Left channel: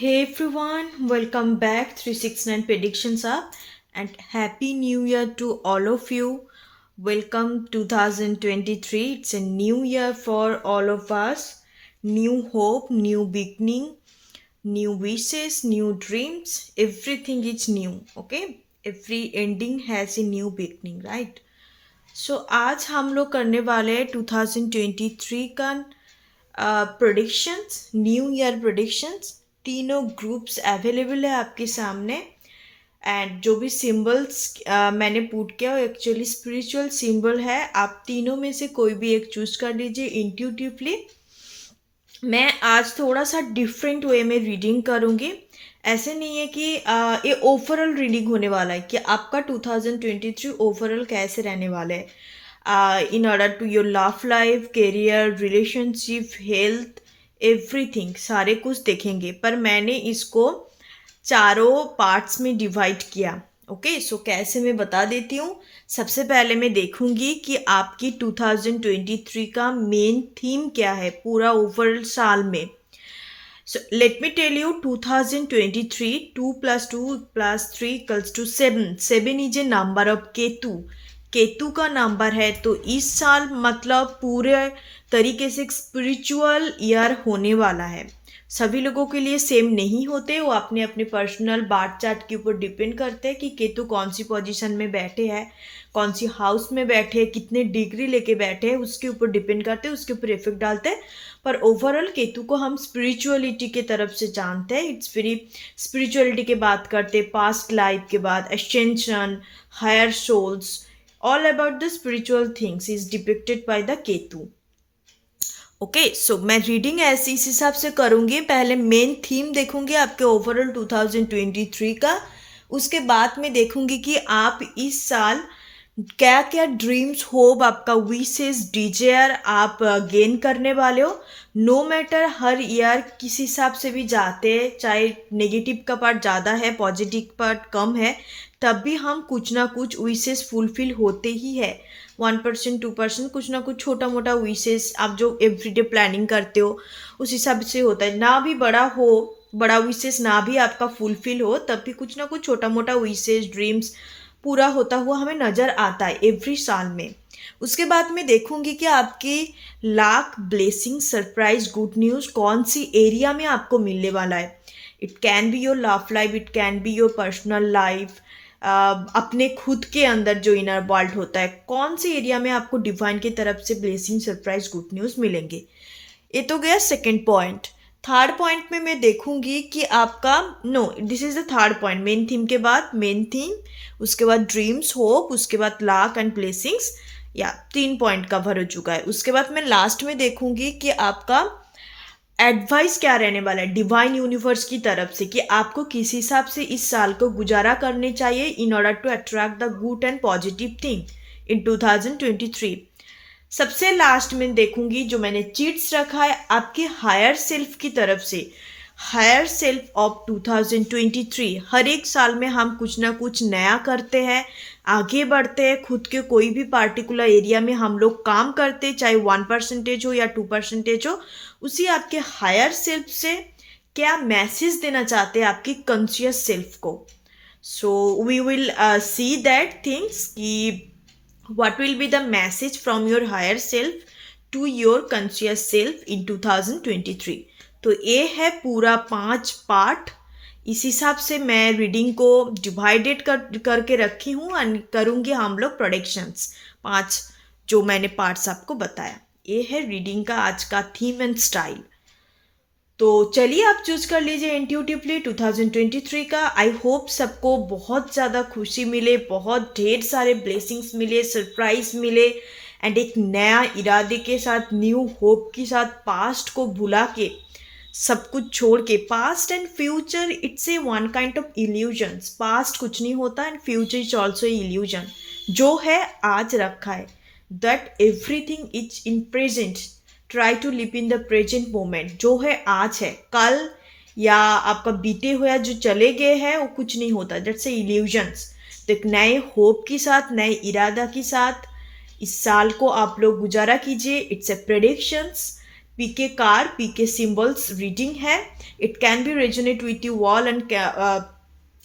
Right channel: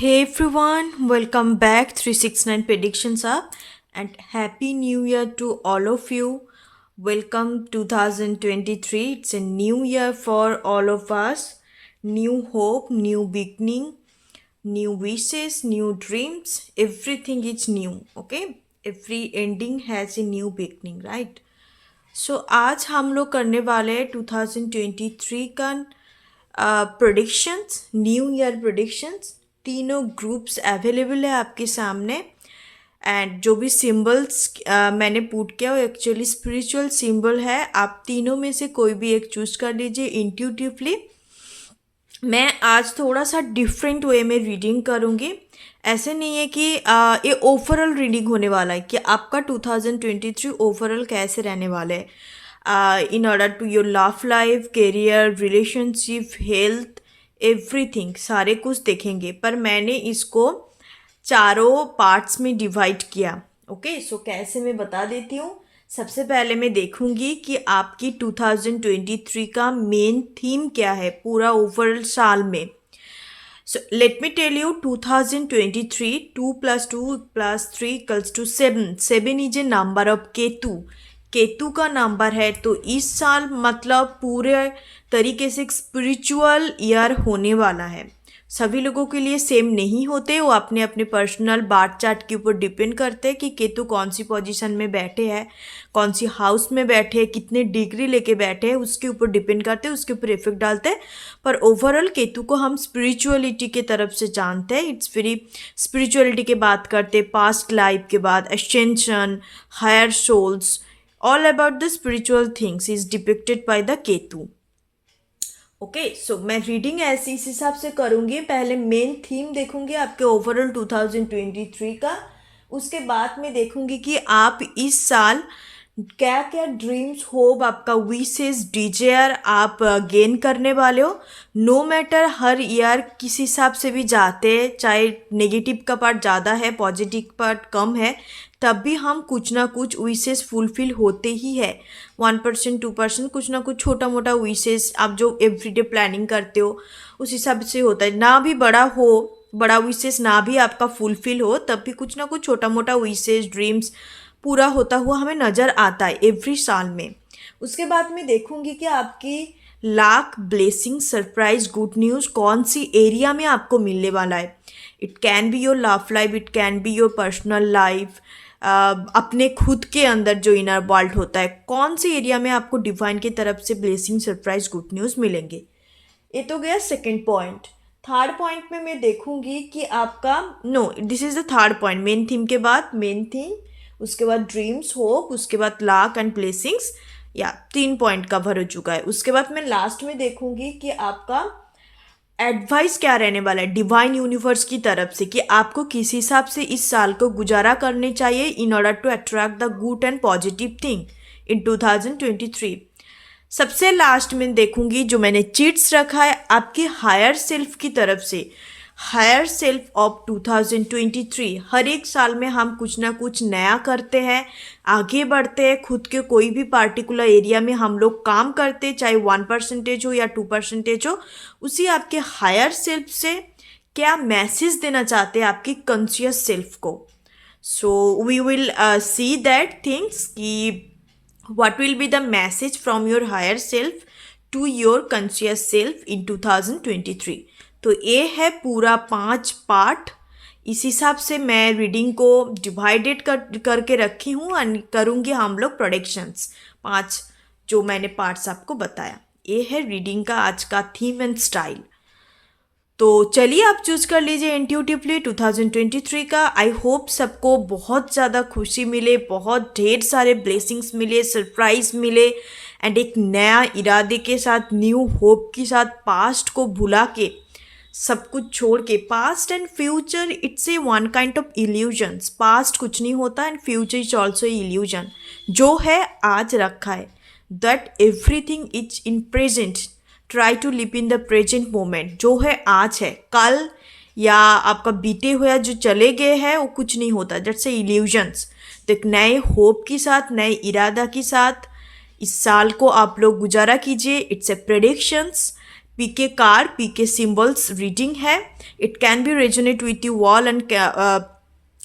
Hey everyone, welcome back 369 Predictions Up and Happy New Year to all of you. Welcome 2023. It's a new year for all of us. New hope, new beginning, new wishes, new dreams. Everything is new, okay? Every ending has a new beginning, right? आज हम लोग करने वाले हैं 2023 का predictions, new year predictions. तीनों groups available है आपके सामने। एंड जो भी सिंबल्स मैंने पुट किया वो एक्चुअली स्पिरिचुअल सिंबल है। आप तीनों में से कोई भी एक चूज कर लीजिए इंट्यूटिवली। मैं आज थोड़ा सा डिफरेंट वे में रीडिंग करूँगी। ऐसे नहीं है कि ये ओवरऑल रीडिंग होने वाला है कि आपका 2023 ओवरऑल कैसे रहने वाला है in order to your love life, career, relationship, health, everything सारे कुछ देखेंगे। पर मैंने इसको चारों पार्ट्स में डिवाइड किया। ओके, सो कैसे मैं बता देती हूँ। सबसे पहले मैं देखूंगी कि आपकी 2023 का मेन थीम क्या है पूरा ओवरऑल साल में। So let me tell you 2023 2 plus 2 plus 3 equals to 7. 7 is a number of Ketu. Ketu का नंबर है, तो इस साल मतलब पूरे तरीके से एक स्पिरिचुअल ईयर होने वाला है। सभी लोगों के लिए सेम नहीं होते, वो अपने अपने पर्सनल बार्थ चार्ट के ऊपर डिपेंड करते हैं कि केतु कौन सी पोजीशन में बैठे हैं, कौन सी हाउस में बैठे हैं, कितने डिग्री लेके बैठे हैं, उसके ऊपर डिपेंड करते हैं, उसके ऊपर इफेक्ट डालते हैं। पर ओवरऑल केतु को हम स्पिरिचुअलिटी के तरफ से जानते हैं। इट्स वेरी स्पिरिचुअलिटी के बात करते हैं, पास्ट लाइफ के बाद ascension, higher souls, all about the spiritual things is depicted by the Ketu. Okay, so मैं रीडिंग ऐसे इस हिसाब से करूँगी। पहले मेन थीम देखूंगी आपके ओवरऑल 2023 का, उसके बाद में देखूंगी कि आप इस साल क्या क्या ड्रीम्स, होप, आपका विशेस, डिजायर आप गेन करने वाले हो। नो मैटर हर ईयर किस हिसाब से भी जाते हैं, चाहे नेगेटिव का पार्ट ज़्यादा है, पॉजिटिव पार्ट कम है, तब भी हम कुछ ना कुछ विशेस फुलफिल होते ही है। 1% 2% कुछ ना कुछ छोटा मोटा विशेस आप जो एवरीडे प्लानिंग करते हो उस हिसाब से होता है। ना भी बड़ा हो, बड़ा विशेस ना भी आपका फुलफिल हो, तब भी कुछ ना कुछ छोटा मोटा विशेस ड्रीम्स पूरा होता हुआ हमें नज़र आता है एवरी साल में। उसके बाद मैं देखूंगी कि आपकी lakh, blessing, surprise, good news कौन सी एरिया में आपको मिलने वाला है। It can be your love life, it can be your personal life, अपने खुद के अंदर जो इनर वर्ल्ड होता है, कौन सी एरिया में आपको डिवाइन की तरफ से ब्लेसिंग, सरप्राइज, गुड न्यूज़ मिलेंगे। ये तो गया सेकेंड पॉइंट। थर्ड पॉइंट में मैं देखूंगी कि आपका this is the third point. Main theme के बाद मेन थीम, उसके बाद ड्रीम्स, होप, उसके बाद लाक एंड ब्लेसिंग्स, या 3 पॉइंट कवर हो चुका है। उसके बाद मैं लास्ट में देखूंगी कि आपका एडवाइस क्या रहने वाला है डिवाइन यूनिवर्स की तरफ से, कि आपको किस हिसाब से इस साल को गुजारा करने चाहिए in order to attract the good and positive thing in 2023। सबसे लास्ट में देखूंगी जो मैंने चीट्स रखा है आपकी हायर सेल्फ की तरफ से। हायर सेल्फ ऑफ 2023, हर एक साल में हम कुछ ना कुछ नया करते हैं, आगे बढ़ते हैं, खुद के कोई भी पार्टिकुलर एरिया में हम लोग काम करते हैं, चाहे 1% हो या 2% हो। उसी आपके हायर सेल्फ से क्या मैसेज देना चाहते हैं आपकी कॉन्शियस सेल्फ को। So we will see that things कि what will be the message from your higher self to your conscious self in 2023। तो ये है पूरा 5 पार्ट। इस हिसाब से मैं रीडिंग को डिवाइडेड करके रखी हूँ और करूँगी हम लोग प्रोडिक्शंस 5 जो मैंने पार्ट्स आपको बताया। ये है रीडिंग का आज का थीम एंड स्टाइल। तो चलिए आप चूज कर लीजिए इंट्यूटिवली 2023 का। आई होप सबको बहुत ज़्यादा खुशी मिले, बहुत ढेर सारे ब्लेसिंग्स मिले, सरप्राइज मिले, एंड एक नया इरादे के साथ, न्यू होप के साथ, पास्ट को भुला के, सब कुछ छोड़ के, past and future it's a one kind of illusions. Past कुछ नहीं होता and future is also illusion. जो है आज रखा है, that everything is in present. Try to live in the present moment. जो है आज है, कल या आपका बीते हुआ जो चले गए हैं वो कुछ नहीं होता, दैट्स ए इल्यूजन्स। तो एक नए होप के साथ, नए इरादा के साथ इस साल को आप लोग गुजारा कीजिए। It's a predictions pick a card, pick a symbols reading है. It can be resonate with you all and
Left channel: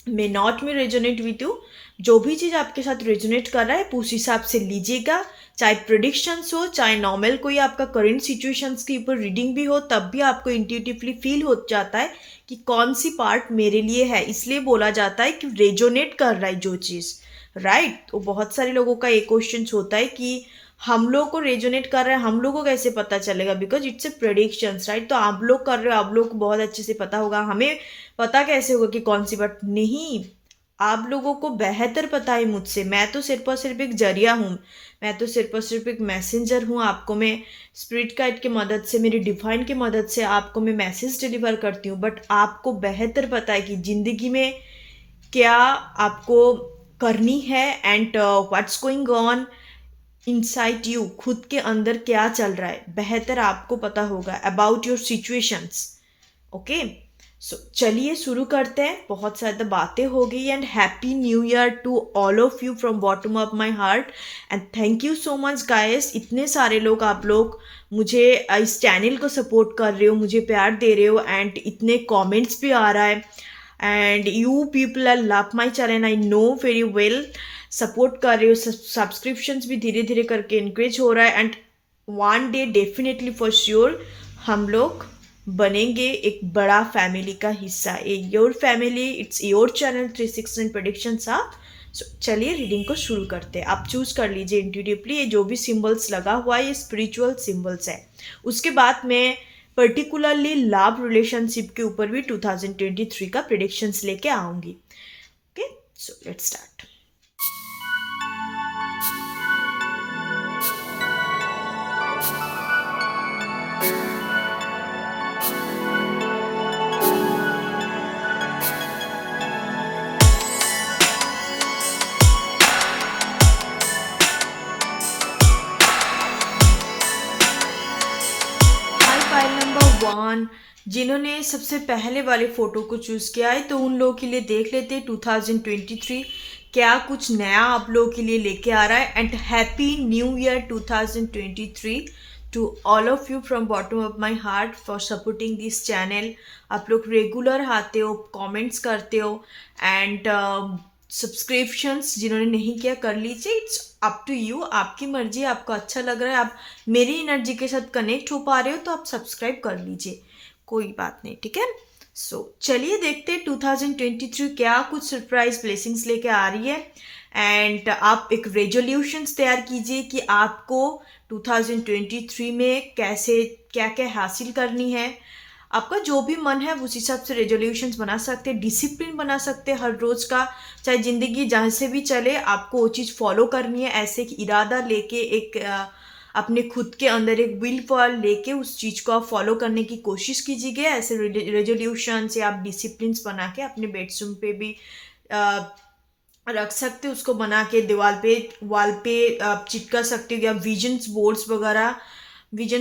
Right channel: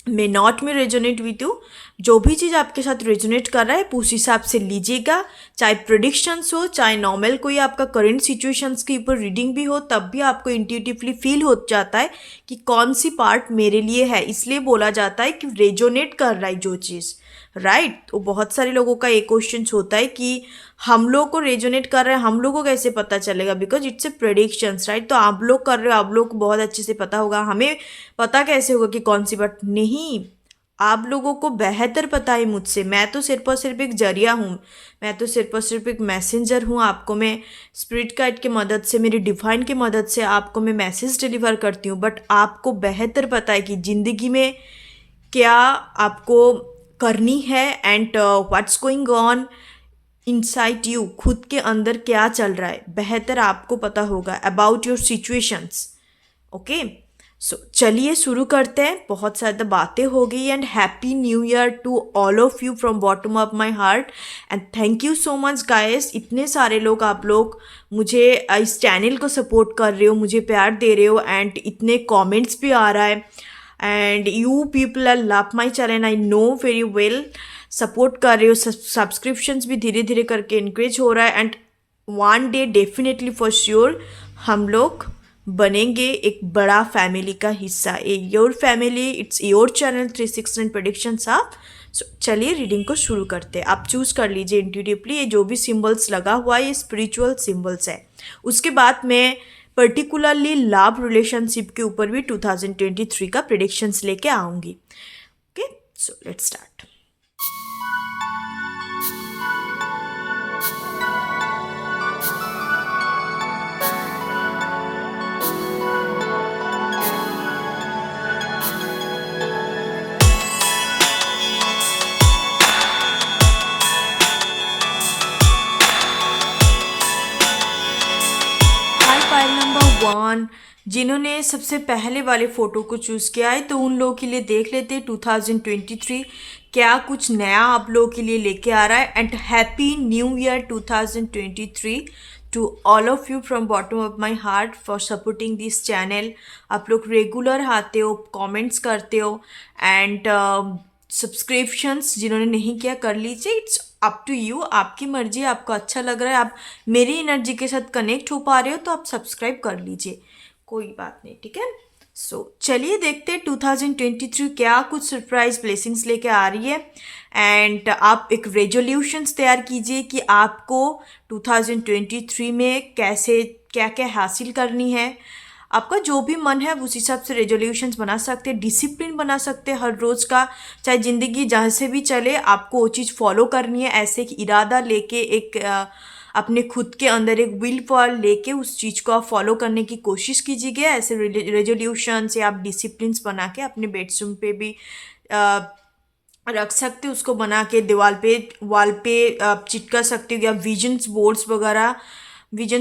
may not में रेजोनेट विथ यू. जो भी चीज़ आपके साथ रेजोनेट कर रहा है उस हिसाब से लीजिएगा. चाहे प्रेडिक्शंस हो, चाहे नॉर्मल कोई आपका करंट सिचुएशंस के ऊपर रीडिंग भी हो, तब भी आपको इंट्यूटिवली फील हो जाता है कि कौन सी पार्ट मेरे लिए है. इसलिए बोला जाता है कि रेजोनेट कर रहा है जो चीज़, राइट. तो बहुत सारे लोगों का एक क्वेश्चन होता है कि हम लोग को रेजोनेट कर रहा है, हम लोग को कैसे पता चलेगा, because it's a predictions, right. तो आप लोग कर रहे हो, आप लोग को बहुत अच्छे से पता होगा. हमें पता कैसे होगा कि कौन सी बात. नहीं, आप लोगों को बेहतर पता है मुझसे. मैं तो सिर्फ और सिर्फ एक जरिया हूँ, मैं तो सिर्फ और सिर्फ एक मैसेंजर हूँ. आपको मैं स्पिरिट गाइड की मदद से, मेरी डिवाइन की मदद से आपको मैं मैसेज डिलीवर करती हूँ. बट आपको बेहतर पता है कि ज़िंदगी में क्या आपको करनी है and what's going on inside you. खुद के अंदर क्या चल रहा है, बेहतर आपको पता होगा about your situations. Okay, so चलिए शुरू करते हैं. बहुत ज़्यादा बातें हो गई and happy new year to all of you from bottom of my heart and thank you so much guys. इतने सारे लोग, आप लोग मुझे इस चैनल को सपोर्ट कर रहे हो, मुझे प्यार दे रहे हो एंड इतने कमेंट्स भी आ रहा है and you people are love my channel. I know very well, support कर रहे हो. सब्सक्रिप्शंस भी धीरे धीरे करके इंक्रीज हो रहा है and one day definitely for sure हम लोग बनेंगे एक बड़ा फैमिली का हिस्सा. A your family, it's your channel 369 predictions आप. सो चलिए रीडिंग को शुरू करते हैं. आप चूज कर लीजिए इंट्यूटिवली. ये जो भी सिंबल्स लगा हुआ है ये स्पिरिचुअल सिंबल्स है. उसके बाद मैं पर्टिकुलरली लव रिलेशनशिप के ऊपर भी 2023 का प्रेडिक्शंस लेके आऊँगी. Okay, so let's start. जिन्होंने सबसे पहले वाले फ़ोटो को चूज़ किया है तो उन लोगों के लिए देख लेते हैं 2023 क्या कुछ नया आप लोगों के लिए लेके आ रहा है. And happy new year 2023 to all of you from bottom of my heart for supporting this channel. आप लोग रेगुलर आते हो, कमेंट्स करते हो एंड सब्सक्रिप्शंस जिन्होंने नहीं किया कर लीजिए. इट्स अप टू यू, आपकी मर्जी. आपको अच्छा लग रहा है, आप मेरी एनर्जी के साथ कनेक्ट हो पा रहे हो तो आप सब्सक्राइब कर लीजिए, कोई बात नहीं, ठीक है. सो चलिए देखते हैं 2023 क्या कुछ सरप्राइज ब्लेसिंग्स लेके आ रही है. एंड आप एक रेजोल्यूशंस तैयार कीजिए कि आपको 2023 में कैसे क्या क्या हासिल करनी है. आपका जो भी मन है उस हिसाब से रेजोल्यूशंस बना सकते हैं, डिसिप्लिन बना सकते हैं हर रोज़ का. चाहे ज़िंदगी जहाँ से भी चले आपको वो चीज़ फॉलो करनी है. ऐसे एक इरादा लेके, एक अपने खुद के अंदर एक विल पावर लेके उस चीज़ को आप फॉलो करने की कोशिश कीजिएगा. ऐसे रेजोल्यूशंस या आप डिसिप्लिन्स बना के अपने बेडरूम पे भी रख सकते हो. उसको बना के दीवार पे, वॉल पे आप चिपका सकते हो या विजन्स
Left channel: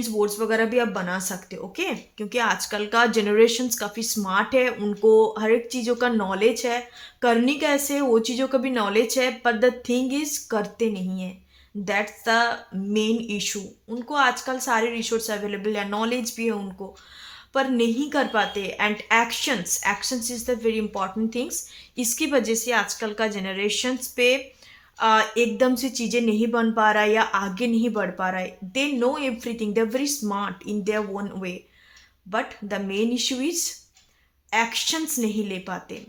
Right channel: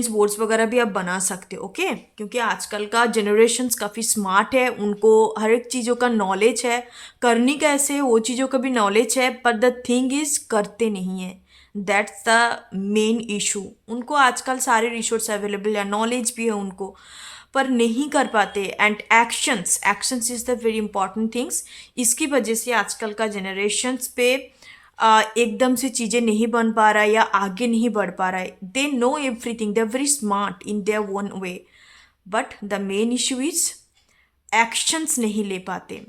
बोर्ड्स वगैरह भी आप बना सकते हो. ओके, क्योंकि आजकल का जनरेशन्स काफ़ी स्मार्ट है, उनको हर एक चीज़ों का नॉलेज है, करनी कैसे वो चीज़ों का भी नॉलेज है. पर द थिंग इज़ करते नहीं है. That's the main issue. उनको आजकल सारे रिसोर्स अवेलेबल है, नॉलेज भी है उनको, पर नहीं कर पाते. And actions is the very important things. इसकी वजह से आजकल का जनरेशन्स पे एकदम से चीज़ें नहीं बन पा रहा है या आगे नहीं बढ़ पा रहा है. They know everything, they are very smart in their own way, but the main issue is actions नहीं ले पाते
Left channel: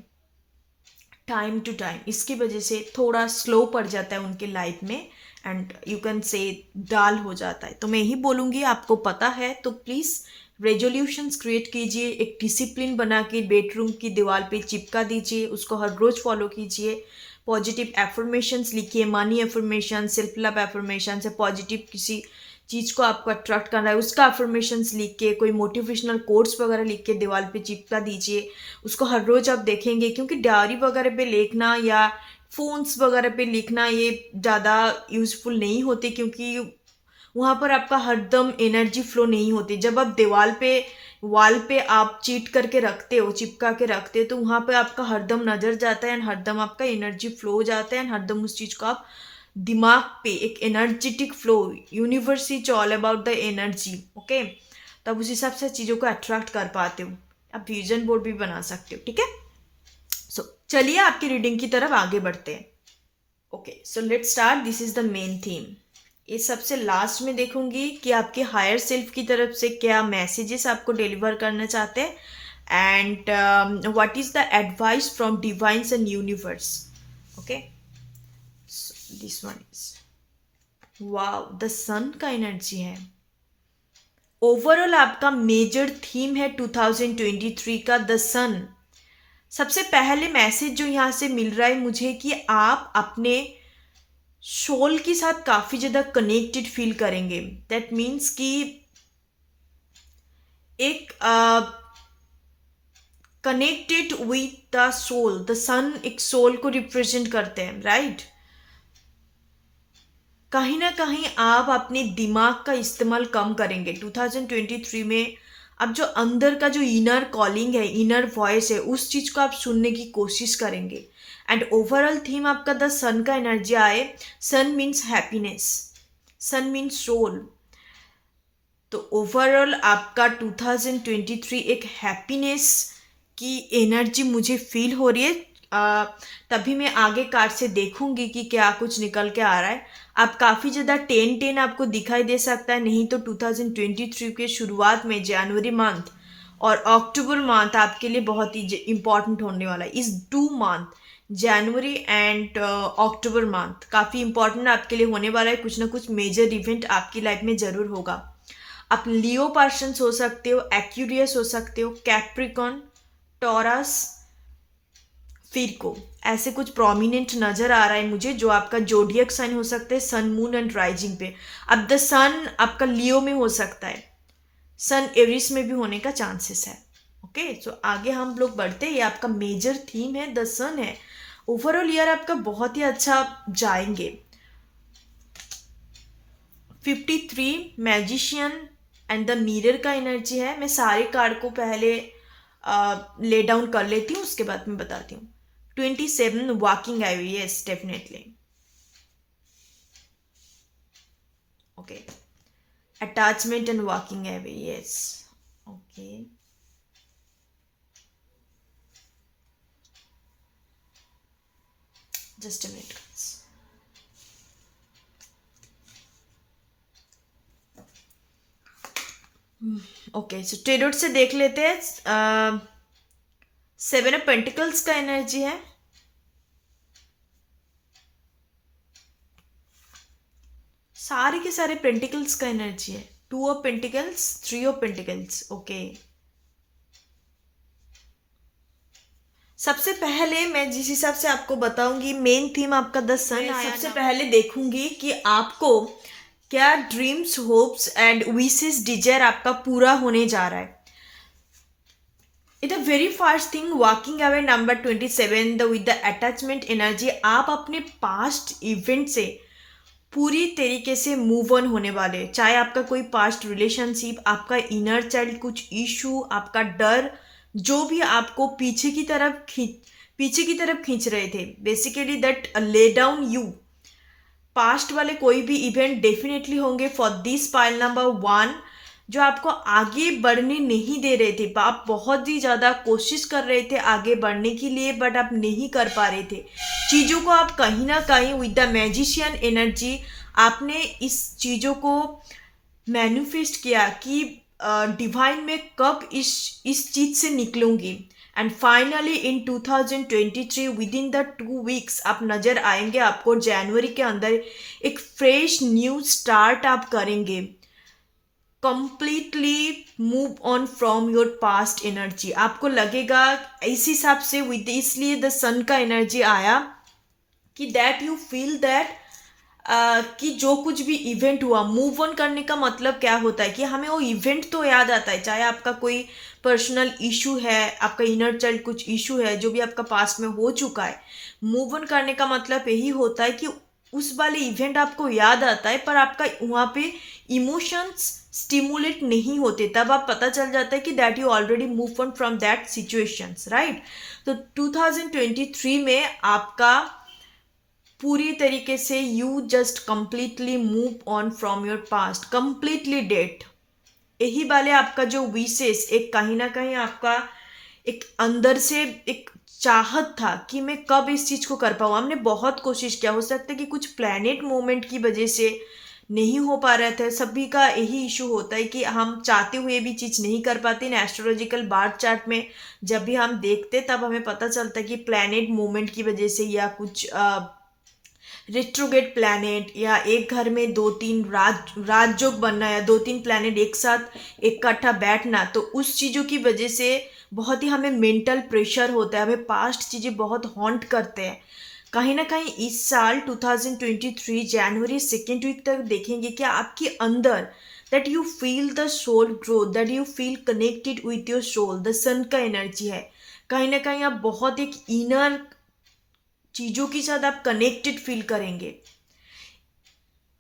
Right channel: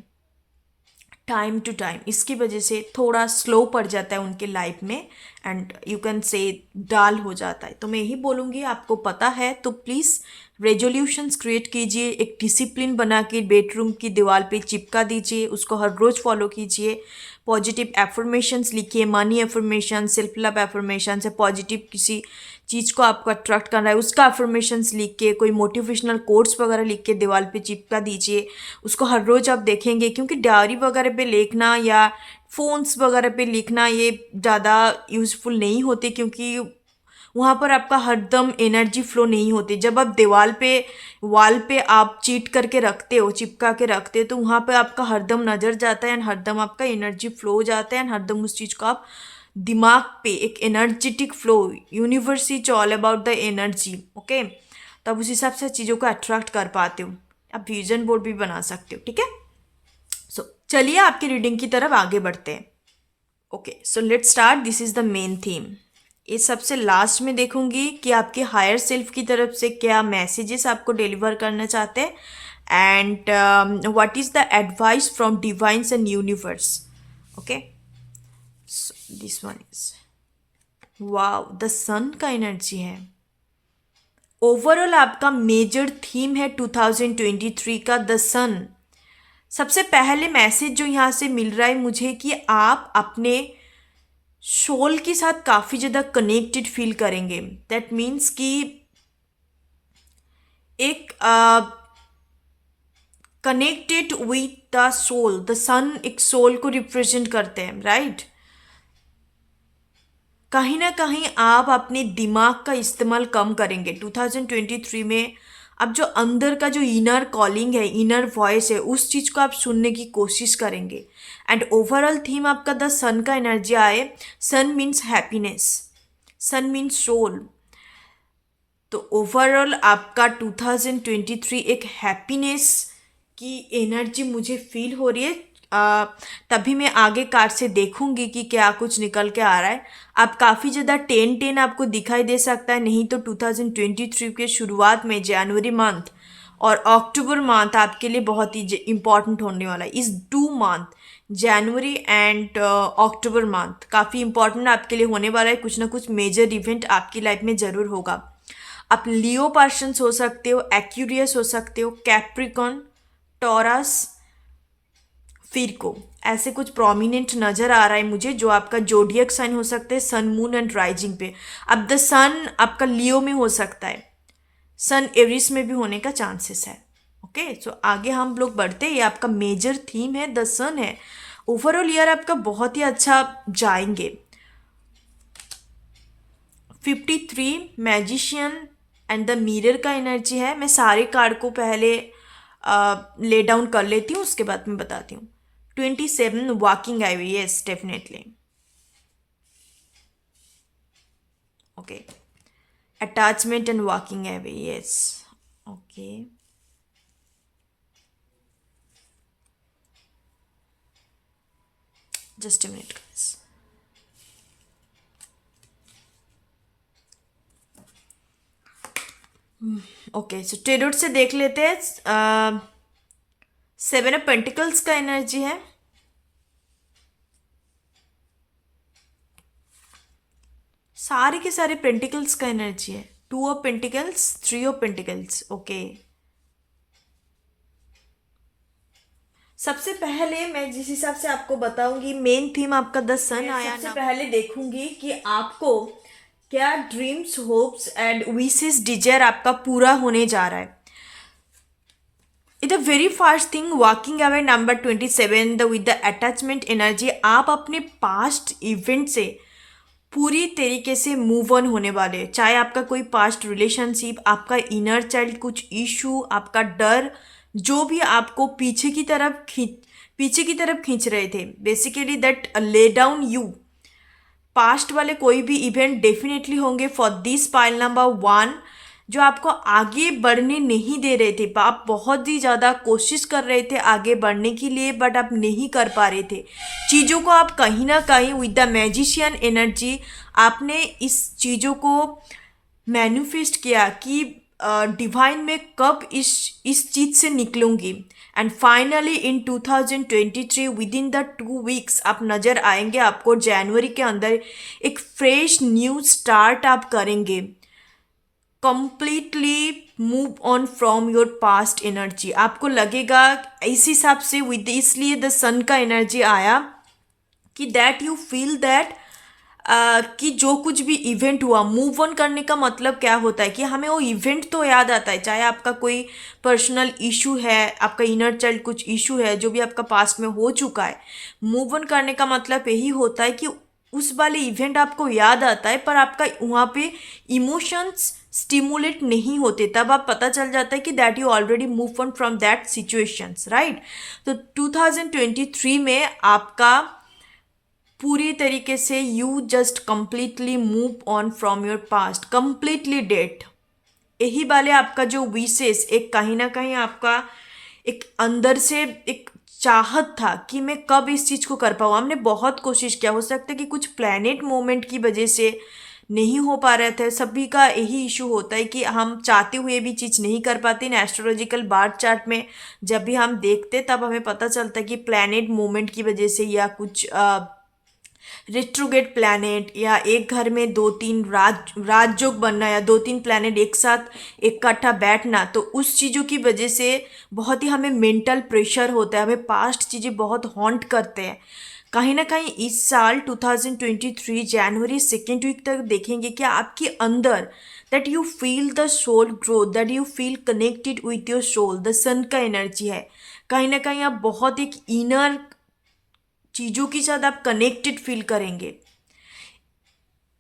टाइम टू टाइम. इसकी वजह से थोड़ा स्लो पड़ जाता है उनके लाइफ में एंड यू कैन से डाल हो जाता है. तो मैं यही बोलूँगी, आपको पता है तो प्लीज़ रेजोल्यूशंस क्रिएट कीजिए, एक डिसिप्लिन बना के बेडरूम की दीवार पे चिपका दीजिए, उसको हर रोज़ फॉलो कीजिए. पॉजिटिव एफर्मेशंस लिखिए, money affirmation, self love affirmation से पॉजिटिव किसी चीज़ को आपको अट्रैक्ट करना है उसका एफर्मेशंस लिख के, कोई मोटिवेशनल कोट्स वगैरह लिख के दीवार पे चिपका दीजिए. उसको हर रोज़ आप देखेंगे, क्योंकि डायरी वगैरह पे लिखना या फ़ोन्स वगैरह पे लिखना ये ज़्यादा यूज़फुल नहीं होते, क्योंकि वहाँ पर आपका हरदम एनर्जी फ्लो नहीं होती. जब आप वॉल पे आप चीट करके रखते हो, चिपका के रखते हो, तो वहाँ पे आपका हरदम नज़र जाता है एंड हरदम आपका एनर्जी फ्लो हो जाता है एंड हरदम उस चीज़ को आप दिमाग पे एक energetic flow. Universe is all about the energy. Okay, तो आप उस हिसाब से चीज़ों को अट्रैक्ट कर पाते हो। आप विजन बोर्ड भी बना सकते हो, ठीक है। सो चलिए आपकी रीडिंग की तरफ आगे बढ़ते हैं। Okay, so let's start. This is the main theme. ये सबसे लास्ट में देखूंगी कि आपके हायर सेल्फ की तरफ से क्या मैसेजेस आपको डिलीवर करना चाहते हैं, and what is the advice from divines and universe. Okay, this one is wow, the sun का एनर्जी है। ओवरऑल आपका मेजर थीम है 2023 का द सन। सबसे पहले मैसेज जो यहाँ से मिल रहा है मुझे कि आप अपने सोल के साथ काफ़ी ज़्यादा कनेक्टेड फील करेंगे। दैट मीन्स कि एक connected with the soul. The sun एक सोल को रिप्रेजेंट करते हैं, राइट। कहीं ना कहीं आप अपने दिमाग का इस्तेमाल कम करेंगे 2023 में। अब जो अंदर का जो इनर कॉलिंग है, इनर वॉइस है, उस चीज़ को आप सुनने की कोशिश करेंगे। एंड ओवरऑल थीम आपका द सन का एनर्जी आए। सन मीन्स हैप्पीनेस, सन मीन्स सोल। तो ओवरऑल आपका 2023 एक हैप्पीनेस की एनर्जी मुझे फील हो रही है। तभी मैं आगे कार्ड से देखूंगी कि क्या कुछ निकल के आ रहा है। आप काफ़ी ज़्यादा 10-10 आपको दिखाई दे सकता है, नहीं तो 2023 के शुरुआत में जनवरी मंथ और अक्टूबर मंथ आपके लिए बहुत ही इम्पॉर्टेंट होने वाला है। इस 2 month, January and October month काफ़ी इंपॉर्टेंट आपके लिए होने वाला है। कुछ ना कुछ मेजर इवेंट आपकी लाइफ में ज़रूर होगा। आप लियो पर्सन्स हो सकते हो, एक्यूरियस हो सकते हो, कैप्रिकॉन, टॉरस, फिरको, ऐसे कुछ प्रोमिनेंट नज़र आ रहा है मुझे, जो आपका जोडियक साइन हो सकता है सन, मून एंड राइजिंग पे। अब द सन आपका लियो में हो सकता है, सन एरिस में भी होने का चांसेस है। ओके, सो आगे हम लोग बढ़ते हैं। ये आपका मेजर थीम है, द सन है। ओवरऑल ईयर आपका बहुत ही अच्छा जाएंगे। 53 मैजिशियन एंड द मिरर का एनर्जी है। मैं सारे कार्ड को पहले ले डाउन कर लेती हूँ, उसके बाद मैं बताती हूँ। 27 walking away, yes definitely. Okay, attachment and walking away, yes. Okay, just a minute. Okay, so tarot से देख लेते हैं। 7 ऑफ पेंटिकल्स का एनर्जी है। सारे के सारे पेंटिकल्स का एनर्जी है। 2 of pentacles, 3 of pentacles. Okay, सबसे पहले मैं जिस हिसाब से आपको बताऊंगी, मेन थीम आपका द सन आया। सबसे पहले देखूंगी कि आपको क्या dreams, hopes and wishes, desire आपका पूरा होने जा रहा है। It a very first thing, walking away number 27 the with the attachment energy. आप अपने पास्ट इवेंट से पूरी तरीके से मूव ऑन होने वाले। चाहे आपका कोई पास्ट रिलेशनशिप, आपका इनर चाइल्ड कुछ इशू, आपका डर, जो भी आपको पीछे की तरफ खींच रहे थे, basically that lay down you, past वाले कोई भी इवेंट डेफिनेटली होंगे फॉर दिस पाइल नंबर 1, जो आपको आगे बढ़ने नहीं दे रहे थे। आप बहुत ही ज़्यादा कोशिश कर रहे थे आगे बढ़ने के लिए, बट आप नहीं कर पा रहे थे चीज़ों को। आप कहीं ना कहीं विद द मैजिशियन एनर्जी आपने इस चीज़ों को मैनिफेस्ट किया कि डिवाइन में कब इस चीज़ से निकलूंगी। And finally in 2023 within the 2 weeks आप नज़र आएंगे। आपको जनवरी के अंदर एक फ्रेश न्यू स्टार्ट आप करेंगे। Completely move on from your past energy. आपको लगेगा इस हिसाब से, विद इसलिए द सन का एनर्जी आया कि दैट यू फील दैट कि जो कुछ भी इवेंट हुआ, मूव ऑन करने का मतलब क्या होता है कि हमें वो इवेंट तो याद आता है। चाहे आपका कोई पर्सनल इशू है, आपका इनर चाइल्ड कुछ इशू है, जो भी आपका पास्ट में हो चुका है, मूव ऑन करने का मतलब यही होता है कि उस वाले इवेंट आपको याद आता है, पर आपका वहाँ पे इमोशंस स्टिमुलेट नहीं होते। तब आप पता चल जाता है कि that you already move on from that situations, right. तो 2023 में आपका पूरी तरीके से you just completely move on from your past, completely date. यही वाले आपका जो विशेष एक कहीं ना कहीं आपका एक अंदर से एक चाहत था कि मैं कब इस चीज़ को कर पाऊँ। हमने बहुत कोशिश किया, हो सकता है कि कुछ प्लैनेट मूवमेंट की वजह से नहीं हो पा रहे थे। सभी का यही इशू होता है कि हम चाहते हुए भी चीज़ नहीं कर पाते। इन एस्ट्रोलॉजिकल बार्थ चार्ट में जब भी हम देखते तब हमें पता चलता है कि प्लैनेट मूवमेंट की वजह से या कुछ रेट्रोगेट प्लैनेट या एक घर में दो तीन राजयोग बनना या दो तीन प्लैनेट एक साथ इकट्ठा बैठना, तो उस चीज़ों की वजह से बहुत ही हमें मेंटल प्रेशर होता है, हमें पास्ट चीज़ें बहुत हॉन्ट करते हैं। कहीं ना कहीं इस साल 2023 जनवरी सेकेंड वीक तक देखेंगे कि आपके अंदर that you feel the soul growth, that you feel connected with your soul, the sun का एनर्जी है। कहीं ना कहीं आप बहुत एक इनर चीज़ों के साथ आप कनेक्टेड फील करेंगे।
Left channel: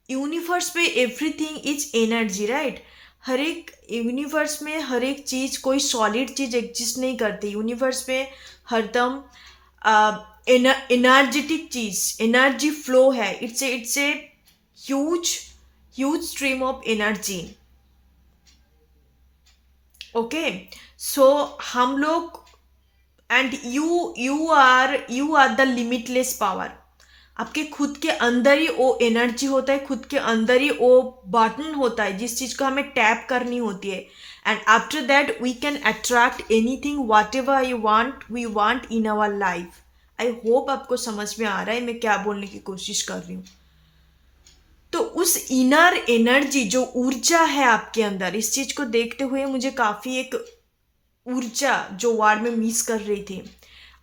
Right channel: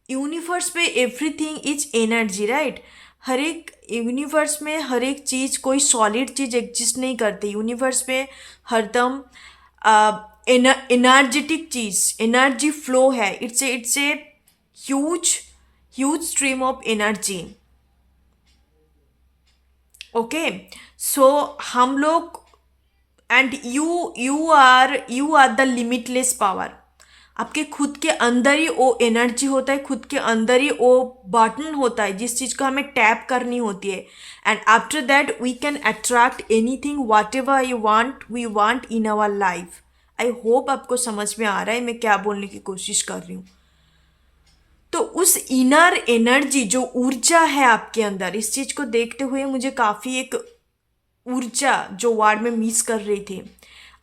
यूनिवर्स पे एवरीथिंग इज एनर्जी, राइट। हर एक यूनिवर्स में हर एक चीज़, कोई सॉलिड चीज़ एग्जिस्ट नहीं करती यूनिवर्स में। हरदम एनर्जेटिक चीज़, एनर्जी फ्लो है। It's a huge huge stream of energy. Okay, so हम लोग and you are the limitless power. आपके खुद के अंदर ही वो एनर्जी होता है, खुद के अंदर ही वो बटन होता है जिस चीज़ को हमें टैप करनी होती है। And after that we can attract anything whatever we want in our life. I hope आपको समझ में आ रहा है मैं क्या बोलने की कोशिश कर रही हूँ। तो उस इनर एनर्जी जो ऊर्जा है आपके अंदर, इस चीज़ को देखते हुए मुझे काफ़ी एक ऊर्जा जो वार्ड में मिस कर रही थी,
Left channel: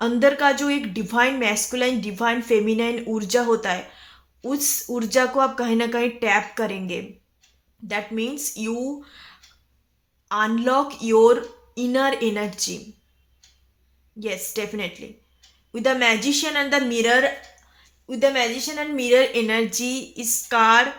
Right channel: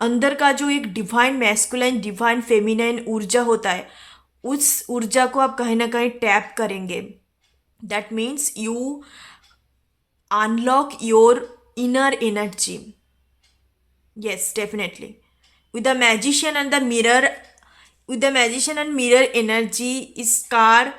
अंदर का जो एक डिवाइन मैस्कुलाइन डिवाइन फेमिनाइन ऊर्जा होता है, उस ऊर्जा को आप कहीं ना कहीं टैप करेंगे। That means you unlock your inner energy. yes, definitely. with the magician and the mirror with the magician and mirror energy, इस कार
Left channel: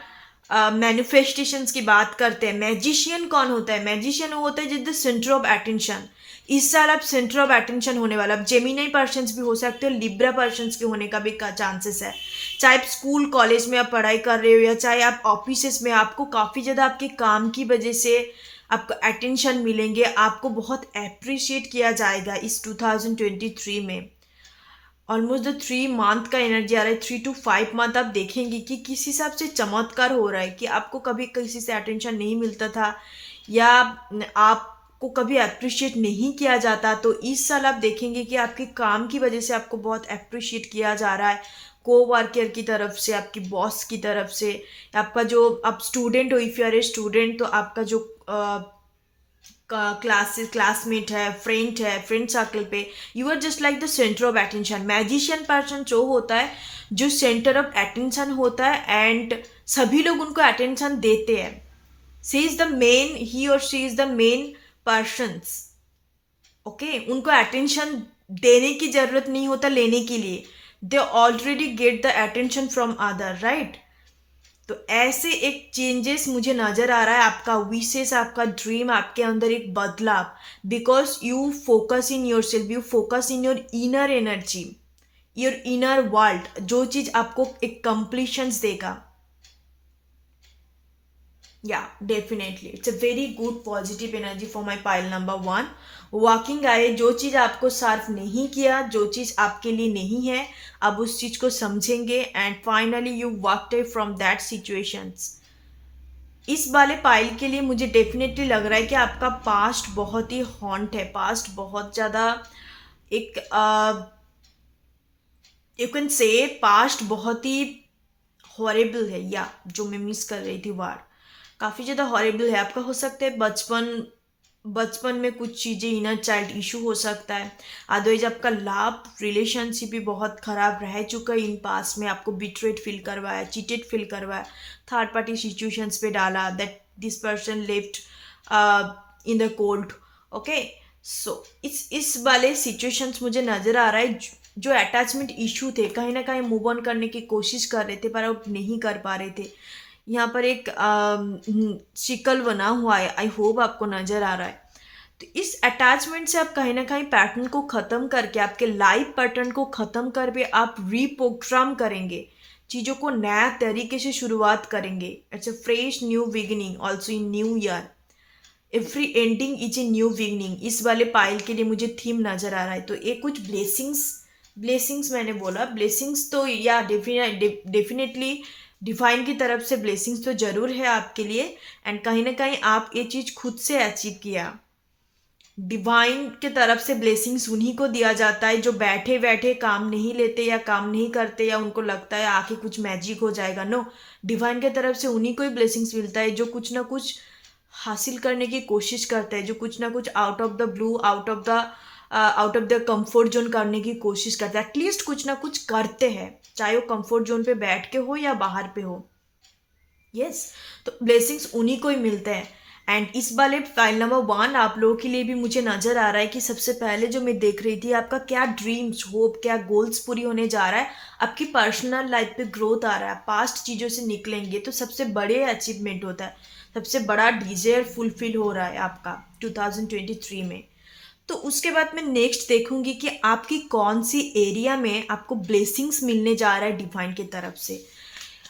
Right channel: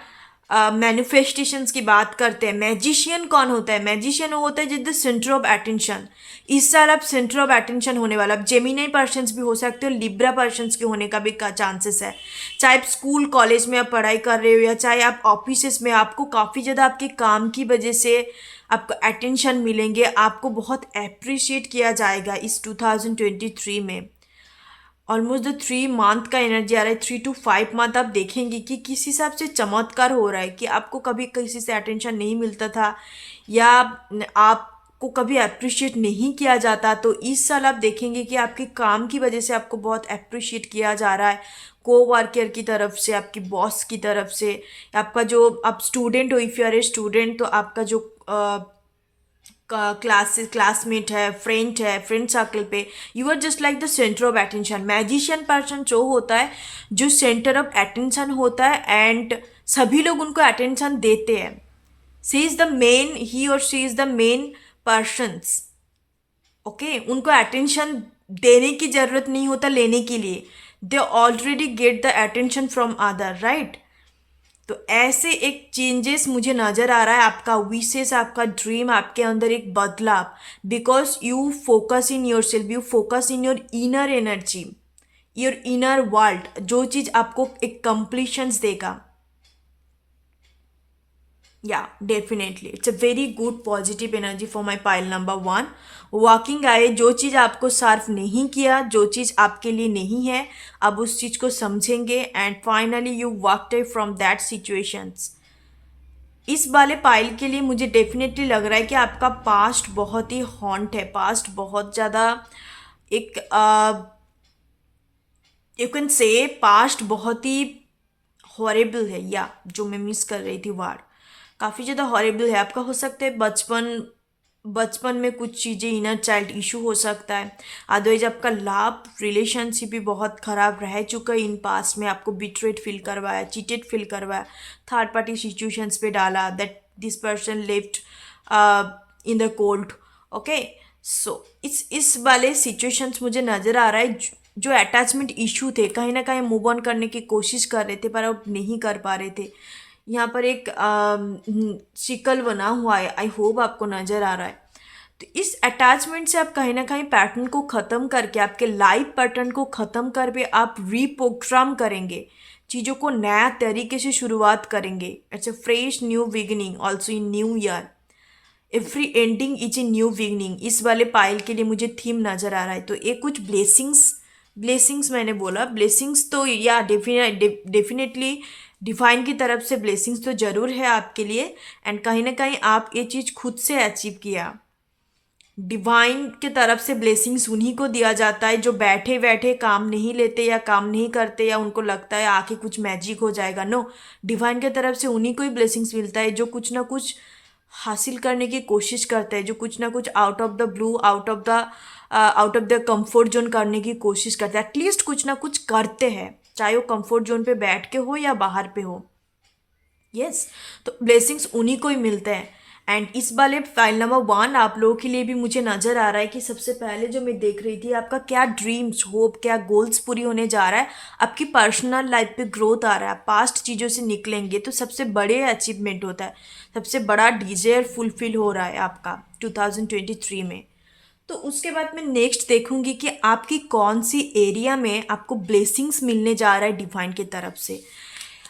मैनिफेस्टेशंस की बात करते हैं। मैजिशियन कौन होता है? मैजिशियन होता है जिस द सेंटर ऑफ अटेंशन। इस साल आप सेंटर ऑफ अटेंशन होने वाला। आप जेमिनी पर्सन्स भी हो सकते हो, लिब्रा पर्सन्स के होने का भी चांसेस है। चाहे आप स्कूल कॉलेज में आप पढ़ाई कर रहे हो या चाहे आप ऑफिस में, आपको काफ़ी ज़्यादा आपके काम की वजह से आपको अटेंशन मिलेंगे, आपको बहुत अप्रिशिएट किया जाएगा इस 2023 में। ऑलमोस्ट द 3 मंथ का एनर्जी आ रहा है। 3 to 5 मंथ आप देखेंगे कि किस हिसाब से चमत्कार हो रहा है कि आपको कभी किसी से अटेंशन नहीं मिलता था या आपको कभी अप्रिशिएट नहीं किया जाता, तो इस साल आप देखेंगे कि आपके काम की वजह से आपको बहुत अप्रिशिएट किया जा रहा है। कोवर्कर की तरफ से, आपकी बॉस की तरफ से, आपका जो आप स्टूडेंट हो, if you are a student, तो आपका जो क्लासमेट है, फ्रेंड सर्कल पे, you are just like the centre of attention. Magician person जो होता है, जो सेंटर ऑफ अटेंशन होता है एंड सभी लोग उनको अटेंशन देते हैं। ही और she is the main persons. Okay, उनको अटेंशन देने की जरूरत नहीं होता लेने के लिए। They already get the attention from other, right. तो ऐसे एक चेंजेस मुझे नज़र आ रहा है। आपका विशेष, आपका ड्रीम, आपके अंदर एक बदलाव, because you focus in your self, you focus in your inner energy, your inner world, जो चीज़ आपको एक कंप्लीशंस देगा। या definitely it's a very good positive energy for my pile number 1। Walking आए, जो चीज़ आपको सर्व नहीं किया, जो चीज़ आपके लिए नहीं है, अब उस चीज़ को समझेंगे and finally you walked away from that situations. इस वाले पाइल के लिए मुझे डेफिनेटली लग रहा है कि आपका पास्ट बहुत ही हॉन्ट है, पास्ट बहुत ज़्यादा एक यू कैन से पास्ट बहुत ही हॉरेबल है, या जो मैं मिस कर रही थी वर्ड, काफ़ी ज़्यादा हॉरेबल है। आपका हो सकता है बचपन में कुछ चीज़ें, इनर चाइल्ड इशू हो सकता है। अदरवाइज आपका लव रिलेशनशिप भी बहुत ख़राब रह चुका है इन पास्ट में, आपको बिट्रेड फील करवाया, चीटेड फील करवाया, थर्ड पार्टी सिचुएशंस पे डाला, that this person left in the cold. Okay, so इस वाले सिचुएशंस मुझे नज़र आ रहा है। जो अटैचमेंट इशू थे, कहीं ना कहीं मूव ऑन करने की कोशिश कर रहे थे पर अब नहीं कर पा रहे थे। यहाँ पर एक शिकल बना हुआ है, आई होप आपको नज़र आ रहा है। तो इस अटैचमेंट से आप कहीं ना कहीं पैटर्न को ख़त्म करके, आपके लाइफ पैटर्न को ख़त्म करके आप रीप्रोग्राम करेंगे, चीज़ों को नया तरीके से शुरुआत करेंगे। It's a fresh new beginning also in new year. Every ending is a new beginning, इस वाले पाइल के लिए मुझे थीम नज़र आ रहा है। तो ये कुछ ब्लेसिंग्स मैंने बोला, ब्लेसिंग्स तो या डेफिनेटली डिवाइन की तरफ से ब्लेसिंग्स तो ज़रूर है आपके लिए। एंड कहीं ना कहीं आप ये चीज़ खुद से अचीव किया। डिवाइन के तरफ से ब्लेसिंग्स उन्हीं को दिया जाता है जो बैठे बैठे काम नहीं लेते या काम नहीं करते, या उनको लगता है आके कुछ मैजिक हो जाएगा। नो, डिवाइन के तरफ से उन्हीं को ही ब्लेसिंग्स मिलता है जो कुछ ना कुछ हासिल करने की कोशिश करते हैं, जो कुछ ना कुछ out of the blue, out of the comfort zone करने की कोशिश करते हैं। एटलीस्ट कुछ ना कुछ करते हैं, चाहे वो कंफर्ट जोन पे बैठ के हो या बाहर पे हो। यस, तो ब्लेसिंग्स उन्हीं को ही मिलते हैं। एंड इस वाले फाइल नंबर 1 आप लोगों के लिए भी मुझे नज़र आ रहा है कि सबसे पहले जो मैं देख रही थी, आपका क्या ड्रीम्स, होप, क्या गोल्स पूरी होने जा रहा है, आपकी पर्सनल लाइफ पे ग्रोथ आ रहा है, पास्ट चीज़ों से निकलेंगे तो सबसे बड़े अचीवमेंट होता है, सबसे बड़ा डिजायर फुलफिल हो रहा है आपका 2023 में। तो उसके बाद मैं नेक्स्ट देखूंगी कि आपकी कौन सी एरिया में आपको ब्लेसिंग्स मिलने जा रहा है डिवाइन की तरफ से।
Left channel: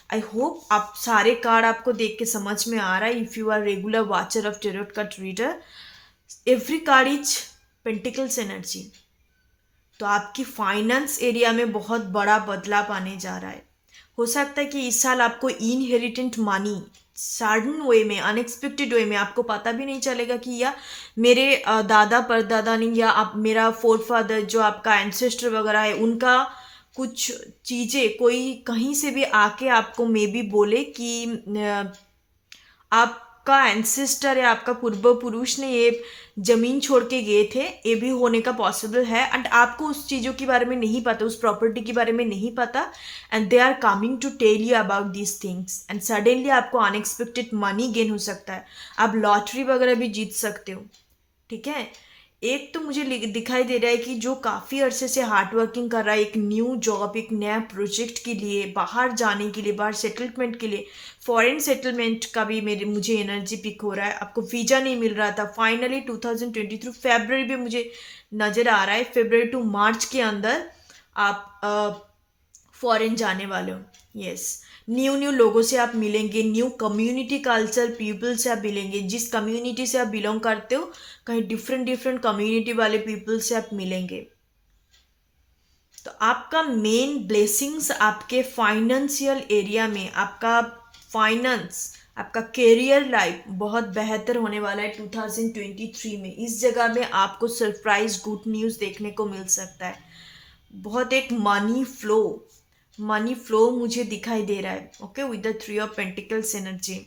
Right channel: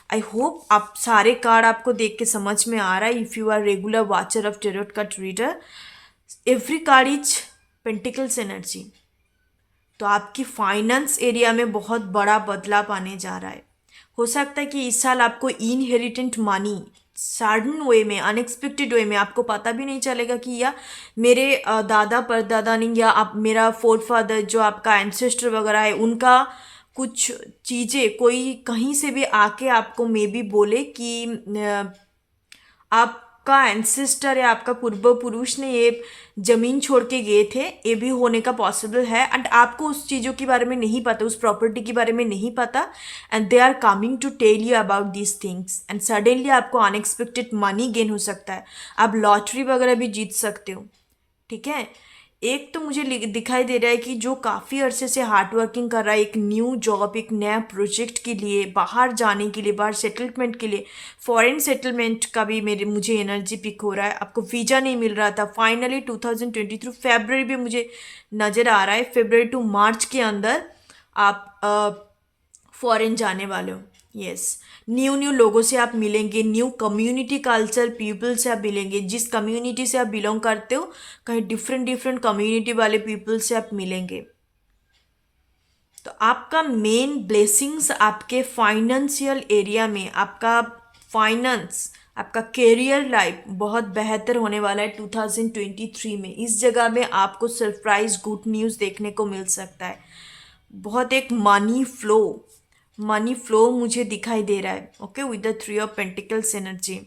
आई होप आप सारे कार्ड आपको देख के समझ में आ रहा है। If you are regular watcher of tarot card reader, every card is pentacles energy. तो आपकी फाइनेंस एरिया में बहुत बड़ा बदलाव आने जा रहा है। हो सकता है कि इस साल आपको इनहेरिटेंट मनी सडन वे में, अनएक्सपेक्टेड वे में, आपको पता भी नहीं चलेगा कि या मेरे दादा परदादा ने या आप मेरा फोर फादर जो आपका एंसेस्टर वगैरह है उनका कुछ चीज़ें कोई कहीं से भी आके आपको मे बी बोले कि आपका एंसेस्टर या आपका पूर्व पुरुष ने ये ज़मीन छोड़ के गए थे, ये भी होने का पॉसिबल है। एंड आपको उस चीज़ों के बारे में नहीं पता, उस प्रॉपर्टी के बारे में नहीं पता, and they are coming to tell you about these things. And suddenly आपको अनएक्सपेक्टेड मनी गेन हो सकता है, आप लॉटरी वगैरह भी जीत सकते हो। ठीक है, एक तो मुझे दिखाई दे रहा है कि जो काफ़ी अरसे से हार्ड वर्किंग कर रहा है एक न्यू जॉब, एक नया प्रोजेक्ट के लिए, बाहर जाने के लिए, बाहर सेटलमेंट के लिए, फॉरेन सेटलमेंट का भी मुझे एनर्जी पिक हो रहा है। आपको वीज़ा नहीं मिल रहा था, फाइनली 2023 फरवरी भी मुझे नज़र आ रहा है, फरवरी टू मार्च के अंदर आप फॉरेन जाने वाले हो। यस, न्यू लोगों से आप मिलेंगे, न्यू कम्युनिटी कल्चर पीपल से आप मिलेंगे। जिस कम्युनिटी से आप बिलोंग करते हो, कहीं डिफरेंट कम्युनिटी वाले पीपल से आप मिलेंगे। तो आपका मेन ब्लेसिंग्स आपके फाइनेंशियल एरिया में, आपका फाइनेंस, आपका करियर लाइफ बहुत बेहतर होने वाला है 2023 में। इस जगह में आपको सरप्राइज गुड न्यूज़ देखने को मिल सकता है। बहुत एक मनी फ्लो मुझे दिखाई दे रहा है। Okay, with the 3 of pentacles energy.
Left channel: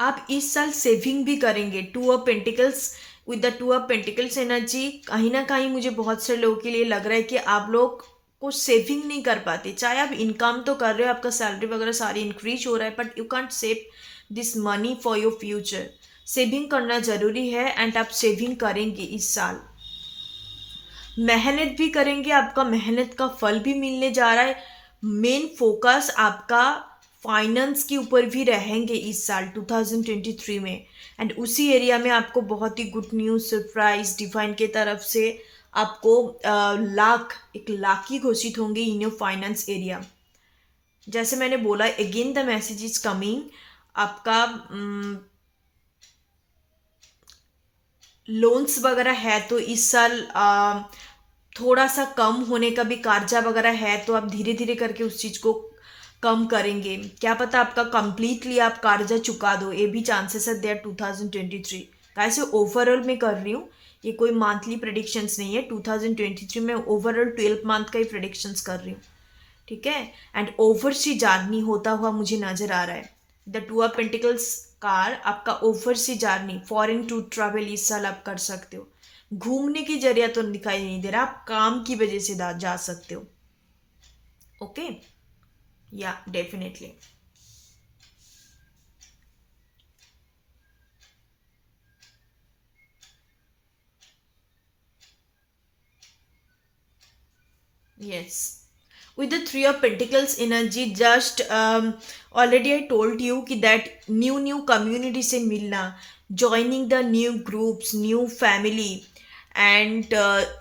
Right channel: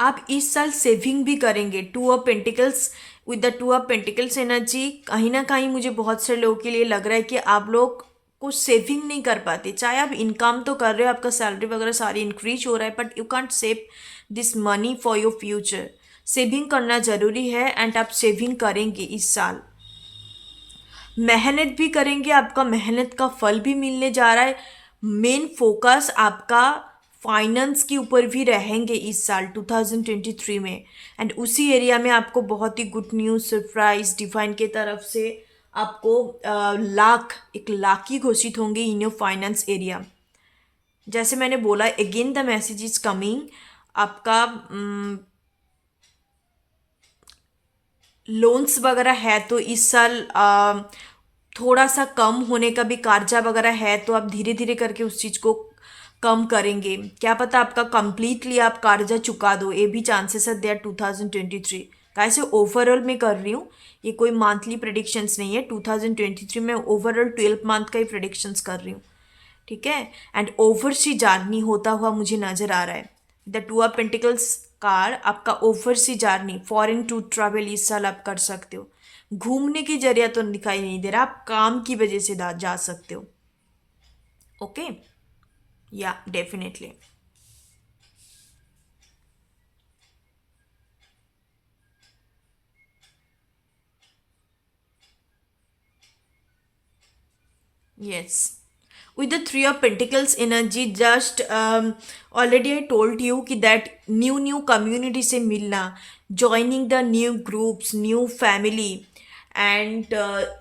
आप इस साल सेविंग भी करेंगे। 2 of pentacles, with the 2 of pentacles energy, कहीं ना कहीं मुझे बहुत सारे लोगों के लिए लग रहा है कि आप लोग को सेविंग नहीं कर पाते। चाहे आप इनकम तो कर रहे हो, आपका सैलरी वगैरह सारी इंक्रीज हो रहा है, but you can't save this money for your future. Saving करना ज़रूरी है, एंड आप सेविंग करेंगे इस साल, मेहनत भी करेंगे, आपका मेहनत का फल भी मिलने जा रहा है। मेन फोकस आपका फाइनेंस के ऊपर भी रहेंगे इस साल 2023 में। एंड उसी एरिया में आपको बहुत ही गुड न्यूज़, सरप्राइज डिवाइन के तरफ से आपको एक लाख ही घोषित होंगे इन योर फाइनेंस एरिया। जैसे मैंने बोला, again the message is coming. आपका लोन्स वगैरह है तो इस साल थोड़ा सा कम होने का भी, कर्जा वगैरह है तो आप धीरे धीरे करके उस चीज़ को कम करेंगे। क्या पता आपका कंप्लीटली आप कर्जा चुका दो, ये भी चांसेस है देयर 2023। कैसे ओवरऑल में कर रही हूँ, ये कोई मंथली प्रेडिक्शंस नहीं है। 2023 में ओवरऑल 12 मंथ का ही प्रेडिक्शंस कर रही हूँ। ठीक है, एंड ओवरसी जर्नी होता हुआ मुझे नज़र आ रहा है। द 2 ऑफ पेंटिकल्स कार आपका oversea journey, foreign to travel इस साल आप कर सकते हो। घूमने की जरिया तो दिखाई नहीं दे रहा, आप काम की वजह से जा सकते हो। ओके, या definitely. Yes, with the 3 of pentacles energy, just already I told you कि that new community से मिलना, joining the new groups, new family, and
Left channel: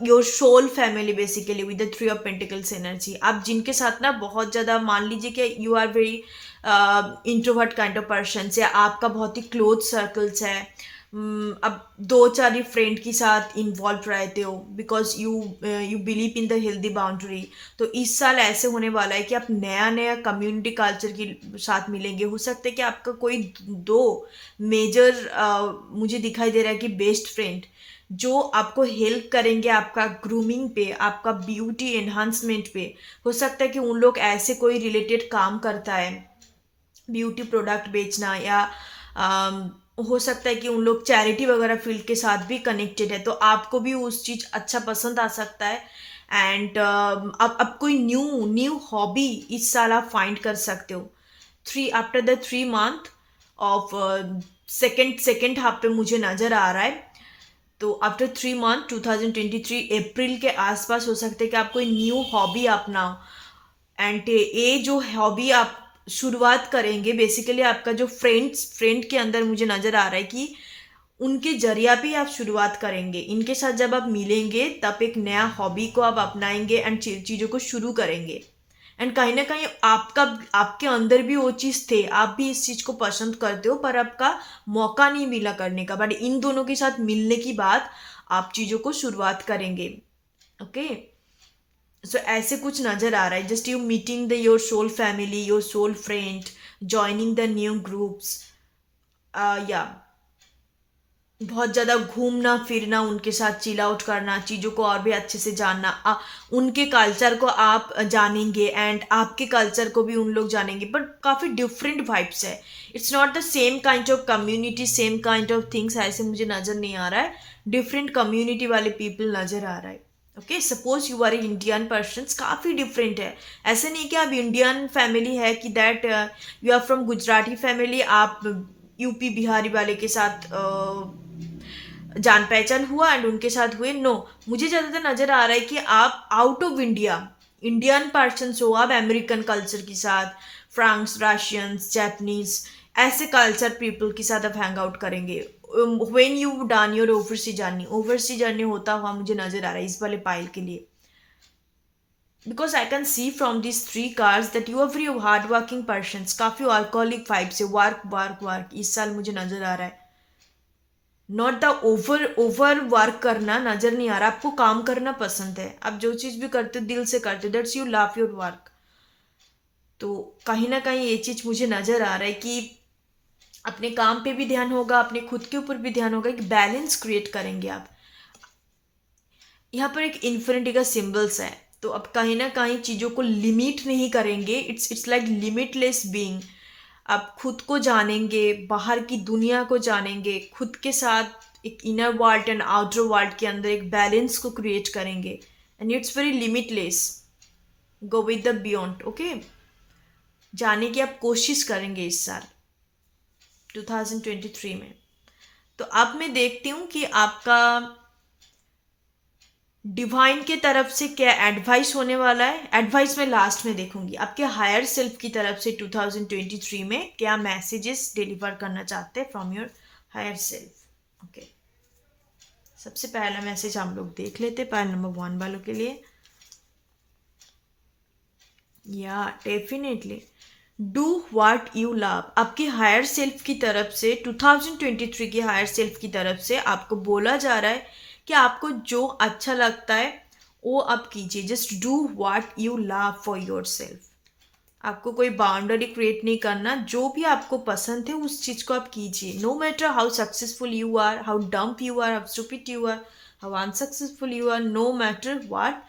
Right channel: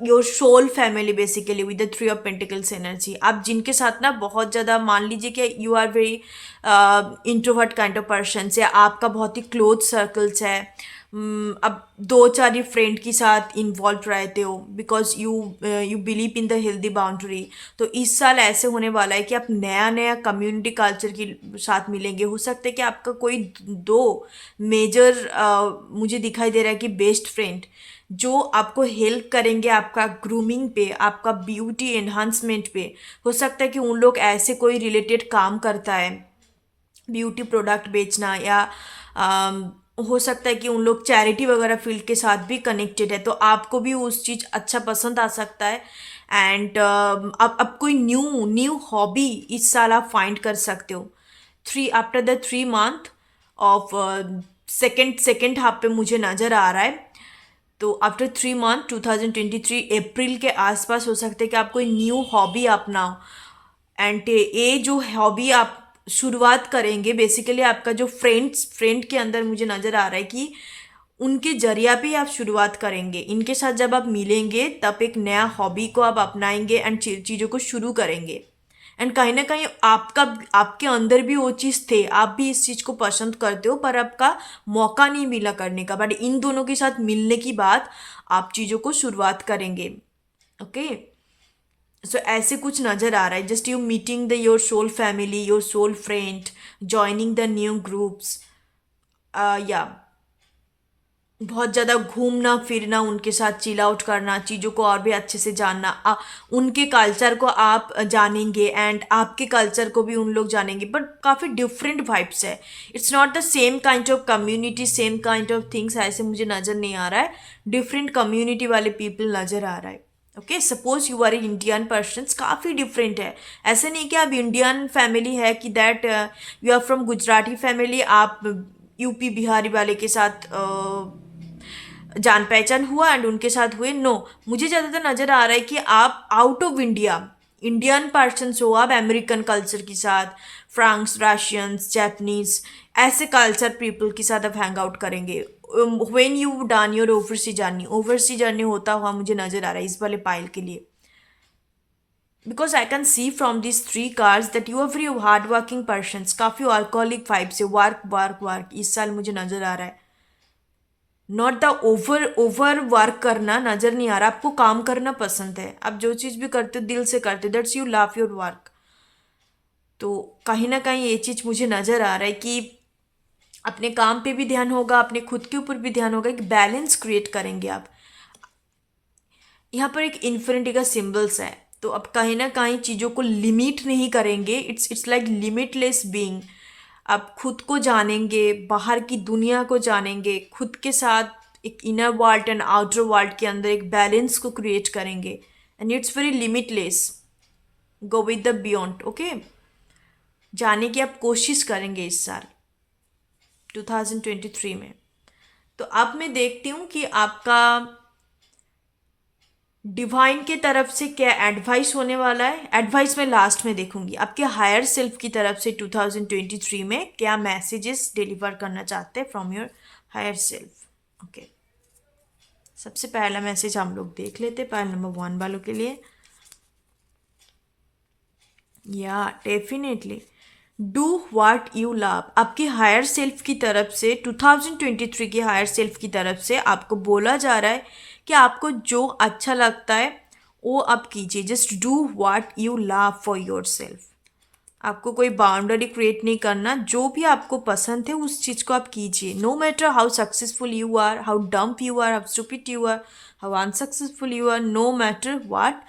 your soul family basically with the three of pentacles energy. आप जिनके साथ ना बहुत ज़्यादा, मान लीजिए कि you are very introvert kind of person, या आपका बहुत ही क्लोज सर्कल्स है। अब दो चार ही फ्रेंड के साथ इन्वॉल्व रहते हो because you you believe in the healthy boundary. तो इस साल ऐसे होने वाला है कि आप नया नया कम्युनिटी कल्चर के साथ मिलेंगे। हो सकता है कि आपका कोई दो मेजर मुझे दिखाई दे रहा है कि बेस्ट फ्रेंड जो आपको हेल्प करेंगे आपका ग्रूमिंग पे, आपका ब्यूटी एनहांसमेंट पे। हो सकता है कि उन लोग ऐसे कोई रिलेटेड काम करता है, ब्यूटी प्रोडक्ट बेचना, या हो सकता है कि उन लोग चैरिटी वगैरह फील्ड के साथ भी कनेक्टेड है, तो आपको भी उस चीज़ अच्छा पसंद आ सकता है। एंड अब कोई न्यू न्यू हॉबी इस साल आप फाइंड कर सकते हो। After the 3 month of second half पे मुझे नज़र आ रहा है। तो आफ्टर 3 मंथ 2023 अप्रैल के आसपास हो सकता है कि आप कोई न्यू हॉबी अपनाओ। एंड ये जो हॉबी आप शुरुआत करेंगे, बेसिकली आपका जो फ्रेंड के अंदर मुझे नज़र आ रहा है कि उनके जरिया पे आप शुरुआत करेंगे। इनके साथ जब आप मिलेंगे तब एक नया हॉबी को आप अपनाएंगे एंड चीज़ों को शुरू करेंगे। एंड कहीं ना कहीं आपका आपके अंदर भी वो चीज़ थे, आप भी इस चीज़ को पसंद करते हो, पर आपका मौका नहीं मिला करने का। बट इन दोनों के साथ मिलने की बाद आप चीज़ों को शुरुआत करेंगे। ओके, सो ऐसे कुछ नज़र आ रहा है। Just you meeting the your soul family, your soul friend, joining the new groups, या बहुत ज़्यादा घूमना फिरना, उनके साथ चिल आउट करना, चीज़ों को और भी अच्छे से जानना, उनके कल्चर को आप जानेंगे एंड आपके कल्चर को भी उन लोग जानेंगे। बट काफ़ी डिफरेंट वाइब्स है। It's not the same kind of community, same kind of things, ऐसे मुझे नज़र नहीं आ रहा है। डिफरेंट कम्युनिटी वाले पीपल नज़र आ रहा है। Okay, suppose you are a Indian person, काफ़ी डिफरेंट है। ऐसे नहीं कि आप इंडियन फैमिली है कि that you are from Gujarati family, आप यूपी बिहारी वाले के साथ जान पहचान हुआ एंड उनके साथ हुए। नो, मुझे ज़्यादातर नज़र आ रहा है कि आप out of India Indian persons हो, आप अमेरिकन कल्चर के साथ, फ्रांस, रशियंस, जापानीज, ऐसे कल्चर पीपल के साथ आप हैंग आउट करेंगे। When you done your oversee journey होता हुआ मुझे नज़र आ रहा है इस वाले पाइल के लिए। Because I can see from this 3 cards that you are very hard working person. काफ़ी वर्कोलिक वाइब से वर्क वर्क वर्क इस साल मुझे नज़र आ रहा है। नॉट द ओवर वर्क करना नज़र नहीं आ रहा। आपको काम करना पसंद है, आप जो चीज़ भी करते हो दिल से करते हो, that's you love your work. तो कहीं ना कहीं ये चीज़ मुझे नज़र आ रहा है कि अपने काम पे भी ध्यान होगा, अपने खुद के ऊपर भी ध्यान होगा, एक बैलेंस क्रिएट करेंगे आप। यहाँ पर एक इन्फिनिटी का सिम्बल्स है, तो अब कहीं ना कहीं चीज़ों को लिमिट नहीं करेंगे। It's like limitless being. आप खुद को जानेंगे, बाहर की दुनिया को जानेंगे, खुद के साथ एक inner world and outer world के अंदर एक बैलेंस को क्रिएट करेंगे। And it's very limitless. Go with the beyond. Okay, जाने की आप कोशिश करेंगे इस साल 2023 में। तो अब मैं देखती हूँ कि आपका डिवाइन के तरफ से क्या एडवाइस होने वाला है। एडवाइस मैं लास्ट में देखूंगी। आपके हायर सेल्फ की तरफ से 2023 में क्या मैसेजेस डिलीवर करना चाहते हैं from your higher self. Okay, सबसे पहला मैसेज हम लोग देख लेते हैं पाइल नंबर 1 वालों के लिए। या definitely do what you love. आपकी हायर सेल्फ की तरफ से 2023 की हायर सेल्फ की तरफ से आपको बोला जा रहा है कि आपको जो अच्छा लगता है वो आप कीजिए। Just do what you love for your self. आपको कोई बाउंड्री क्रिएट नहीं करना, जो भी आपको पसंद है उस चीज़ को आप कीजिए। No matter how successful you are, how dumb you are, how stupid you are, how unsuccessful you are, no matter what,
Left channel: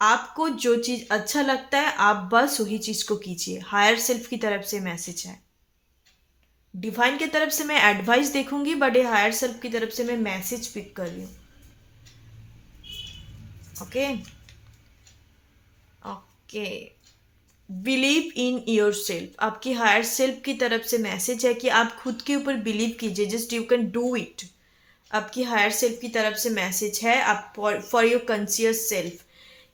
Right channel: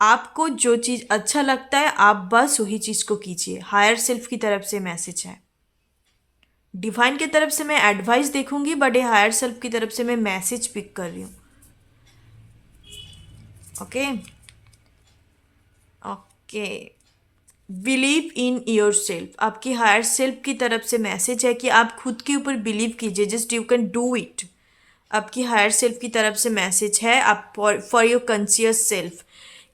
आपको जो चीज़ अच्छा लगता है आप बस वही चीज़ को कीजिए। हायर सेल्फ की तरफ से मैसेज है। डिवाइन की तरफ से मैं एडवाइस देखूंगी, बट ये हायर सेल्फ की तरफ से मैं मैसेज पिक कर रही हूँ। Okay okay, believe in your self. आपकी हायर सेल्फ की तरफ से मैसेज है कि आप खुद के ऊपर बिलीव कीजिए। Just you can do it. आपकी हायर सेल्फ की तरफ से मैसेज है आप फॉर योर कॉन्शियस सेल्फ,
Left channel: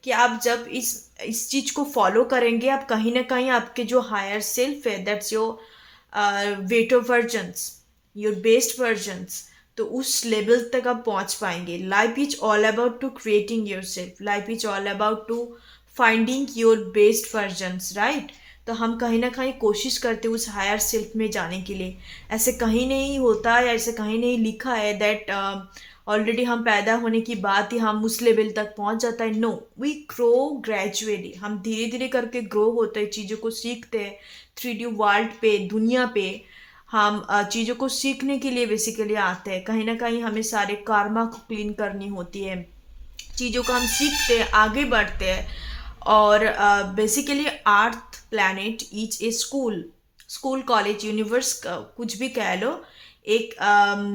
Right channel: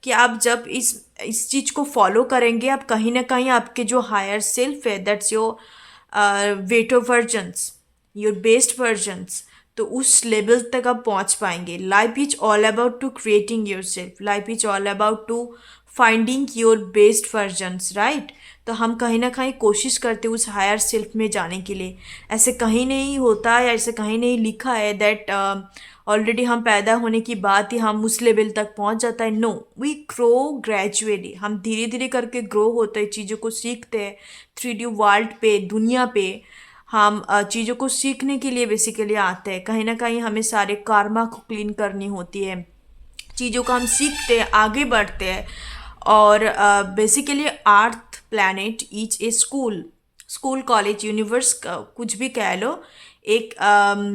कि आप जब इस चीज़ को फॉलो करेंगे, आप कहीं ना कहीं आपके जो हायर सेल्फ है, that's your better versions, your best versions, तो उस लेवल तक आप पहुंच पाएंगे. Life is all about to creating your self. Life is all about to finding your best versions, right. तो हम कहीं ना कहीं कोशिश करते हैं उस हायर सेल्फ में जाने के लिए. ऐसे कहीं नहीं होता या ऐसे कहीं नहीं लिखा है दैट ऑलरेडी हम पैदा होने की बात ही हम उस लेवल तक पहुंच जाता है. No, we grow gradually. हम धीरे धीरे करके ग्रो होते हैं, चीज़ों को सीखते हैं. 3D वर्ल्ड पे, दुनिया पे हम चीज़ों को सीखने के लिए बेसिकली आते हैं. कहीं ना कहीं हमें सारे कार्मा को क्लीन करनी होती है. चीज़ों को हम सीखते हैं, आगे बढ़ते हैं. और basically earth planet is a school. School, college, universe, कुछ भी कह लो, एक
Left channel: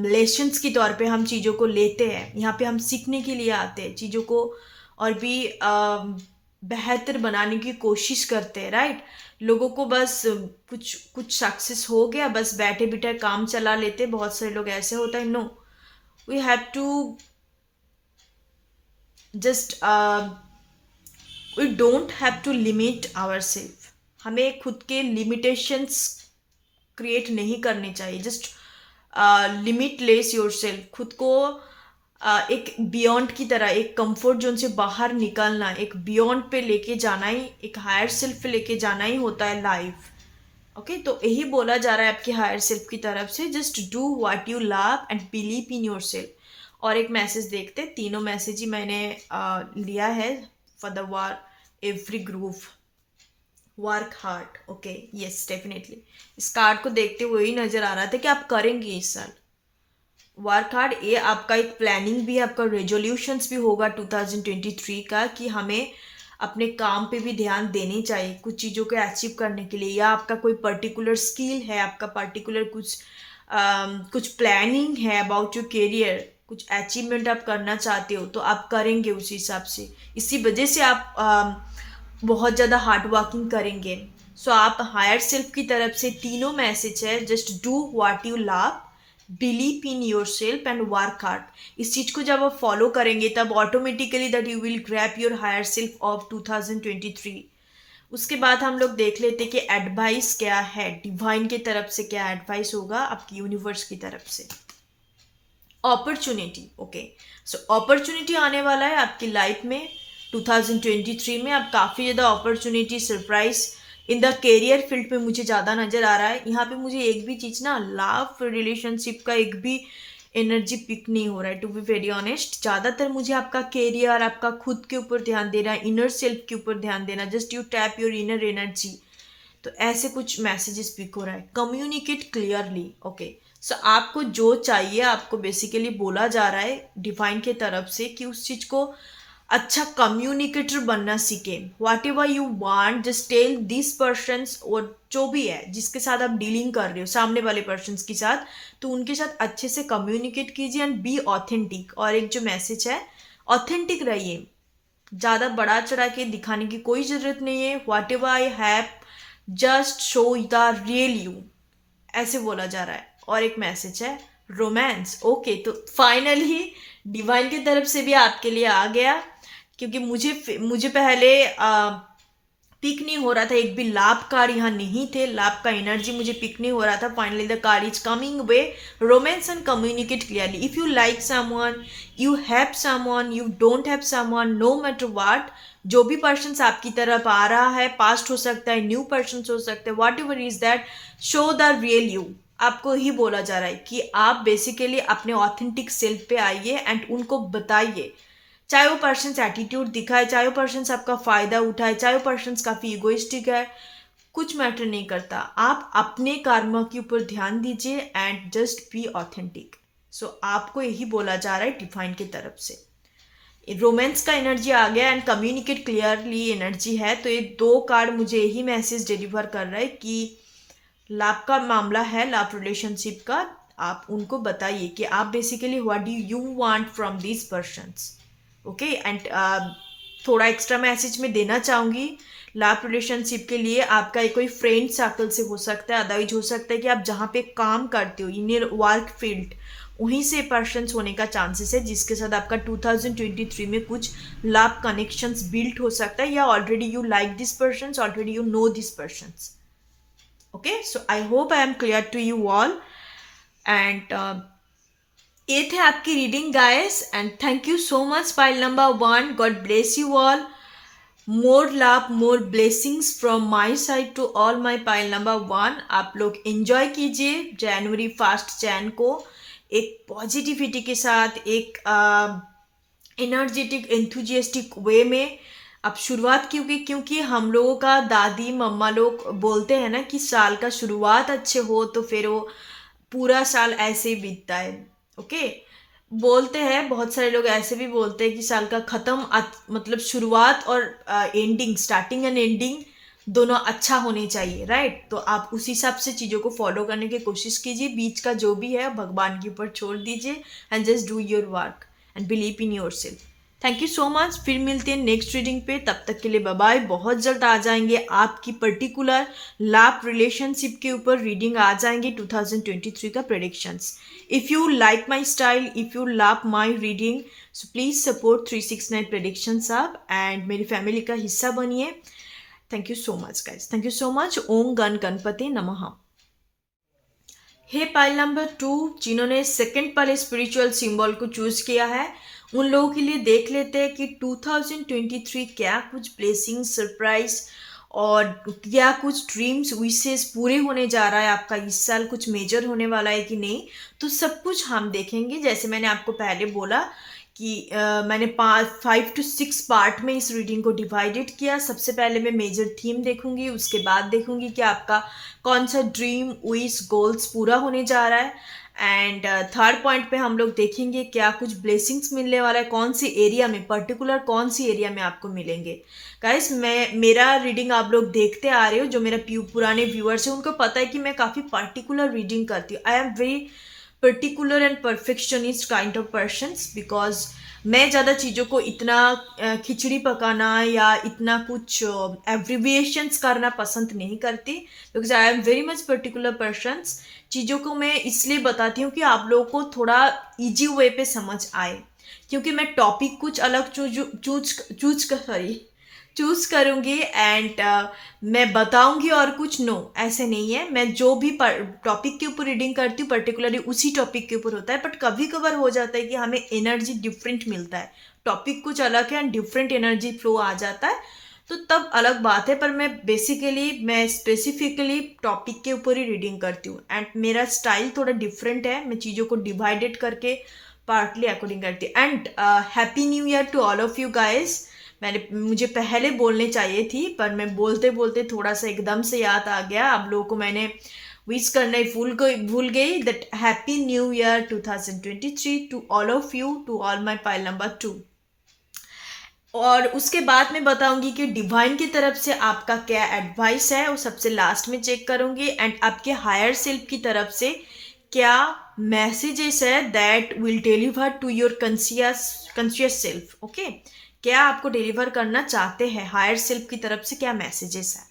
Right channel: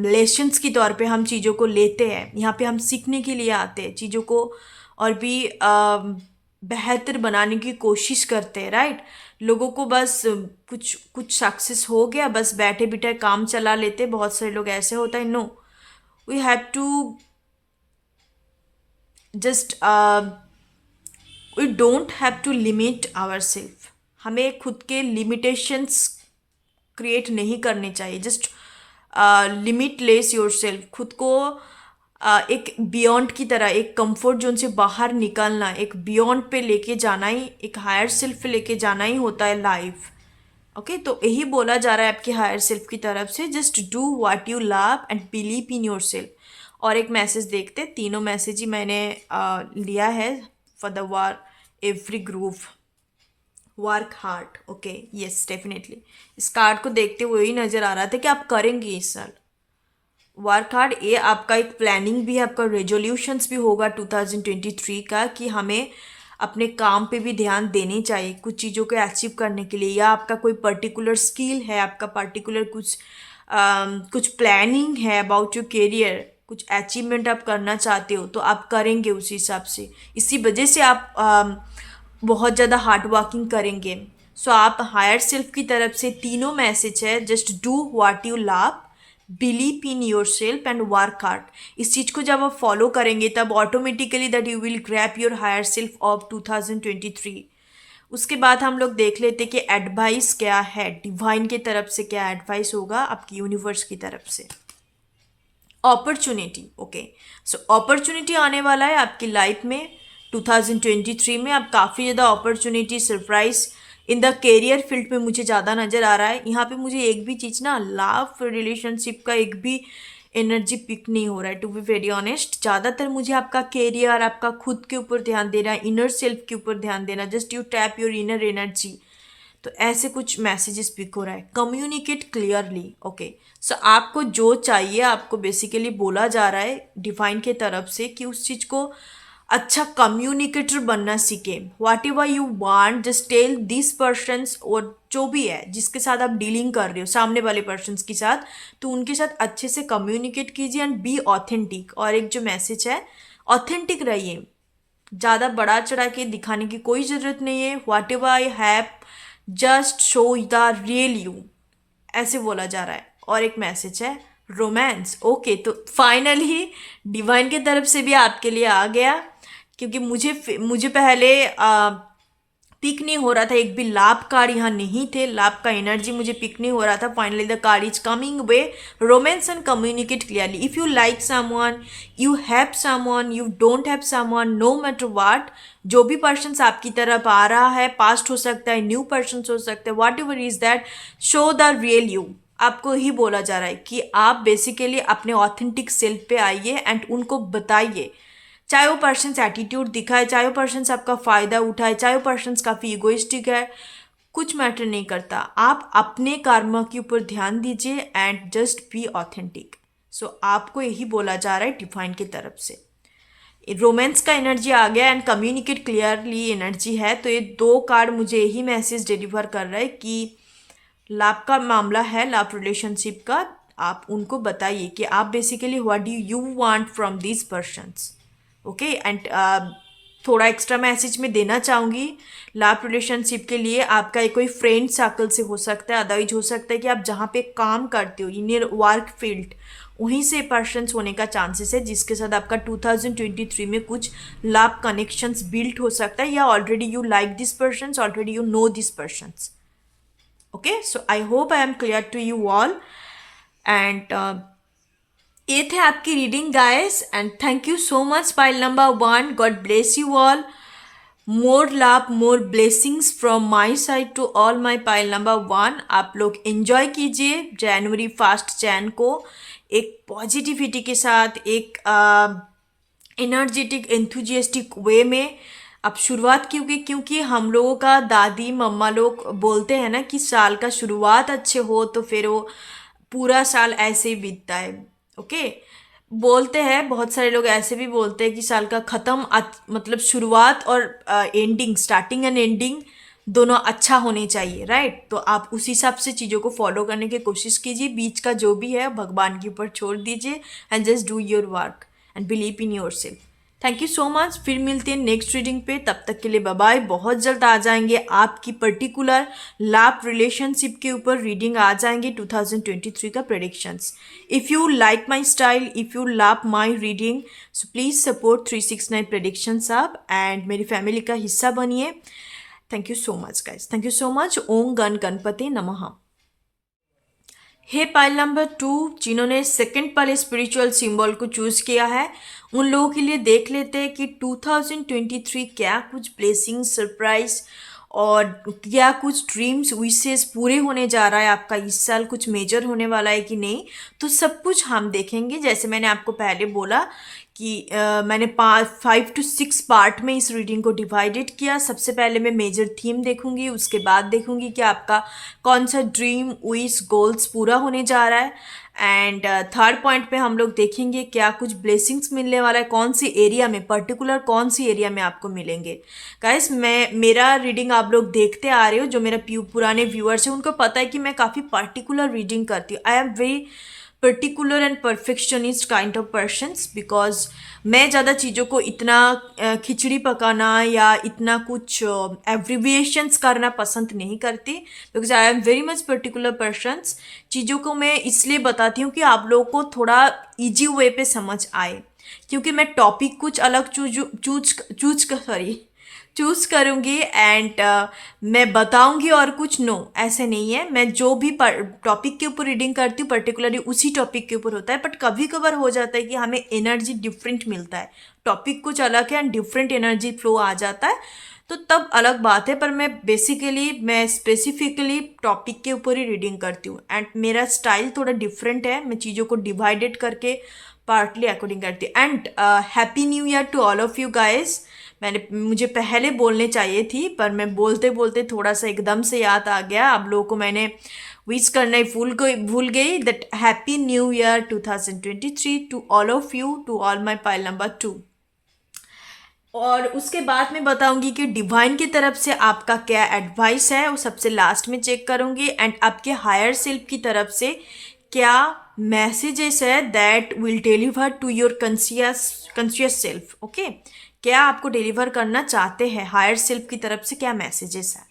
लेसन्स के तौर पे हम चीज़ों को लेते हैं. यहाँ पे हम सीखने के लिए आते हैं, चीज़ों को और भी बेहतर बनाने की कोशिश करते हैं, राइट. लोगों को बस कुछ कुछ सक्सेस हो गया, बस बैठे बैठे काम चला लेते. बहुत सारे लोग ऐसे होता है. No, we have to just we don't have to limit our self. हमें खुद के लिमिटेशंस क्रिएट नहीं करने चाहिए. Just limitless your self. खुद को एक बियॉन्ड की तरह, एक कंफर्ट जोन से बाहर निकलना, एक बियॉन्ड पे लेके जाना ही, एक हायर सेल्फ पे लेके जाना ही होता है लाइफ. ओके, तो यही बोला जा रहा है आपके हायर सेल्फ की तरफ से. Just do what you love and believe in your self. और एक मैसेज देखते, तीनों मैसेज ही मैंने लिया है for the war every group. Work hard. Okay, yes, definitely इस कार्ड को देखते हुए ही नज़र आ रहा था कि आप करेंगे इस साल वर्क हार्ड. ये आपका एक प्लानिंग भी है, आपका रेजोल्यूशंस भी होगा 2023 का कि हमें अपने काम पे भी ध्यान देनी चाहिए कुछ चीज़ों को अचीव करने के लिए. या आपका कोई पर्टिकुलर स्किल है, आपका पर्टिकुलर कुछ प्लानिंग है अबाउट योर करियर, कुछ अचीवमेंट आप करना चाहते हो, तो आप करेंगे उस हिसाब से. इसी वजह से आप बहुत ज़्यादा हार्ड वर्किंग करेंगे. सो आप हायर सेल्फ की तरफ से तीनों मैसेज है. Just do what you love, believe in your self and work hard. इस चीज़ को जब आप फॉलो करेंगे तब automatically that you will grab your higher self of 2023. उसके बाद हम लोग देख लेते कि एडवाइस क्या है, डिवाइन की तरफ से क्या एडवाइस होगा आपकी यूनिवर्स की तरफ से. अपॉर्चुनिटी. ओके, सो अपॉर्चुनिटी आने वाला है आपकी लाइफ में 2023 में. आप काफ़ी ज़्यादा opportunity, surprise in the career field पे मुझे ज़्यादा नज़र आ रहा है. यहाँ पे मुझे एक भी चीज़ ना, लव रिलेशनशिप का एक भी एनर्जी पिक नहीं हो रहा है टू बी वेरी ऑनेस्ट. ज़्यादातर मुझे आपका करियर, आपका खुद के ऊपर ध्यान देना, इनर सेल्फ के ऊपर ध्यान देना. Just you tap your inner energy. तो ऐसे कुछ मैसेजेस पिक हो रहा है. Communicate clearly. ओके, सो आपको जो चाहिए आपको बेसिकली बोला जा रहा है डिवाइन के तरफ से कि उस चीज़ को अच्छा कम्युनिकेटर बनना सीखे. Whatever you want, just tell this persons, और जो भी है जिसके साथ आप डीलिंग कर रहे हो सामने वाले पर्सन्स के साथ, तो उनके साथ अच्छे से कम्युनिकेट कीजिए एंड बी ऑथेंटिक. और एक जो मैसेज है, ऑथेंटिक रहिए. ज़्यादा बड़ा चढ़ा के दिखाने की कोई ज़रूरत नहीं है. Whatever I have, just show the real you, ऐसे बोला जा रहा है. और एक मैसेज है रोमांस. ओके, तो फाइनली डिवाइन की तरफ से भी आपके लिए आ गया, क्योंकि मुझे पहले पिक नहीं हो रहा था. एक भी लाभ कार्ड यहाँ नहीं थे, लाभ का एनर्जी मुझे पिक नहीं हो रहा था. Finally the card is coming way. Romance and communicate clearly. If you like someone, you have someone, you don't have someone, no matter what, जो भी पर्सन्स आपकी तरफ आ रहा है, पास्ट हो सकता है, न्यू पर्सन्स हो सकते हैं, what ever is that, show the real you. आपको ही बोला जा रहा है कि आप बेसिकली अपने ऑथेंटिक सेल्फ पे आइए एंड उनको बताइए. चाहे वो पर्सन्स एटीट्यूड दिखाए, चाहे वो पर्सन्स आपका फ़ायदा उठाए, चाहे वो पर्सन्स काफ़ी इगोइस्टिक है, कुछ मैटर नहीं करता. आप अपने कर्म के ऊपर ध्यान दीजिए एंड जस्ट बी ऑथेंटिक. सो आपको यही बोला जा रहा है डिवाइन की तरफ से. रोमांस का एनर्जी आ गया एंड कम्युनिकेट क्लियरली एनर्जी है. तो ये दो कार्ड मुझे यही मैसेज डिलीवर कर रहा है कि लाभ का मामला है, लाभ रिलेशनशिप का. आप उनको बताइए कि आप basically what do you want from these persons. Okay, and थोड़ा एक्स्ट्रा मैसेज मैं देना चाहूँगी लाभ रिलेशनशिप के लिए. आपका एक कोई फ्रेंड सर्कल से हो सकता है, अदरवाइज हो सकता है कि आप जहाँ पे काम करते हो, इन योर वर्क फील्ड, वहीं से पर्सन्स होने का चांसेस है जिसके साथ आपका 2023 में कुछ लाभ कनेक्शंस बिल्ड हो सकता है. या already you like this persons, already you know this persons. Okay, so I hope I am clear to you all, and ये थे आपकी reading guys, and thank you so much pile number 1। God bless you all. More love, more blessings from my side to all my pile number 1। आप लोग enjoy कीजिए जनवरी first Jan को एक positivity के साथ, एक एनर्जेटिक एंथुजियास्टिक वे में अब शुरुआत क्योंकि क्योंकि हम लोगों का दादी मम्मा लोग बोलते हैं ना कि साल का शुरुआत अच्छे हो तो फिर वो पूरा साल ऐसे ही बीतता है। ओके, बोलते हैं बहुत सारे लोग, ऐसे भी बोलते हैं कि साल का ख़त्म मतलब शुरुआत और एंडिंग, स्टार्टिंग एंड एंडिंग दोनों अच्छा होने चाहिए, राइट। तो आप उस हिसाब से चीज़ों को फॉलो करने की कोशिश कीजिए। बीच का जो भी है भगवान के ऊपर छोड़ दीजिए and just do your work and believe in your self. Thank you so much. फिर मिलते हैं नेक्स्ट रीडिंग पे, तब तक के लिए बाय बाय। बहुत जल्द आ जाएंगे आपकी पर्टिकुलर लव रिलेशनशिप के ऊपर रीडिंग आ जाएंगे 2023 का predictions. If you like my style, if you love my reading, so please support 369 predictions आप एंड मेरी फैमिली का हिस्सा बनिए। Thank you so much guys, thank you so much. ओम गण गणपते नमः। हे पाइल नंबर 2, जिन्होंने सेकंड वाले स्पिरिचुअल सिंबल को चूज किया है, उन लोगों के लिए देख लेते हैं कि 2023 क्या कुछ ब्लेसिंग, सरप्राइज और क्या कुछ ड्रीम्स, विशेस पूरे होने जा रहा है आपका इस साल, कुछ मेजर होने वाला है कि नहीं। तो सब कुछ हम देखेंगे। जैसे मैंने आपको पहले बोला कि मैंने 5 to 6 पार्ट में इस रीडिंग को डिवाइडेड किया। सबसे पहले मैं मेजर थीम देखूंगी, उसके बाद देखूंगी कि आपका कौन सा ड्रीम, विश, गोल्स पूरा होने जा रहा है। एंड थर्ड पॉइंट पे हम लोग देखेंगे क्या कुछ ब्लेसिंग्स मिलने वाला है, कौन सी एरिया में, पर्टिकुलर कौन सी एरिया में आपको मिलेंगे। गाइस, मेरा रीडिंग आप लोग देखते आ रहे हो, जो मेरा पुराने व्यूअर्स हैं उनको पता है कि मैं काफ़ी पर्टिकुलर रीडिंग करती हूँ। आई am very particular and perfectionist kind of persons, because मैं ज़्यादा चीज़ों को इतना खिचड़ी पकाना या इतना कुछ एब्रिविएशंस करना पसंद नहीं करती, because I am very much particular persons. चीज़ों को मैं इसलिए बताती हूँ कि आप लोगों को थोड़ा इजी वे पे समझ आए, क्योंकि मैं टॉपिक कुछ अलग चूज करूँगी एंड मैं बताऊँगी और कुछ, नो ऐसे नहीं है। मैं जो भी टॉपिक के ऊपर रीडिंग करती हूँ पर्टिकुलरली उसी टॉपिक के ऊपर होता है, बट कभी कभार हो जाता है कि हमें एनर्जी डिफरेंट मिलता है, टॉपिक कुछ अलग है एंड डिफरेंट एनर्जी फ्लो आ जाता है, तो तब अलग बात है। पर मैं स्पेसिफिकली टॉपिक के ऊपर ही रीडिंग करती हूँ एंड मेरा स्टाइल थोड़ा डिफरेंट है। मैं चीज़ों को डिवाइडेड करके पार्टली अकॉर्डिंग करती हूँ। And happy new year to all of you guys. मुझे पहले बोलने चाहिए थी, पर मैं बोलते बोलते थोड़ा सा एकदम से याद आ गया। आप लोगों को मैंने विश करना ही भूल गई that happy new year 2023 to all of you, to all my pile number 2। और उसके बाद मैं बताऊंगी कि डिवाइन की तरफ से आपका क्या एडवाइस है, वो सबसे लास्ट में चेक करूंगी। एंड आपके हायर सेल्फ की तरफ से क्या मैसेजेस है that will deliver to your conscious self. Okay, क्या आपको डिलीवर करना चाहते हैं हायर सेल्फ की तरफ से, क्या मैसेजेस है।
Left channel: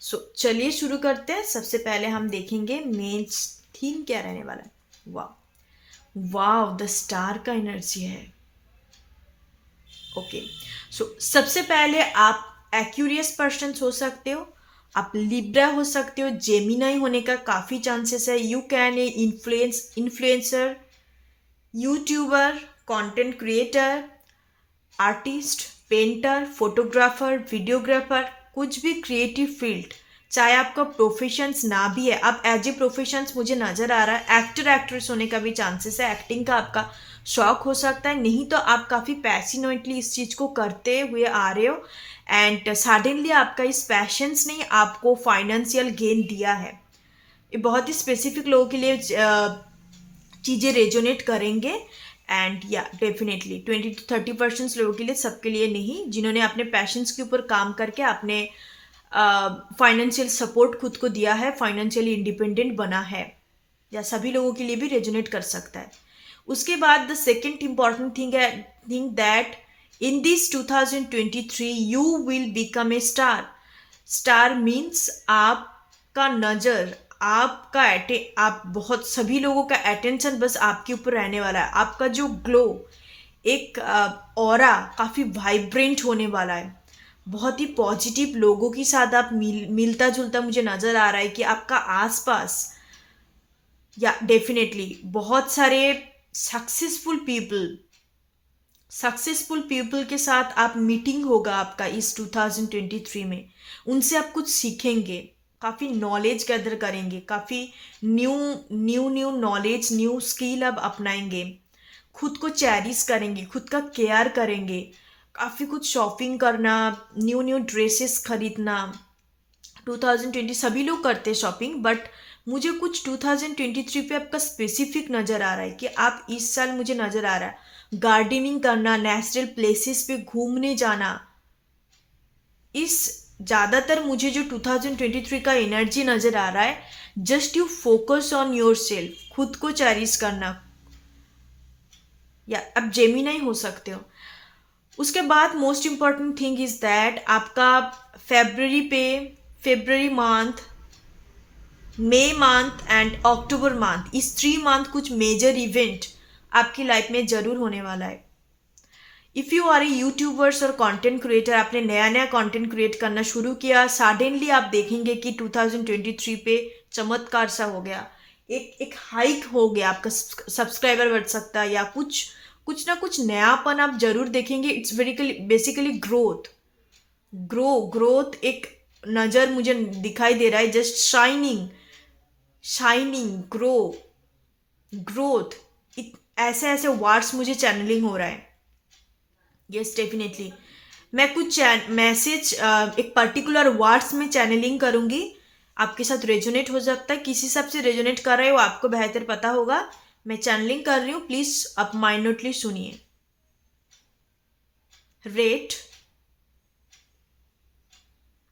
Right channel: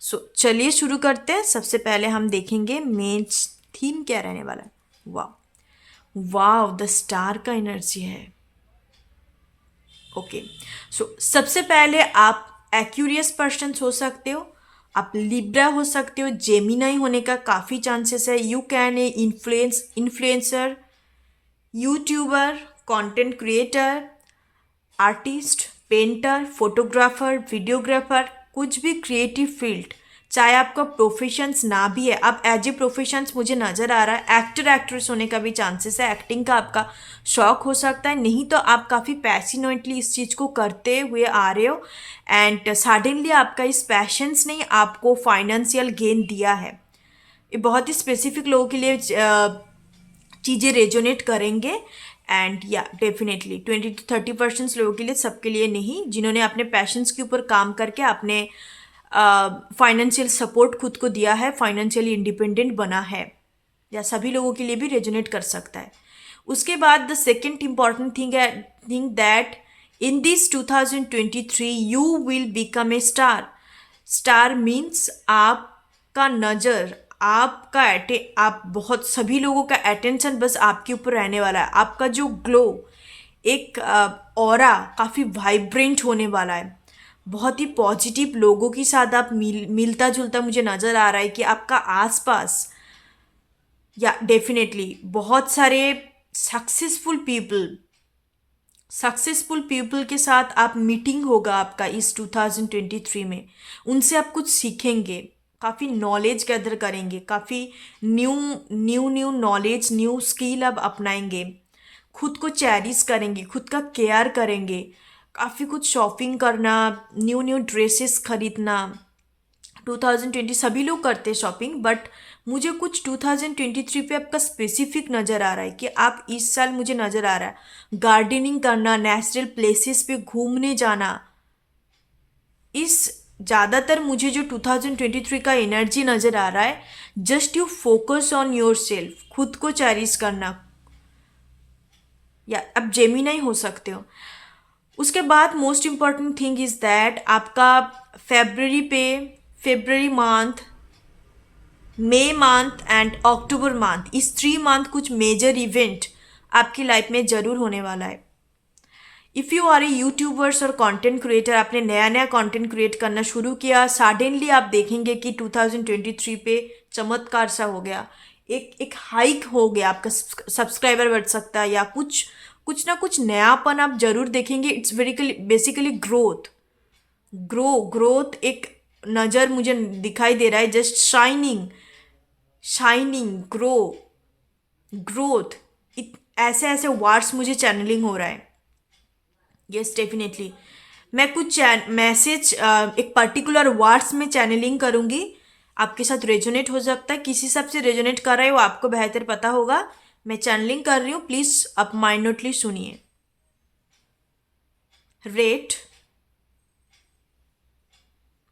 सो चलिए शुरू करते हैं। सबसे पहले हम देखेंगे मेन थीम क्या रहने वाला है। वाह वाह, द स्टार का एनर्जी है। ओके, सो सबसे पहले आप एक्यूरियस पर्सन हो सकते हो, आप लिब्रा हो सकते हो, जेमिनाई होने का काफ़ी चांसेस है। You can a influencer, YouTuber, content creator, artist, painter, photographer, videographer, कुछ भी क्रिएटिव फील्ड, चाहे आपका प्रोफेशंस ना भी है, अब एज ए प्रोफेशंस मुझे नज़र आ रहा है। एक्टर एक्ट्रेस होने का भी चांसेस है, एक्टिंग का आपका शौक हो सकता है, नहीं तो आप काफ़ी पैशनेटली इस चीज़ को करते हुए आ रहे हो एंड सडनली आपका इस पैशंस ने आपको फाइनेंशियल गेन दिया है। ये बहुत ही स्पेसिफिक लोगों के लिए चीज़ें रेजोनेट करेंगे एंड या डेफिनेटली 20 to 30% लोगों के लिए, सबके लिए नहीं। जिन्होंने अपने पैशंस के ऊपर काम करके अपने फाइनेंशियल सपोर्ट खुद को दिया है, फाइनेंशियली इंडिपेंडेंट बना है, या सभी लोगों के लिए भी रेजोनेट कर सकता है। उसके बाद the second important thing that in this 2023 you will become a star. Star means आपका नज़र, आप बहुत सभी लोगों का अटेंशन बस आपके ऊपर रहने वाला है। आपका जो ग्लो, एक ऑरा काफ़ी वाइब्रेंट होने वाला है। बहुत ही पॉजिटिव लोगों के साथ आप मिलता जुलता मुझे नज़र आ रहा है कि आपका आसपास, या डेफिनेटली बहुत सारे सक्सेसफुल पीपल के साथ आप मीटिंग होगा आपका इस 2023 में। उनसे आप कुछ सीखेंगे, काफ़ी नॉलेज गैदर करेंगे, काफ़ी new new new knowledge, new skill आप अपनाएंगे, खुद को चेरिश करेंगे, खुद का केयर करेंगे, काफ़ी कुछ शॉपिंग करना, न्यू न्यू ड्रेसेस खरीदना। 2020 सभी लोग करते हैं शॉपिंग, बट मुझे कुछ 2023 पे आपका स्पेसिफिक नज़र आ रहा है कि आप इस साल, मुझे नज़र आ रहा है गार्डनिंग करना, नेचुरल प्लेसेस पे घूमने जाना। इस ज़्यादातर मुझे जो 2023 का एनर्जी नज़र आ रहा है, just you focus on your self, खुद को चेरिश करना, या अब जेमिनाई हो सकते हो। उसके बाद most important thing is that आपका February month, May month and October month, इस 3 मंथ कुछ मेजर इवेंट आपकी लाइफ में ज़रूर होने वाला है। If you are a YouTubers और कंटेंट क्रिएटर, आपने नया नया कंटेंट क्रिएट करना शुरू किया, सडनली आप देखेंगे कि 2023 पे चमत्कार सा हो गया, एक हाइक हो गया, आपका सब्सक्राइबर बढ़ सकता है, या कुछ ना कुछ नयापन आप जरूर देखेंगे। इट्स बेसिकली ग्रोथ एक नज़र मुझे दिखाई दे रहा है, जस्ट शाइनिंग ग्रोथ, ऐसे ऐसे वर्ड्स मुझे चैनलिंग हो रहा है। यस डेफिनेटली मैं कुछ मैसेज एक पर्टिकुलर वर्ड्स में चैनलिंग करूँगी, आपके साथ रेजोनेट हो सकता है, किसी हिसाब से रेजोनेट कर रहा है वो आपको बेहतर पता होगा। मैं चैनलिंग कर रही हूँ, प्लीज़ आप माइन्यूटली सुनिए। Red,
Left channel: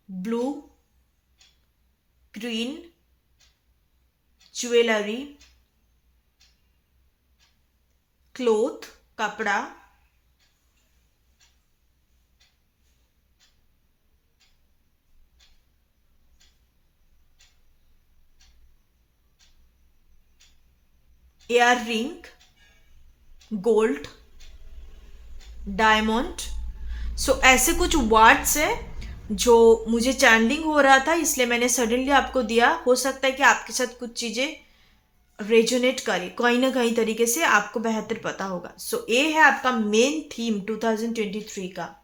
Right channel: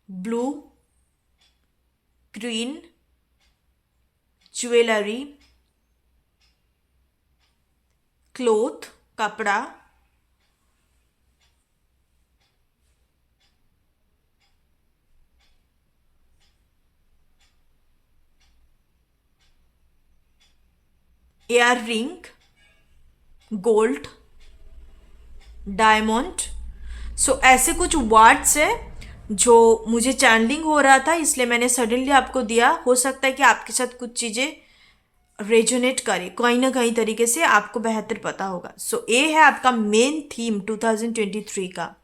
blue, green, jewellery, cloth कपड़ा, एयर रिंग, गोल्ड, डायमंड। सो ऐसे कुछ वर्ड्स है जो मुझे चैनलिंग हो रहा था, इसलिए मैंने सडनली आपको दिया। हो सकता है कि आपके साथ कुछ चीज़ें रेजोनेट करे कहीं ना कहीं तरीके से, आपको बेहतर पता होगा। सो ये है आपका मेन थीम 2023 का।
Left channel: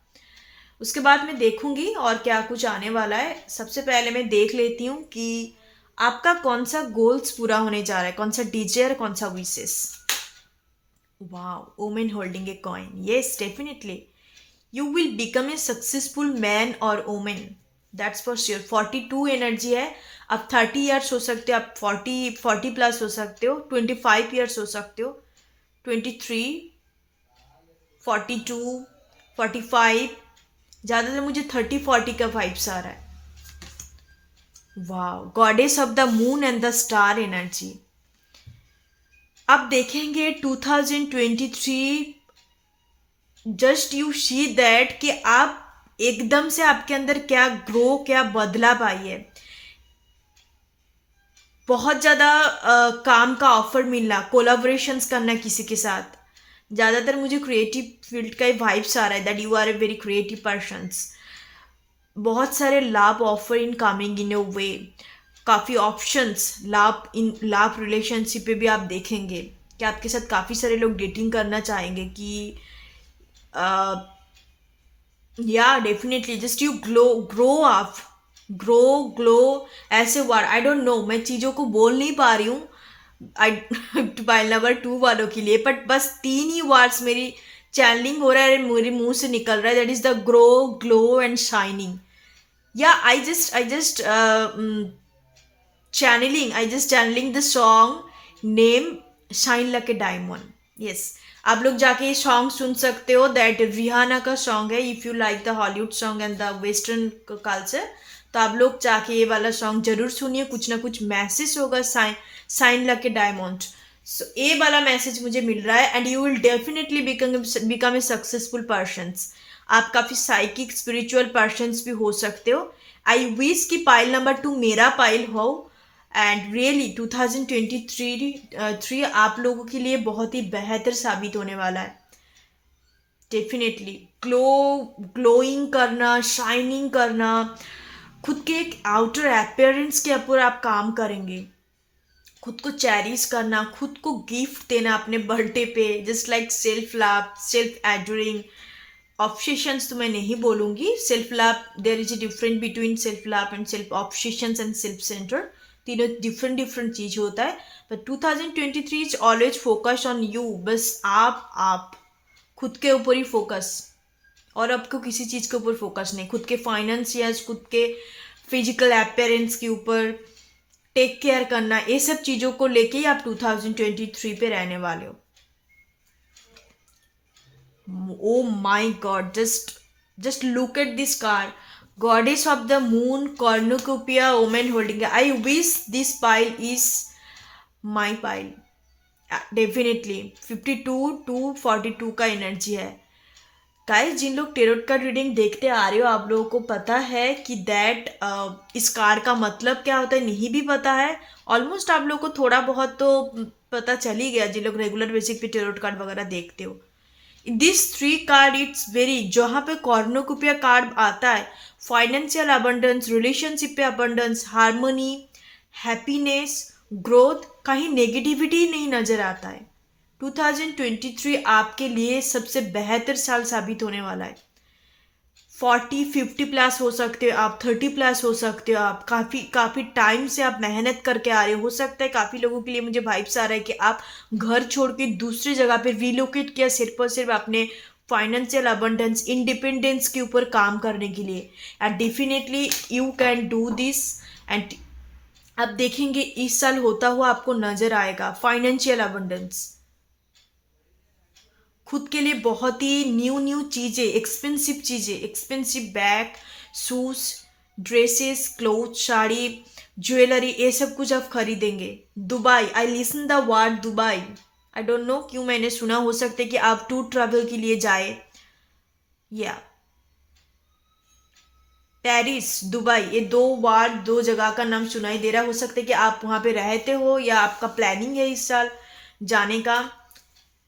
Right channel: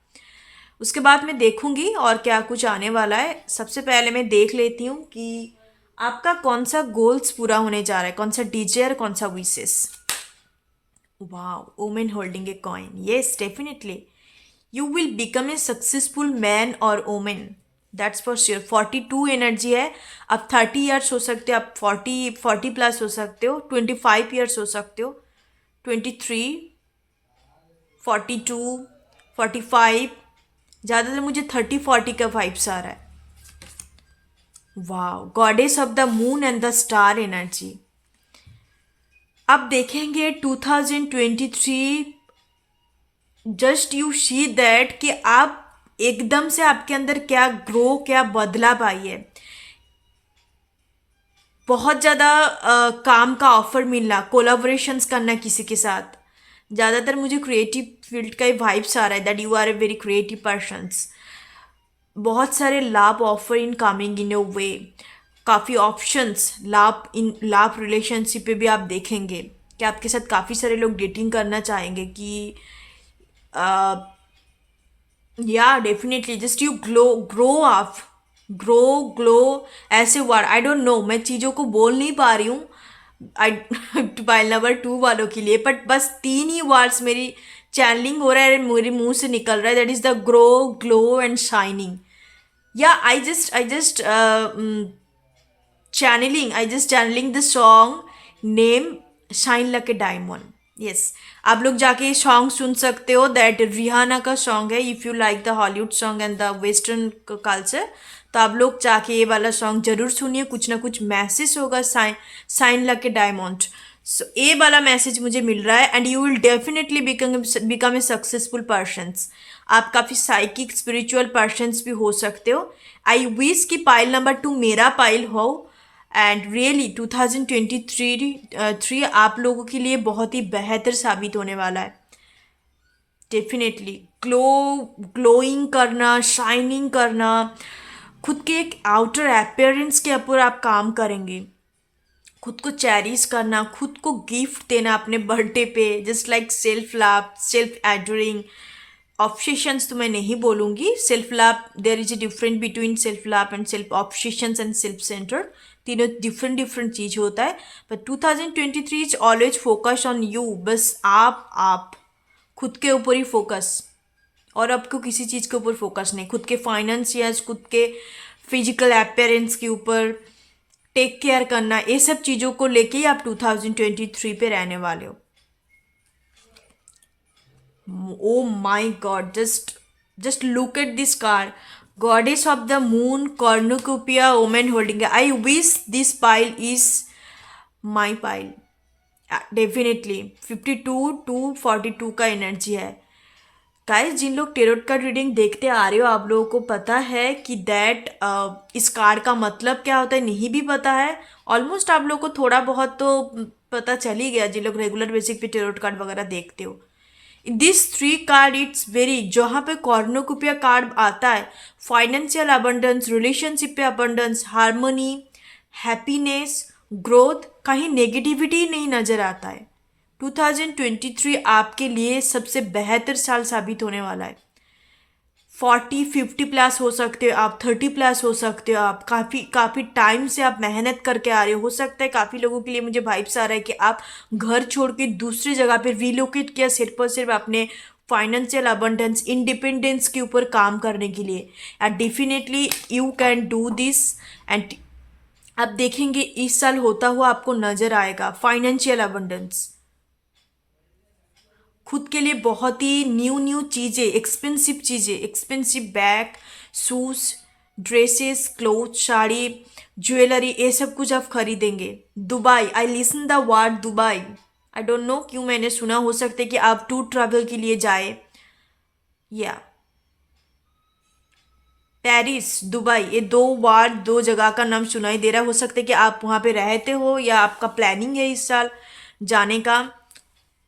उसके बाद मैं देखूंगी और क्या कुछ आने वाला है। सबसे पहले मैं देख लेती हूँ कि आपका कौन सा गोल्स पूरा होने जा रहा है, कौन सा डिजायर, कौन सा wishes. Wow, woman holding a coin. Yes, definitely. You will become a successful man or woman. That's for sure. 42 energy है। आप 30 ईयर्स हो सकते हो, आप 40 प्लस हो सकते हो, 25 ईयर्स हो सकते हो, 23, 42, 45। ज़्यादातर मुझे 30-40 का वाइब्स आ रहा है। वाह, goddess of the moon and the star energy. अब देखेंगे 2023, जस्ट यू सी दैट कि आप एकदम से आपके अंदर क्या बदलाव आई है। बहुत ज़्यादा काम का ऑफर मिलना, कोलाबोरेशंस करना किसी के साथ। ज़्यादातर मुझे क्रिएटिव फील्ड का ही वाइब्स आ रहा है, that you are a very creative persons. बहुत सारे लाभ ऑफर इन कमिंग इन अ वे, काफ़ी ऑप्शंस, लाभ रिलेशनशिप पे भी आप देखेंगे कि आपके साथ काफ़ी सारे लोग डेटिंग करना चाहेंगे कि या डेफिनेटली जस्ट यू ग्रो ऐसे वर्ड, आई डोंट नो, मैं चीज़ों को बोल नहीं पा रही हूँ आई पाइल नंबर 2 वालों के लिए, बट बस 3 ही वर्ड्स मेरी चैनलिंग हो रहा है, मेरे मुंह से निकल रहा है, that is the glow and shining. या I just channeling the song name Shine Like a Diamond. Yes, आप लोग जाके ये सॉन्ग सुन सकते हो, दैट रिहाना का सॉन्ग है। If you like the Hollywood song and the western culture, तो आप लोग जाके ये वाला सॉन्ग जरूर सुनिए, कुछ ना कुछ मैसेज होगा। Sign like a diamond. So ये वाला मैसेज मुझे मिल रहा है, and you will definitely become a successful persons. आप काफ़ी साइकिक स्पिरिचुअल पर्सन्स भी हो सकते हो। आई विश कि पाइल नंबर 2 मेरा पाइल हो, एंड रियली 2023 आप लोगों के लिए बहुत ही बेहतर साबित होने वाला है। डेफिनेटली ग्लोइंग करना, शाइनिंग करना, खुद के एक आउटर अपीयरेंस के ऊपर आप काम करेंगे, खुद को चेरिश करना, खुद को गिफ्ट देना अपने बर्थडे पे, just like self love, self adoring. Obsessions तो मैं नहीं बोलूँगी, self love, there is a different between self love and self obsessions and self centred. तीनों डिफरेंट डिफरेंट चीज़ होता है। But 2023 is always focus on you. बस आप खुद के ऊपर ही फोकस, और आपको किसी चीज़ के ऊपर फोकस नहीं। खुद के फाइनेंशियल्स, खुद के फिजिकल अपीयरेंस के ऊपर टेक केयर करना, ये सब चीज़ों को लेके ही आप 2023 पे रहने वाले हो। Oh my god, just look at this card, goddess of the moon, cornucopia, women holding. I wish this pile is my pile. Definitely 52 to 42 का एनर्जी है। गाइस, जिन लोग टेरोट कार्ड रीडिंग देखते आ रहे हो, आप लोगों को पता है कि इस कार्ड का मतलब क्या होता है। नहीं भी पता है, ऑलमोस्ट आप लोगों को थोड़ा बहुत तो पता चल ही गया, जिन लोग रेगुलर बेसिक पे टेरोट कार्ड वगैरह देखते हो। दिस 3 कार्ड इट्स वेरी, जहाँ पे कॉर्नुकोपिया कार्ड आता है, फाइनेंशियल अबंडेंस, रिलेशनशिप पे अबंडेंस, हार्मनी, हैप्पीनेस, ग्रोथ, कहीं नेगेटिविटी नहीं नजर आता है। 2023 आपके लिए सबसे बेहतर साल साबित होने वाला है। 40-50 प्लस हो सकते हो आप, 30 प्लस हो सकते हो आप। काफ़ी टाइम से आप मेहनत करके आ रहे हो सकता है काफ़ी लोगों के लिए मुझे वाइब्स आ रहा है कि आप घर छोड़ के दूसरी जगह पे रिलोकेट किया, सिर्फ और सिर्फ अपने फाइनेंशियल अबंडेंस, इंडिपेंडेंस के ऊपर काम करने के लिए। And definitely you can do this. And आप देखेंगे इस साल होता हुआ आपको नजर आएगा फाइनेंशियल अबंडेंस। खुद के लिए बहुत ही न्यू चीज़ें, एक्सपेंसिव चीज़ें, expensive bag, shoes, dresses, cloth, sari, jewellery, ये सब कुछ आप खरीदेंगे। Dubai, I listen the word Dubai. I don't know क्यों मैंने सुना, हो सकता है कि आप टूर ट्रैवल के लिए जाए, या पेरिस, दुबई, ये 2 जगह का नाम सुनाई दे रहा है। हो सकता है कि आप वहाँ पे रहते हो या आपका प्लानिंग है इस साल जाने का।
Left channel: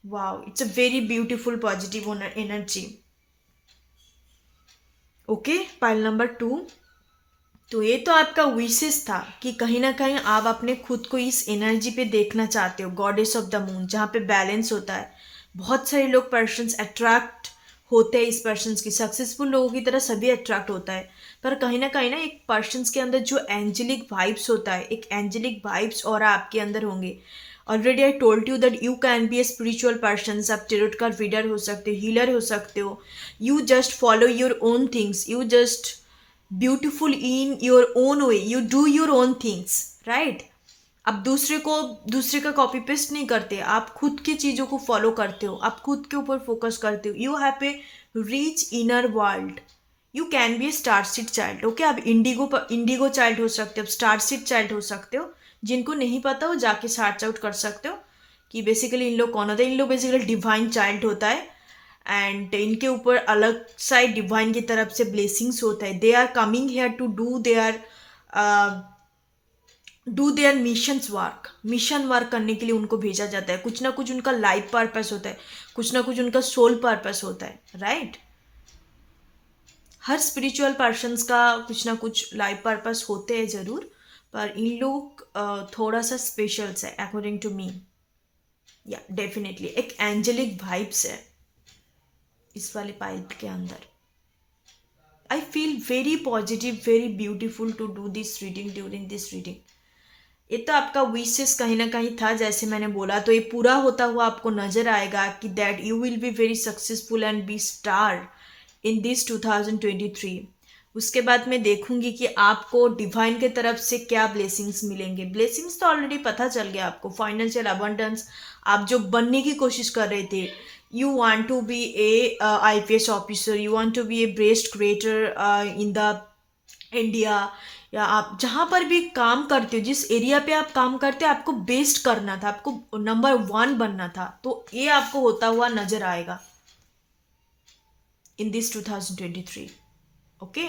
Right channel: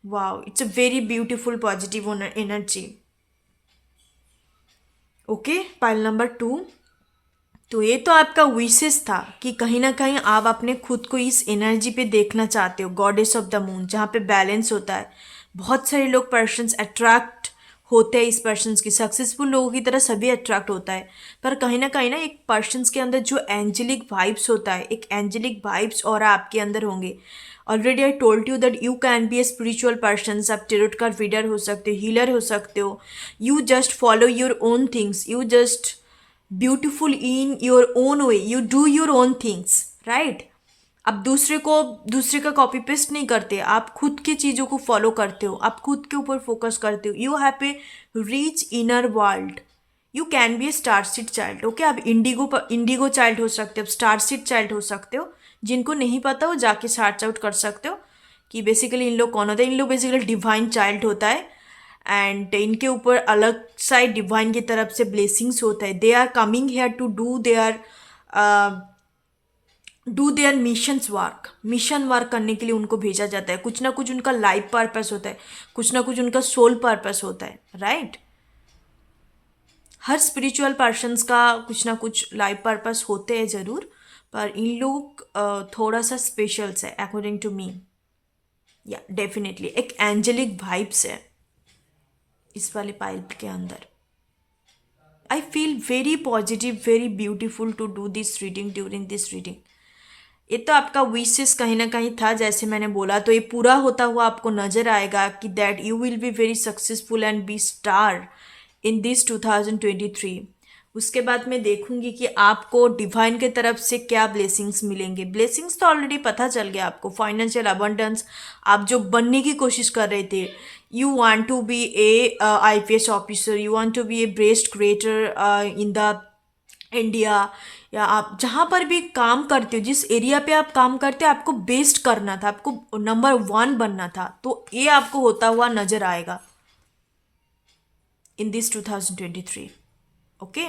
Wow, it's a very beautiful positive energy. Okay, pile number 2। तो ये तो आपका विशेष था कि कहीं ना कहीं आप अपने खुद को इस एनर्जी पे देखना चाहते हो, गॉडेस ऑफ द मून, जहाँ पे बैलेंस होता है। बहुत सारे लोग पर्सन्स अट्रैक्ट होते हैं इस पर्सन्स की, सक्सेसफुल लोगों की तरह सभी अट्रैक्ट होता है। पर कहीं ना एक पर्सन्स के अंदर जो एंजेलिक वाइब्स होता है, एक एंजेलिक वाइब्स और आपके अंदर होंगे। Already I told you that you can be a spiritual person. आप टेरोट कार्ड रीडर हो सकते हो, हीलर हो सकते हो। You just follow your own things, you just beautiful in your own way, you do your own things, right. आप दूसरे का कॉपी पेस्ट नहीं करते, आप खुद की चीज़ों को फॉलो करते हो, आप खुद के ऊपर फोकस करते हो। You have a reach inner world. You can be A star seed child. Okay, आप इंडिगो चाइल्ड हो सकते हो, स्टार सीड चाइल्ड हो सकते हो। जिनको नहीं पता वो जाके सर्च आउट कर सकते हो कि बेसिकली इन लोग कौन होता है। इन लोग बेसिकली डिवाइन चाइल्ड होता है, एंड इनके ऊपर अलग साइड डिवाइन की तरफ से ब्लेसिंग्स होता है। They are coming here to do their mission work करने के लिए उनको भेजा जाता है। कुछ ना कुछ उनका लाइफ पर्पस होता है, कुछ ना कुछ उनका सोल पर्पस होता है, राइट। हर स्पिरिचुअल पर्सन्स का कुछ ना कुछ लाइफ पर्पस होते हैं ज़रूर, पर इन लोग थोड़ा सा स्पेशल्स है अकॉर्डिंग टू मी। या डेफिनेटली एक एंजेलिक वाइब्स है इस वाले पाइप के अंदर। I feel very positive, very beautiful to do this reading during this reading. ये तो आपका विशेष कहीं ना कहीं था, जैसे मैंने बोला, तो ये पूरा होता हुआ आपको नजर आएगा कि that you will be very successful and be star in this 2023। उसके बाद मैं देखूंगी कि आपको डिवाइन के तरफ से क्या ब्लेसिंग्स मिलेंगे। ब्लेसिंग्स तो ऑलरेडी पता चल गया आपको, फाइनेंशियल अबंडेंस, आप जो बनने की कोशिश कर रहे थे। You want to be a IPS officer, you want to be a best creator in the India, या आप जहाँ पर भी काम करते हो, जिस एरिया पे आप काम करते हो, आपको बेस्ट करना था, आपको नंबर 1 बनना था। तो ये आपको होता हुआ नजर आएगा इन दिस 2023। ओके,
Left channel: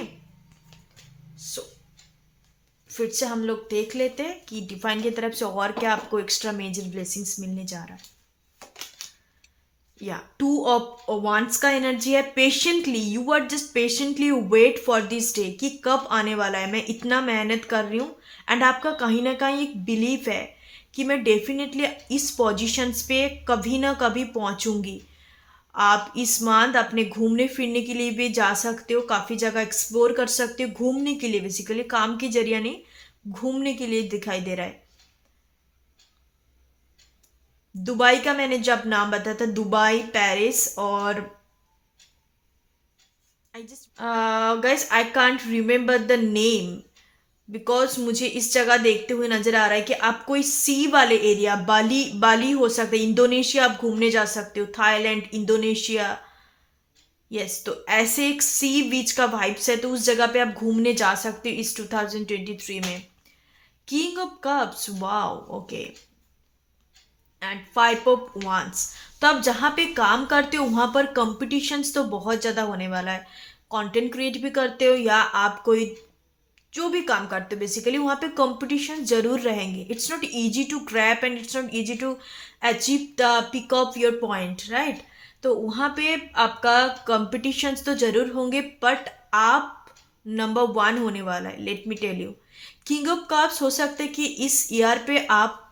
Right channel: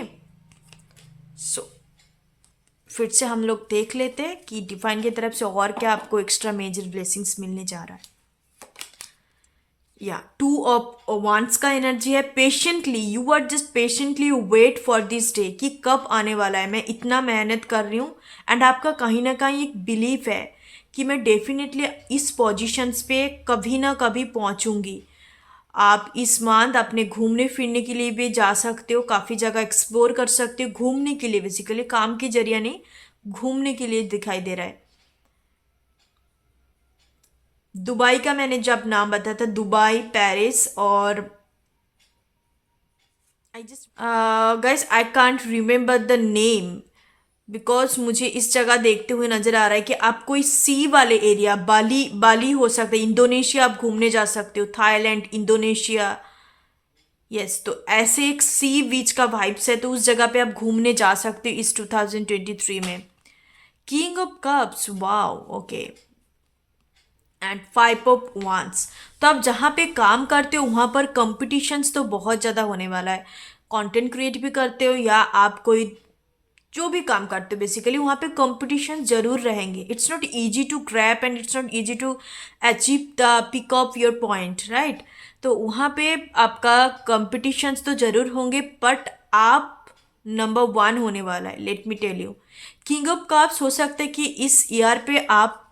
सो फिर से हम लोग देख लेते हैं कि डिवाइन की तरफ से और क्या आपको एक्स्ट्रा मेजर ब्लेसिंग्स मिलने जा रहा है। या 2 ऑफ वांड्स का एनर्जी है। Patiently, you are just patiently wait for this day, कि कब आने वाला है, मैं इतना मेहनत कर रही हूँ। एंड आपका कहीं ना कहीं एक बिलीफ है कि मैं डेफिनेटली इस पोजीशंस पे कभी ना कभी पहुंचूंगी। आप इस मंथ अपने घूमने फिरने के लिए भी जा सकते हो, काफ़ी जगह एक्सप्लोर कर सकते हो, घूमने के लिए, बेसिकली काम के जरिए नहीं, घूमने के लिए दिखाई दे रहा है। दुबई का मैंने जब नाम बताया था, दुबई, पेरिस, और I just guys I can't remember the name, because मुझे इस जगह देखते हुए नजर आ रहा है कि आप कोई सी वाले एरिया, बाली, बाली हो सकता है, इंडोनेशिया आप घूमने जा सकते हो, थाईलैंड, इंडोनेशिया। यस, तो ऐसे एक सी बीच का वाइब्स है, तो उस जगह पे आप घूमने जा सकते हो इस 2023 में। King of cups, wow, okay, and five of वांस। तो आप जहाँ पे काम करते हो वहाँ पर कंपटीशंस तो बहुत ज़्यादा होने वाला है। कंटेंट क्रिएट भी करते हो या आप कोई जो भी काम करते हो, बेसिकली वहाँ पे कंपटीशन जरूर रहेंगे। It's not easy to grab and it's not easy to achieve the peak of your point, right. तो वहाँ पे आपका कंपटीशंस तो जरूर होंगे, बट आप नंबर वन होने वाला है, let me tell you. King of cups हो सकता है कि इस ईयर पे आप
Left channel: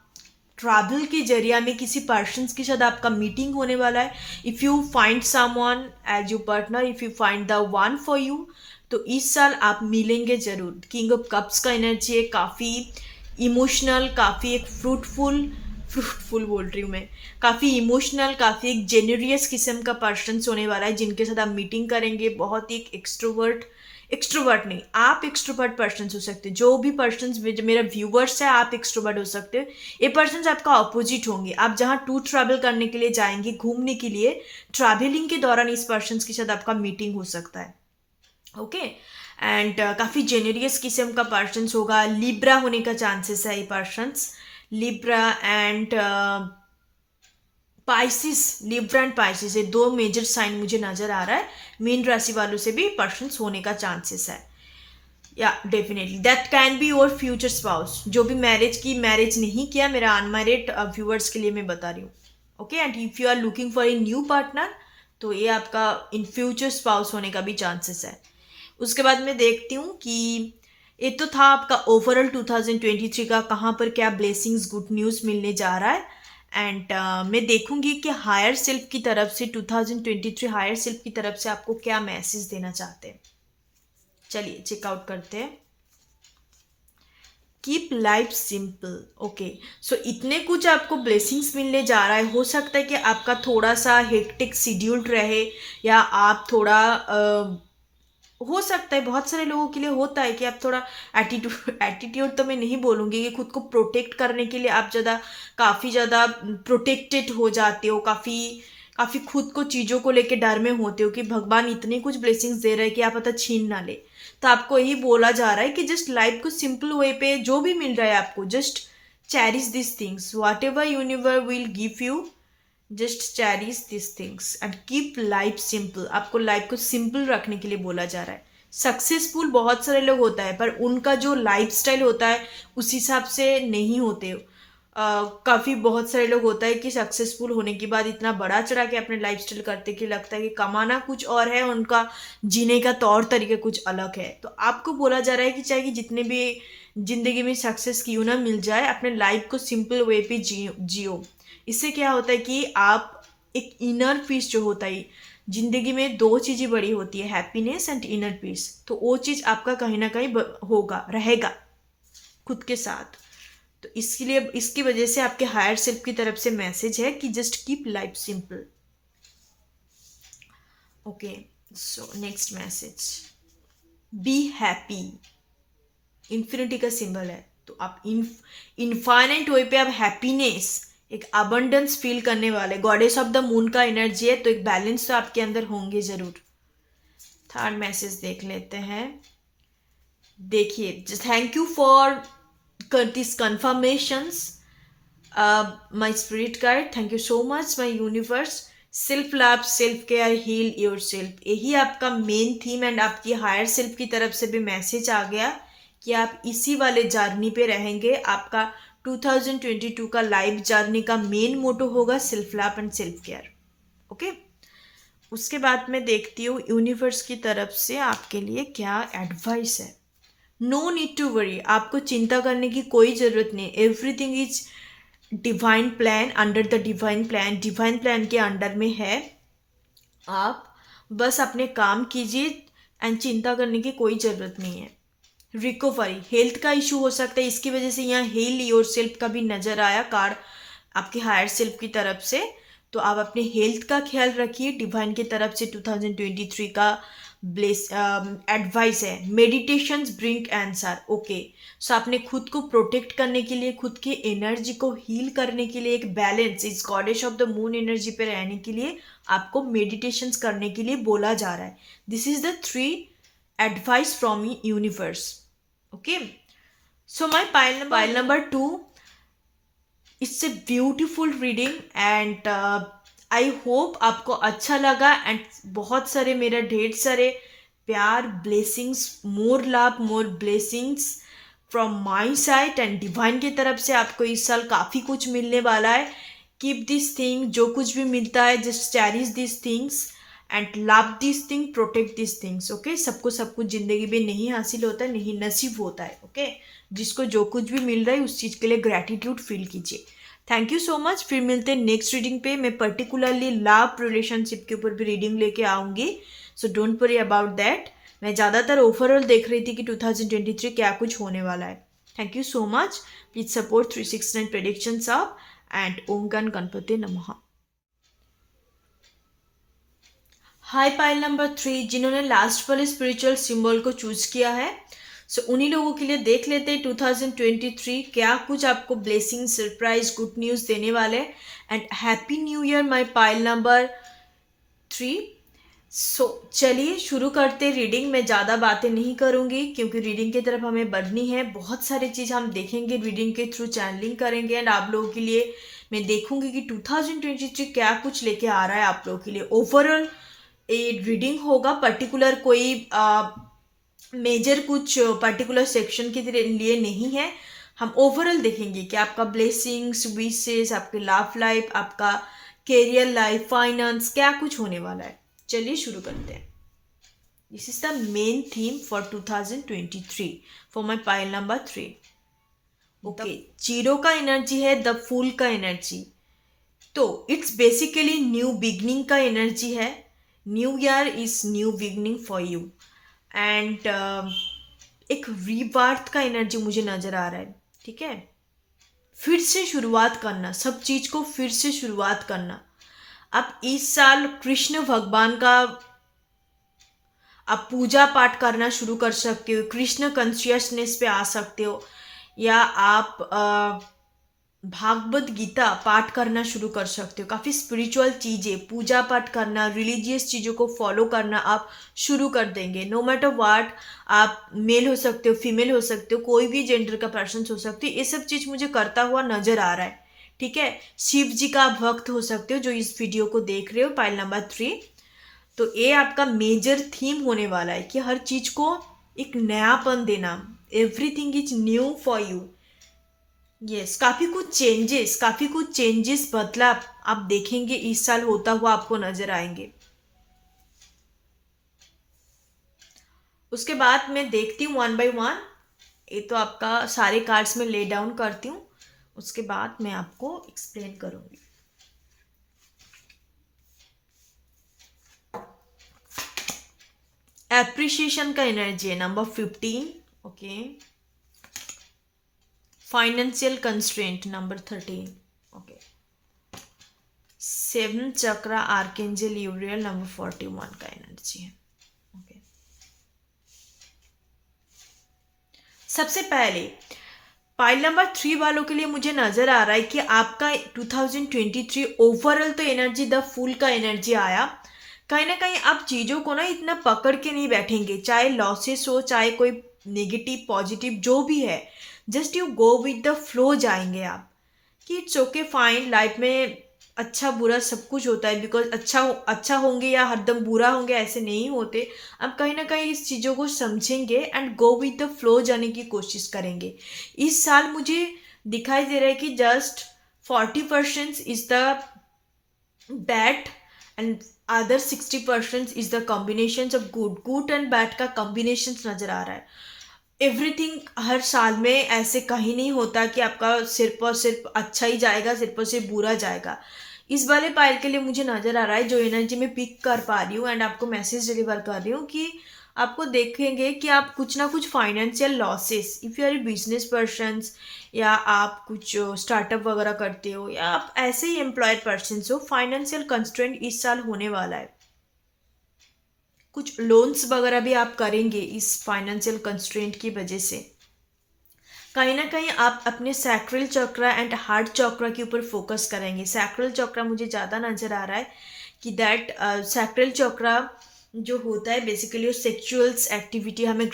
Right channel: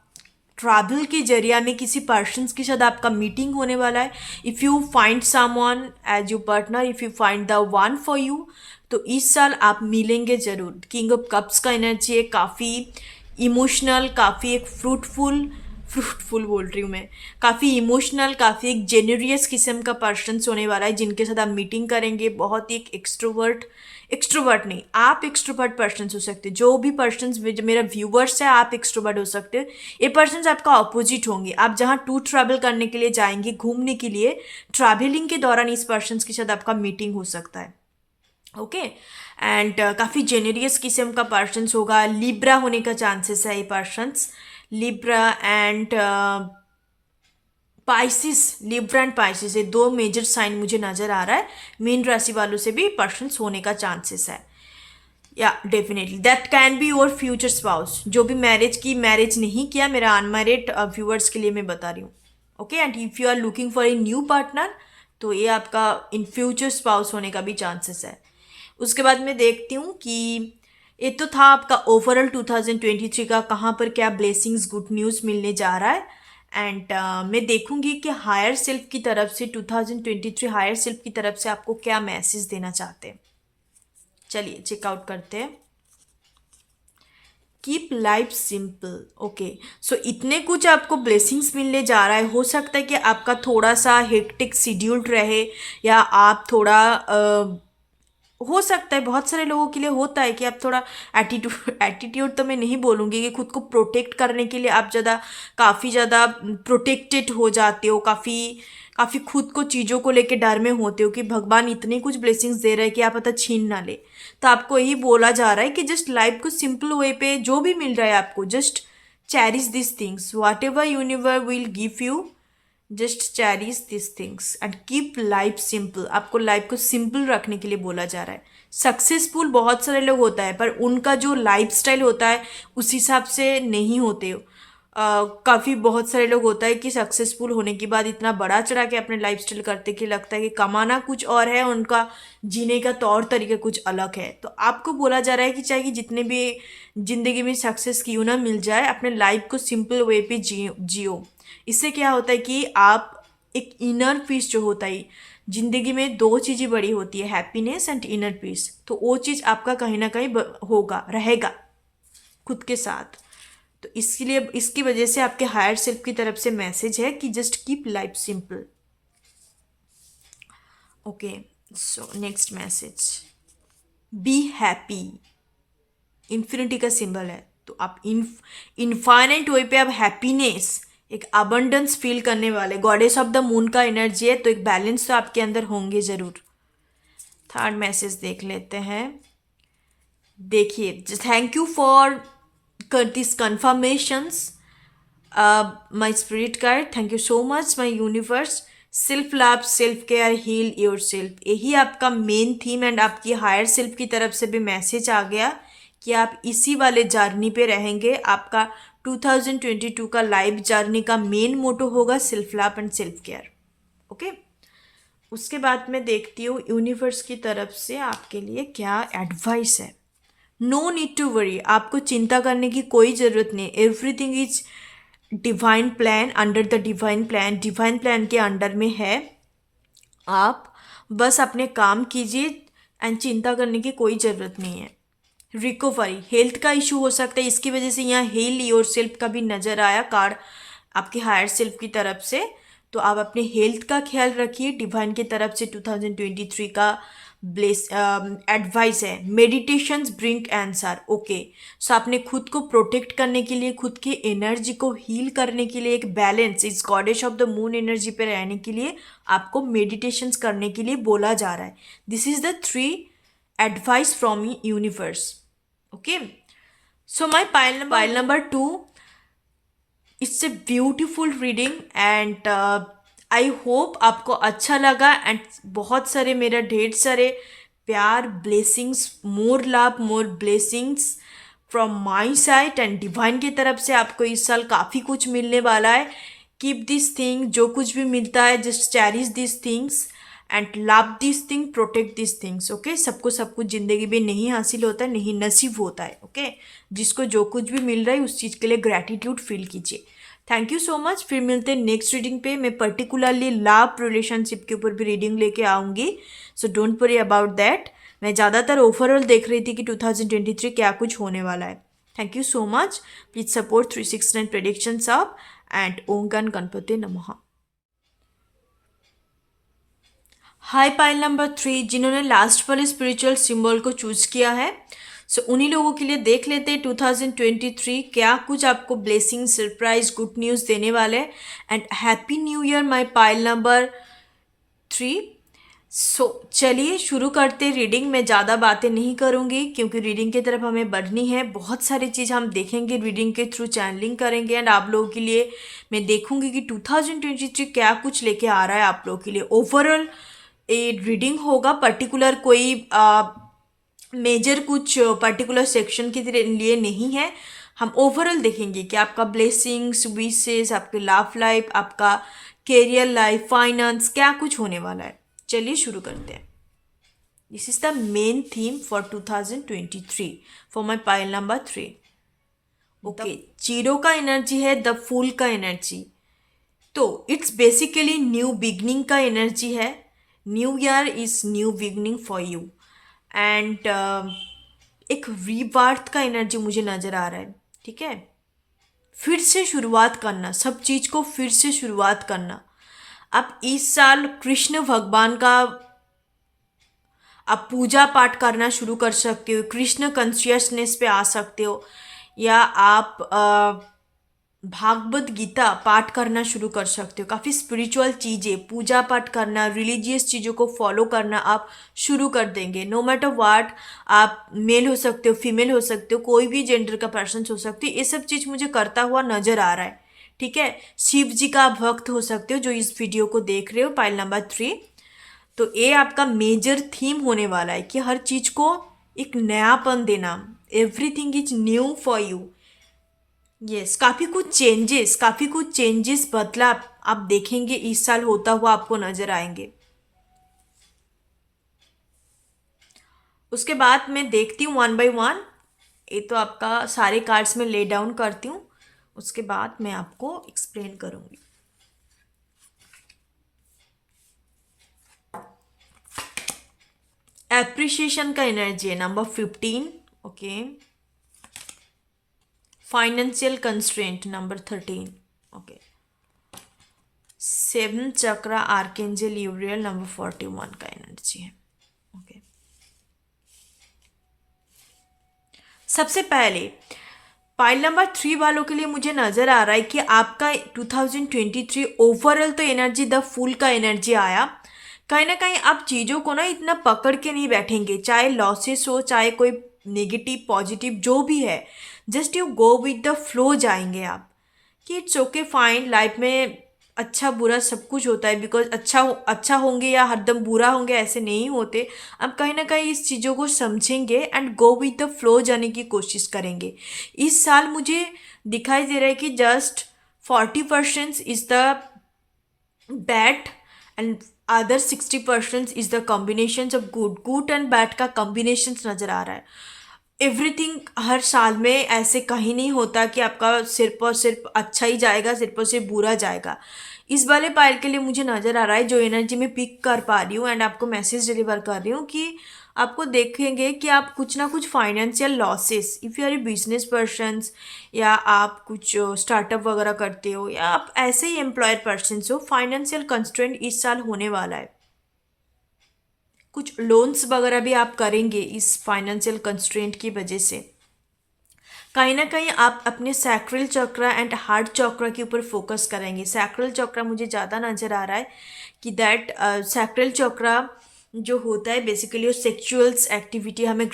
ट्रैवल के जरिया में किसी पर्सन के साथ आपका मीटिंग होने वाला है। If you find someone as you partner, if you find the one for you, तो इस साल आप मिलेंगे ज़रूर। किंग ऑफ कप्स का एनर्जी है काफ़ी इमोशनल, काफ़ी एक फ्रूटफुल, फ्रूटफुल बोल रही हूँ मैं, काफ़ी इमोशनल, काफ़ी एक जेन्युरियस किस्म का पर्सन होने वाला है जिनके साथ आप मीटिंग करेंगे। बहुत ही एक एक्सट्रोवर्ट, एक्सट्रोवर्ट नहीं, आप एक्सट्रोवर्ट पर्सन हो सकते हो। जो भी पर्सन मेरा व्यूवर्स है, आप एक्सट्रोवर्ट हो सकते हो। ये पर्सन आपका अपोजिट होंगे। आप जहाँ टूर ट्रैवल करने के लिए जाएंगे, घूमने के लिए, ट्रैवलिंग के दौरान इस पर्सन के साथ आपका मीटिंग हो सकता है। ओके, एंड काफ़ी जेनेरियस किस्म का पर्सन होगा। लिब्रा होने का चांसेस है ये persons, Libra and Pisces. Libra and Pisces, ये दो मेजर साइन मुझे नज़र आ रहा है। मीन राशि वालों से भी पर्सन्स होने का चांसेस है। या definitely that can be your future spouse. जो भी मैरिज नहीं किया, मेरा अनमैरिड व्यूअर्स के लिए मैं बता रही हूँ। Okay, and if you are looking for a new partner, तो ये आपका इन फ्यूचर स्पाउस होने का भी चांसेस है। उसके बाद मैं देखती हूँ कि ये तो था आपका ओवरऑल 2023 का, कहाँ पर क्या ब्लेसिंग्स, गुड न्यूज़ मिलने जा रहा है। एंड मैं देखूंगी कि हायर सेल्फ की तरफ से 2023 हायर सेल्फ की तरफ से आपको क्या मैसेज देना चाहते हैं। चलिए चेकआउट करते हैं। Keep life simple, okay. So इतने कुछ आपको ब्लेसिंग्स मिलने जा रहा है। हो सकता है कि आपका थोड़ा सा हेक्टिक शेड्यूल्ड रहे, या आप थोड़ा हो सकता है, बहुत सारे लोगों के लिए होता है कि आप थोड़ा एटीट्यूड तो मैं नहीं बोलूँगी, कि खुद को प्रोटेक्ट करने के लिए आप काफ़ी ज़्यादा प्रोटेक्टेड हो जाते हो, काफ़ी काफ़ी खुद को चीज़ों को लेके डर में होते हो कि भगवान इतने कुछ ब्लेसिंग्स दे रहे हैं कि आप पता छीन ना ले। तो आपको यही बोला जा रहा है कि जस्ट लाइफ को सिंपल वे पे जो भी मिल रहा है आपको, just cherish this things, what ever universe will give you, just cherish this things and keep life simple. आपको लाइफ को सिंपल रखने के लिए बोला जा रहा है। सक्सेसफुल बहुत सारे लोग होता है, पर उनका जो लाइफ स्टाइल होता है उस हिसाब से नहीं होते। काफ़ी बहुत सारे लोग होता है कि सक्सेसफुल होने के बाद इतना बड़ा चढ़ा के अपने लाइफ स्टाइल करते कि लगता है कि कमाना कुछ और है, उनका जीने का तौर तरीका कुछ अलग है। तो आपको बोला जा रहा है कि चाहे कि जितने भी जिंदगी में सक्सेस क्यों ना मिल जाए, अपने लाइफ को सिंपल वे पे जियो। इससे क्या होता है कि आप एक इनर पीस जो होता है, जिंदगी में दो चीज़ें बड़ी होती है, हैप्पीनेस एंड इनर पीस। तो वो चीज़ आपका कहीं ना कहीं होगा, रहेगा खुद के साथ। तो इसके लिए, इसकी वजह से आपके हायर सेल्फ की तरफ से मैसेज है कि just keep life simple. Okay, so next message, be happy. Infinity का सिंबल है, तो आप इनफाइनाइट वे पे आप हैप्पीनेस, एक अबंडेंस फील करने वाले। गॉडेस ऑफ द मून का एनर्जी है, तो एक बैलेंस तो आपके अंदर होंगे जरूर। थर्ड मैसेज देख लेते हैं। देखिए, thank you for this confirmations, my spirit guide, thank you so much my universe. Self love, self care, heal yourself, यही आपका मेन थीम। एंड आपकी हायर सेल्फ की तरफ से भी मैसेज आ गया कि आप इसी वाले जर्नी पे रहेंगे। आपका 2022 का लाइफ जर्नी का मेन मोटो होगा self love and self care. Okay, उसके बाद मैं देखती हूँ यूनिवर्स की तरफ से आपके लिए क्या एडवाइस है। नो नीड टू वरी, आपको चिंता करने की कोई ज़रूरत नहीं। Everything is divine plan, under the divine plan के अंडर में है। आप बस अपने काम कीजिए एंड चिंता करने की कोई ज़रूरत नहीं है। रिकवरी, हेल्थ का इशू हो सकता है, इसकी वजह से यहाँ हील योर सेल्फ का भी नज़र आया कार्ड आपके हायर सेल्फ की तरफ से। तो आप अपने हेल्थ का ख्याल रखिए। डिवाइन की तरफ से 2023 का ब्लेस एडवाइस है, मेडिटेशंस ब्रिंग आंसर। ओके, सो आपने खुद को प्रोटेक्ट करने के लिए, खुद की एनर्जी को हील करने के लिए, एक बैलेंस इस goddess of the moon energy पे रहने के लिए आपको मेडिटेशंस करने के लिए बोला जा रहा है। This is the 3 advice from universe. Okay, so my pile number 2, it's a beautiful reading and I hope आपको अच्छा लगा एंड बहुत सारे मेरा ढेर सारे प्यार, blessings, more love, more blessings from my side and divine की तरफ से आपको इस साल काफ़ी कुछ मिलने वाला है। कीप दिस थिंग, जो कुछ भी मिलता है just cherish this things and love this thing, protect this things. Okay, सबको सब कुछ ज़िंदगी में नहीं हासिल होता है, नहीं नसीब होता है। ओके, जिसको जो कुछ भी मिल रहा है उस चीज़ के लिए ग्रैटिट्यूड फील कीजिए। Thank you so much. फिर मिलते हैं नेक्स्ट रीडिंग पे। मैं पर्टिकुलरली लव रिलेशनशिप के ऊपर भी रीडिंग लेके आऊँगी, so don't worry about that. मैं ज़्यादातर ओवरऑल देख रही थी कि 2023 क्या कुछ होने वाला है। Thank you so much. Please support 369 predictions of and ओम गणपति नमः। हाई पाइल नंबर 3, जिन्होंने लास्ट वाले स्पिरिचुअल सिंबल को चूज किया है, सो उन्हीं लोगों के लिए देख लेते हैं 2023 क्या कुछ आपको ब्लेसिंग, सरप्राइज, गुड न्यूज़ देने वाले। And happy new year my pile number 3। सो चलिए शुरू करते रीडिंग। मैं ज़्यादा बातें नहीं करूँगी क्योंकि रीडिंग की तरफ हमें बढ़नी है। बहुत सारी चीज़ हम देखेंगे रीडिंग के थ्रू, चैनलिंग करेंगे एंड आप लोगों के लिए मैं देखूँगी कि 2023 क्या कुछ लेके आ रहा है आप लोगों के लिए। ओवरऑल ये रीडिंग होगा, पर्टिकुलर कोई मेजर कुछ पर्टिकुलर सेक्शन के लिए नहीं है। हम ओवरऑल देखेंगे कि आपका ब्लेसिंग्स, विशेस, आपके लव लाइफ, आपका कैरियर लाइफ, फाइनेंस, क्या कुछ होने वाला है। चलिए शुरू करते हैं। This is the main theme for 2023 for my pile number 3। Okay, zero का एनर्जी है, द फूल का एनर्जी, तो इट्स बेसिकली न्यू बिगनिंग का एनर्जी है। New year is new beginning for you and एक रीबार्थ का एनर्जी मुझे नज़र आ रहा है। ठीक है, फिर से शुरुआत करना, सब चीज़ को फिर से शुरुआत करना। आप इस साल कृष्ण भगवान का आप पूजा पाठ करना शुरू कर सकते हो, कृष्ण कॉन्शियसनेस पे आ सकते हो, या आप भागवत गीता पाठ करना शुरू कर सकते हो। काफ़ी स्पिरिचुअल चीज़ें, पूजा पाठ करना, रिलीजियस चीज़ों को फॉलो करना आप शुरू कर देंगे। नो मैटर वाट, आप मेल हो सकते हो, फीमेल हो सकते हो, कोई भी जेंडर का पर्सन हो सकते हो, ये सब चीज़ मुझे करता हुआ नज़र आ रहा है। ठीक है, शिव जी का भक्त हो सकते हो जो इस वीडियो को देख रहे हो, पाइल नंबर 3। तो ये आपका मेजर थीम होने वाला है कि हर चीज़ को एक नयापन देना। Everything is new for you. Yes, काफ़ी कुछ चेंजेस, बदलाव आप देखेंगे इस साल होता हुआ आपको नजर आएंगे। उसके बाद मैं देखती हूँ 1 बाय 1। ये तो आपका सारे कार्ड्स में ले डाउन करती हूँ, उसके बाद मैं आपको एक्सप्लेन करूँगी। एप्रिशिएशन का एनर्जी है, number 15। Okay, financial constraint, number 13। Okay, 7 चक्रा, आर्केंजल यूरियल, नंबर 41 का एनर्जी है। ओके, सबसे पहले पाइल नंबर 3 वालों के लिए मुझे नज़र आ रहा है कि आपका 2023 ओवरऑल तो एनर्जी द फूल का एनर्जी आया। कहीं ना कहीं आप चीज़ों को ना इतना पकड़ के नहीं बैठेंगे, चाहे लॉसेस हो, चाहे कोई नेगेटिव पॉजिटिव जो भी है, just you go with the flow जाएंगे आप कि इट्स ओके फाइन। लाइफ में अच्छा बुरा सब कुछ होता है, बिकॉज अच्छा होंगे या हरदम बुरा होंगे ऐसे नहीं होते। अब कहीं ना कहीं इस चीज़ों को समझेंगे and go with the flow जाने की कोशिश करेंगे। इस साल मुझे दिखाई दे रहा है कि just 40% is the bad and other 60% is the combination of good and bad का कॉम्बिनेशन नज़र आ रहा है। एवरीथिंग हर साल में ऐसे कहीं नहीं होता कि आपका सिर्फ अच्छा ही जाएगा, सिर्फ बुरा जाएगा। इस वाले पायल के लिए मुझे नज़र आ रहा है जो एनर्जी में पिक कर पा रही हूँ एंड आपको मैसेज डिलीवर कर रही हूँ कि आपको देखेंगे कि आप कुछ ना कुछ financial losses, if you are a business persons, या आप कुछ स्टार्टअप वगैरह करते हो, या आप ऐसे ही एम्प्लॉयड पर्सन हो, फाइनेंशियल कंस्ट्रेंट इस साल होने वाला है। कुछ लोन्स वगैरह भी आप करेंगे इस फाइनेंशियल कंस्ट्रेंट की वजह से। कहीं ना कहीं आप अपने सैक्रल चक्र एंड हार्ट चक्र के ऊपर फोकस करेंगे। सैक्रल चक्र मुझे ज़्यादा नज़र आ रहा है कि दैट सैक्रल चक्र जो होता है बेसिकली वो सेक्सुअल्स एक्टिविटी, हमें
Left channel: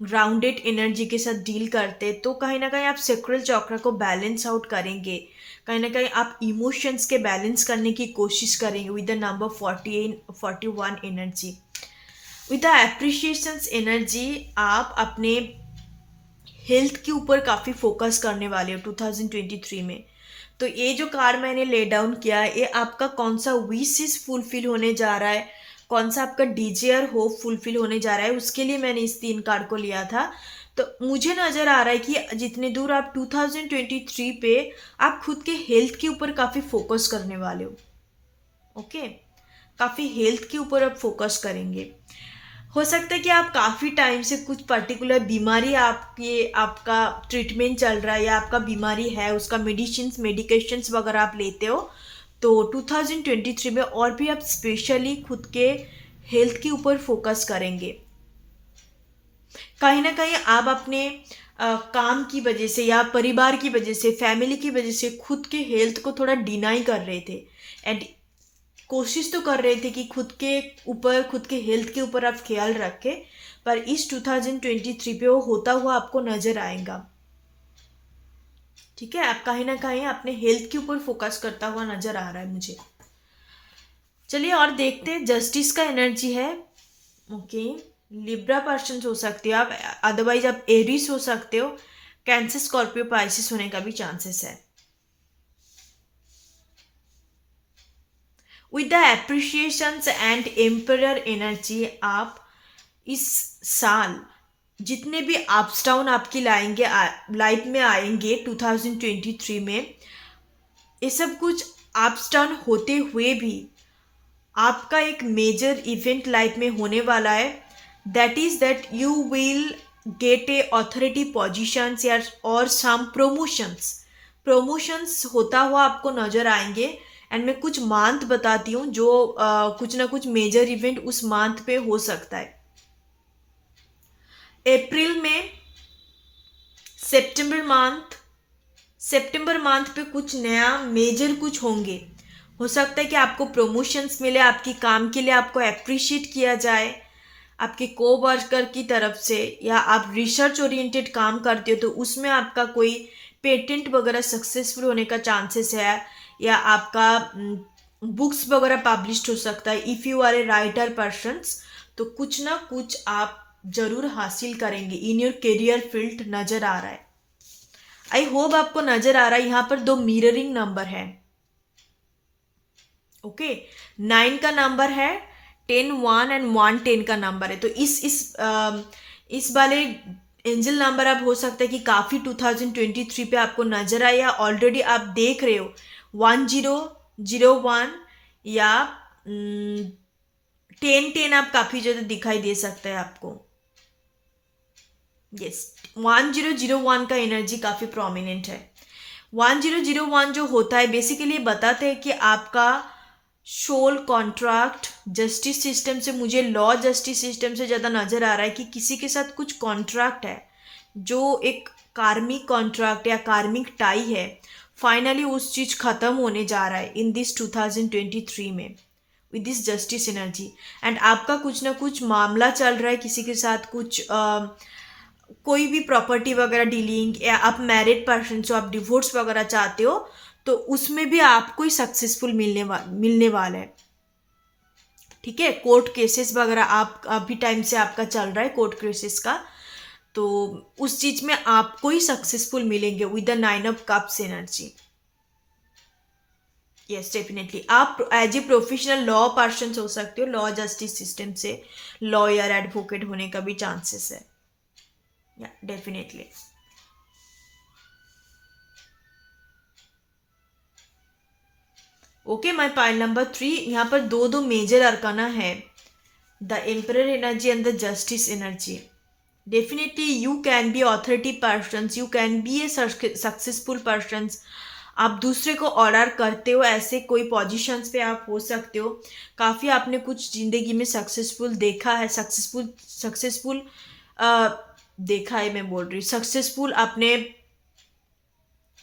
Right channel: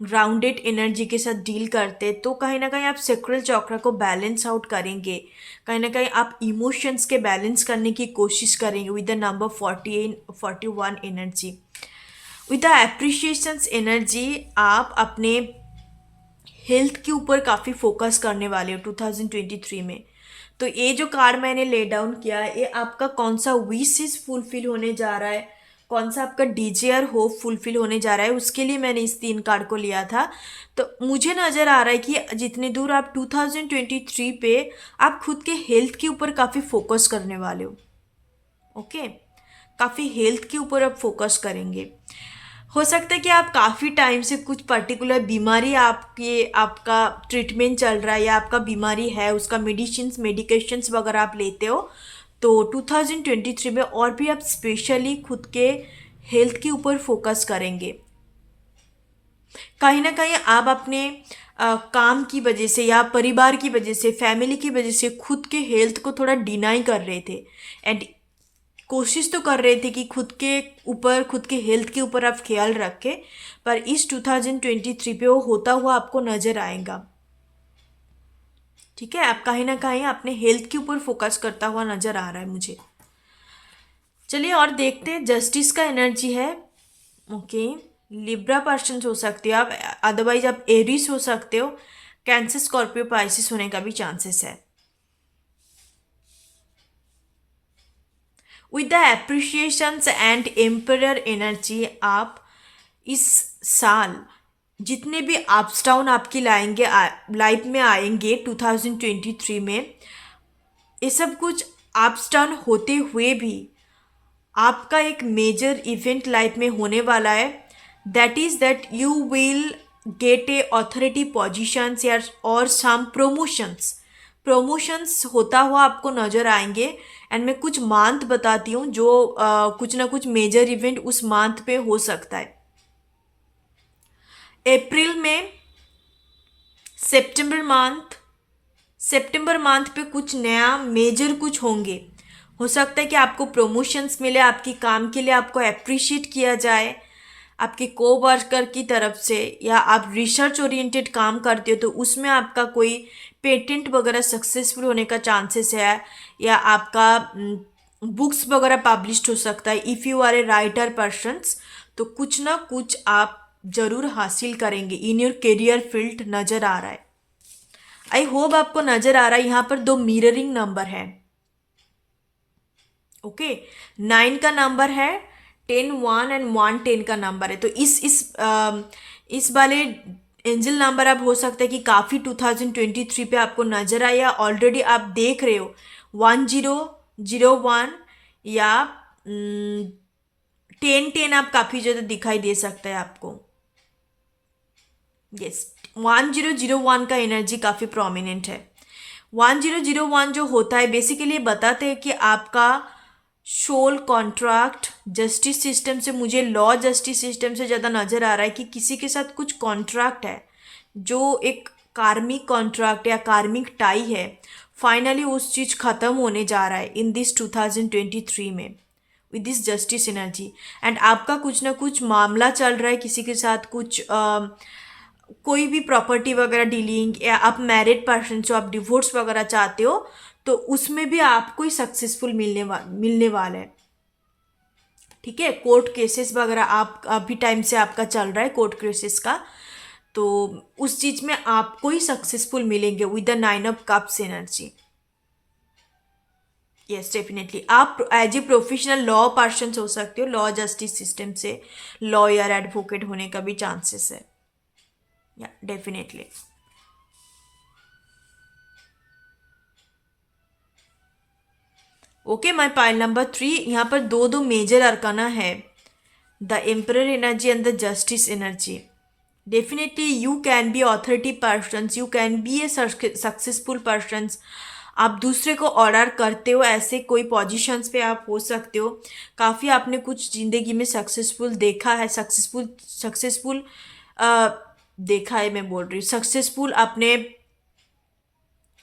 ग्राउंडेड एनर्जी के साथ डील करते हैं। तो कहीं ना कहीं आप सैक्रल चक्र को बैलेंस आउट करेंगे, कहीं ना कहीं आप इमोशंस के बैलेंस करने की कोशिश करेंगे with the number 41 energy. With the appreciations energy आप अपने हेल्थ के ऊपर काफ़ी फोकस करने वाले हो 2023 में। तो ये जो कार्ड मैंने ले डाउन किया है, ये आपका कौन सा विशेस फुलफिल होने जा रहा है, कौन सा आपका डिजायर होप फुलफिल होने जा रहा है, उसके लिए मैंने इस 3 कार्ड को लिया था। तो मुझे नज़र आ रहा है कि जितने दूर आप 2023 पे आप खुद के हेल्थ के ऊपर काफ़ी फोकस करने वाले हो। ओके, काफ़ी हेल्थ के ऊपर आप फोकस करेंगे। हो सकता है कि आप काफ़ी टाइम से कुछ पर्टिकुलर बीमारी आपका ट्रीटमेंट चल रहा है, या आपका बीमारी है उसका मेडिकेशंस वगैरह आप लेते हो। तो 2023 में और भी आप स्पेशली खुद के हेल्थ के ऊपर फोकस करेंगे। कहीं ना कहीं आप अपने काम की वजह से या परिवार की वजह से, फैमिली की वजह से खुद के हेल्थ को थोड़ा डिनाई कर रहे थे एंड कोशिश तो कर रहे थे कि खुद के हेल्थ के ऊपर आप ख्याल रखें। पर इस 2023 पे वो होता हुआ आपको नज़र आएगा। ठीक है, आप कहीं ना कहीं अपने हेल्थ के ऊपर फोकस करता हुआ नज़र आ रहा है मुझे। चलिए और देखते हैं, जस्टिस का एनर्जी है। ओके, लिब्रा पर्सन हो सकते हो आप, अदरवाइज आप एरिस हो सकते हो, कैंसर स्कॉर्पियो पाइसिस होने का भी चांसेस है। With the appreciations and emperor energy आप इस साल जितने भी अप्स डाउन आपकी लाइफ में आएंगे 2023 में, ये सब कुछ अप्स डाउन होते हुए भी आपका एक मेजर इवेंट लाइफ में होने वाला है। That is that you will get A authority positions या और सम प्रमोशंस होता हुआ आपको नज़र आएंगे। एंड मैं कुछ मंथ बताती हूँ जो कुछ ना कुछ मेजर इवेंट उस मंथ पे हो सकता है। अप्रैल में सितंबर मंथ पे कुछ नया मेजर कुछ होंगे। हो सकता है कि आपको प्रमोशंस मिले, आपकी काम के लिए आपको अप्रिशिएट किया जाए आपके को वर्कर की तरफ से, या आप रिसर्च ओरिएंटेड काम करते हो तो उसमें आपका कोई पेटेंट वगैरह सक्सेसफुल होने का चांसेस है, या आपका बुक्स वगैरह पब्लिश्ड हो सकता है। If you are a writer persons, तो कुछ ना कुछ आप जरूर हासिल करेंगे इन योर करियर फील्ड नज़र आ रहा है। आई होप आपको नज़र आ रहा है। यहाँ पर 2 मिररिंग नंबर है। ओके, 9 का नंबर है, 10 1 एंड 1 10 का नंबर है। तो इस वाले एंजल नंबर अब हो सकता है कि काफ़ी 2023 पे आपको नज़र आए, या ऑलरेडी आप देख रहे हो 1001 या 10 आप काफ़ी ज़्यादा दिखाई दे सकता है आपको। यस, 1001 का एनर्जी काफ़ी प्रोमिनेंट है। 1001 जो होता है बेसिकली बताते हैं कि आपका सोल कॉन्ट्रैक्ट जस्टिस सिस्टम से, मुझे लॉ जस्टिस सिस्टम से ज़्यादा नज़र आ रहा है कि किसी के साथ कुछ कॉन्ट्रैक्ट है जो एक कार्मिक कॉन्ट्रैक्ट या कार्मिक टाई है, फाइनली उस चीज़ ख़त्म होने जा रहा है इन दिस 2023 में with this justice energy. And आपका कुछ ना कुछ मामला चल रहा है किसी के साथ, कुछ कोई भी प्रॉपर्टी वगैरह डीलिंग, या आप मैरिड पर्सन हो, आप डिवोर्स वगैरह चाहते हो, तो उसमें भी आपको ही सक्सेसफुल मिलने वाला है। ठीक है, कोर्ट केसेस वगैरह आप अभी टाइम से आपका चल रहा है कोर्ट केसेस का, तो उस चीज़ में आपको ही सक्सेसफुल मिलेंगे with the 9 of cups energy. Yes, definitely आप as a professional law person हो सकते हो, लॉ जस्टिस सिस्टम से लॉयर एडवोकेट होने का भी चांसेस है। या definitely. Okay, my pile number 3, यहाँ पर दो दो मेजर अरकाना है, the emperor energy and the justice energy. Definitely you can be authority persons, you can be a successful persons. आप दूसरे को ऑर्डर करते हो, ऐसे कोई पोजीशंस पे आप हो सकते हो। काफ़ी आपने कुछ ज़िंदगी में सक्सेसफुल देखा है, सक्सेसफुल देखा है, मैं बोल रही हूँ सक्सेसफुल, आपने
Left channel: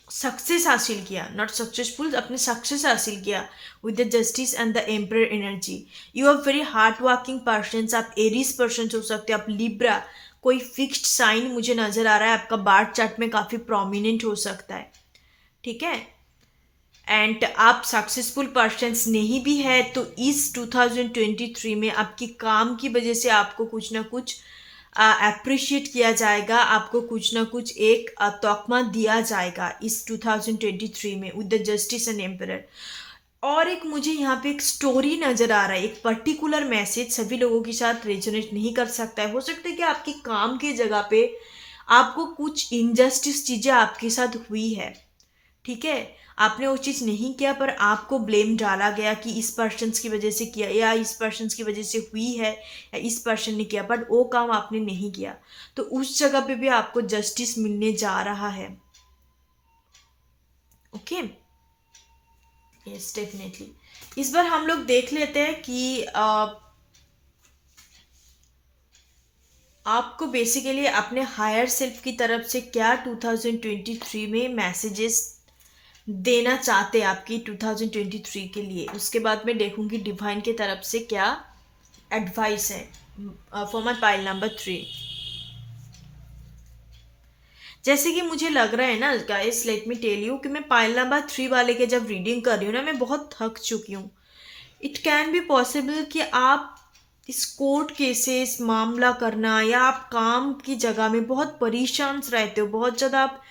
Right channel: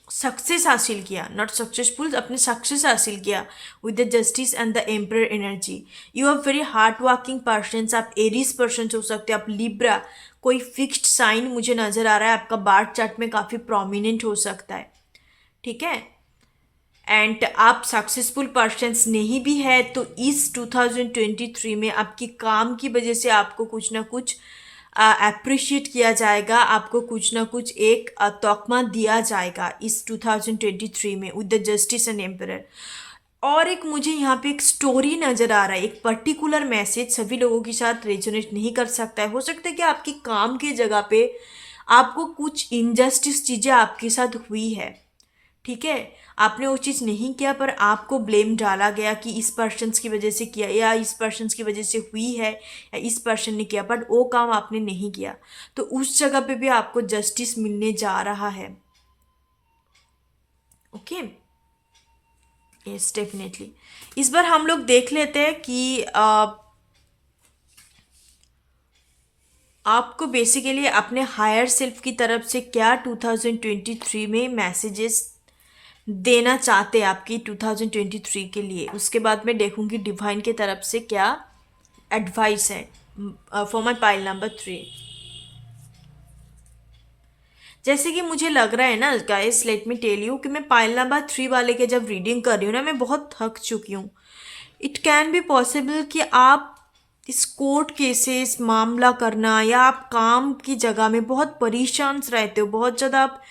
सक्सेस हासिल किया, नॉट सक्सेसफुल, अपने सक्सेस हासिल किया with the justice and the emperor energy. You are very hard working person, आप एरीज पर्सन हो सकते हो, आप लिब्रा, कोई फिक्स्ड साइन मुझे नज़र आ रहा है आपका बार्थ चार्ट में काफ़ी प्रोमिनेंट हो सकता है, ठीक है। एंड आप सक्सेसफुल पर्सन्स नहीं भी है तो इस 2023 में आपकी काम की वजह से आपको कुछ ना कुछ अप्रिशिएट किया जाएगा, आपको कुछ ना कुछ एक तौखमा दिया जाएगा इस 2023 में with the justice and emperor. और एक मुझे यहाँ पे एक स्टोरी नज़र आ रहा है, एक पर्टिकुलर मैसेज सभी लोगों के साथ रेजोनेट नहीं कर सकता है। हो सकता है कि आपकी काम की जगह पे आपको कुछ इनजस्टिस चीज़ें आपके साथ हुई है, ठीक है, आपने वो चीज़ नहीं किया पर आपको ब्लेम डाला गया कि इस पर्सन की वजह से किया या इस पर्सन की वजह से हुई है या इस पर्सन ने किया, बट वो काम आपने नहीं किया, तो उस जगह पे भी आपको जस्टिस मिलने जा रहा है। Okay, yes definitely. इस बार हम लोग देख लेते हैं कि आपको बेसिकली अपने हायर सेल्फ की तरफ से क्या 2023 में मैसेजेस देना चाहते हैं आपकी 2023 के लिए। उसके बाद मैं देखूंगी डिवाइन की तरफ से क्या एडवाइस है फॉर माई पाइल नंबर 3। जैसे कि मुझे लग रहा है ना guys, let me tell you कि मैं पाइल नंबर 3 वाले के जब रीडिंग कर रही हूँ ना, मैं बहुत थक चुकी हूँ। इट कैन बी पॉसिबल कि आप इस कोर्ट केसेस मामला करना या आप काम की जगह में बहुत परेशान रहते हो, बहुत ज़्यादा आप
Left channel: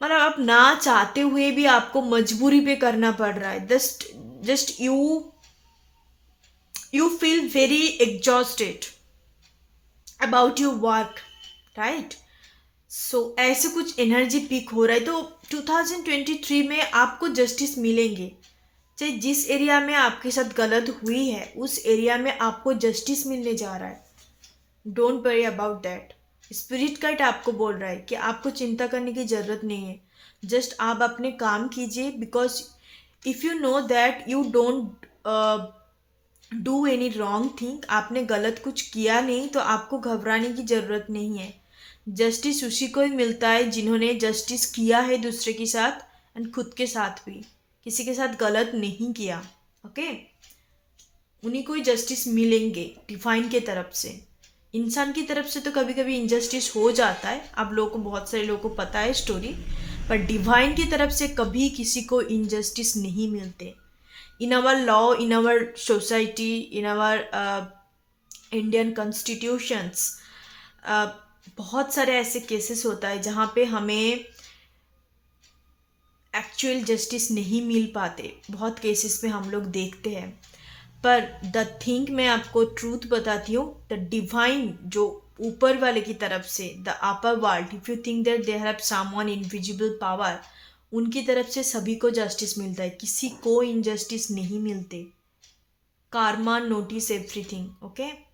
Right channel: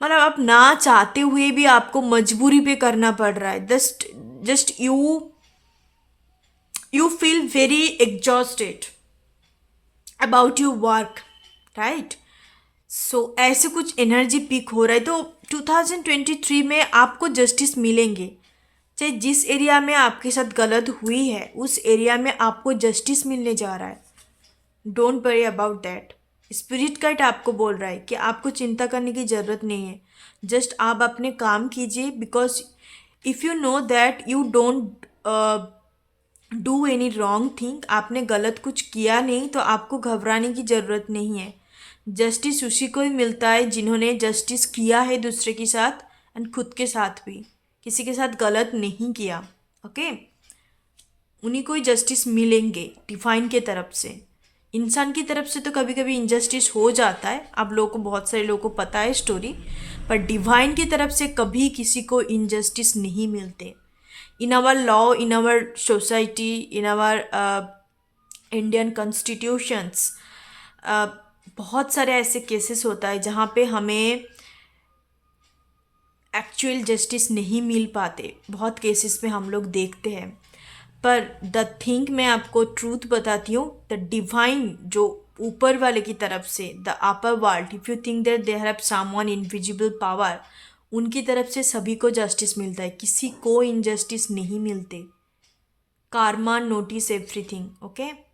मतलब आप ना चाहते हुए भी आपको मजबूरी पे करना पड़ रहा है। Just you feel very exhausted about your work, right. So ऐसे कुछ एनर्जी पीक हो रहा है, तो 2023 में आपको जस्टिस मिलेंगे। चाहे जिस एरिया में आपके साथ गलत हुई है उस एरिया में आपको जस्टिस मिलने जा रहा है। Don't worry about that. Spirit guide आपको बोल रहा है कि आपको चिंता करने की ज़रूरत नहीं है, जस्ट आप अपने काम कीजिए, because if you know that you don't do any wrong thing, आपने गलत कुछ किया नहीं तो आपको घबराने की ज़रूरत नहीं है। जस्टिस उसी को ही मिलता है जिन्होंने जस्टिस किया है दूसरे के साथ एंड खुद के साथ भी, किसी के साथ गलत नहीं किया, ओके। उन्हीं को ही जस्टिस मिलेंगे डिवाइन के तरफ से। इंसान की तरफ से तो कभी कभी इनजस्टिस हो जाता है, आप लोगों को, बहुत सारे लोगों को पता है स्टोरी, पर डिवाइन की तरफ से कभी किसी को इनजस्टिस नहीं मिलते। In our law, in our society, in our Indian constitutions बहुत सारे ऐसे केसेस होता है जहाँ पे हमें एक्चुअल जस्टिस नहीं मिल पाते, बहुत केसेस में हम लोग देखते हैं। पर द थिंग मैं आपको ट्रूथ बताती हूँ, द डिवाइन जो ऊपर वाले की तरफ से, the upper world, if you think that they have someone invisible power, उनकी तरफ से सभी को जस्टिस मिलता है, किसी को इनजस्टिस नहीं मिलते। Karma notice everything, okay.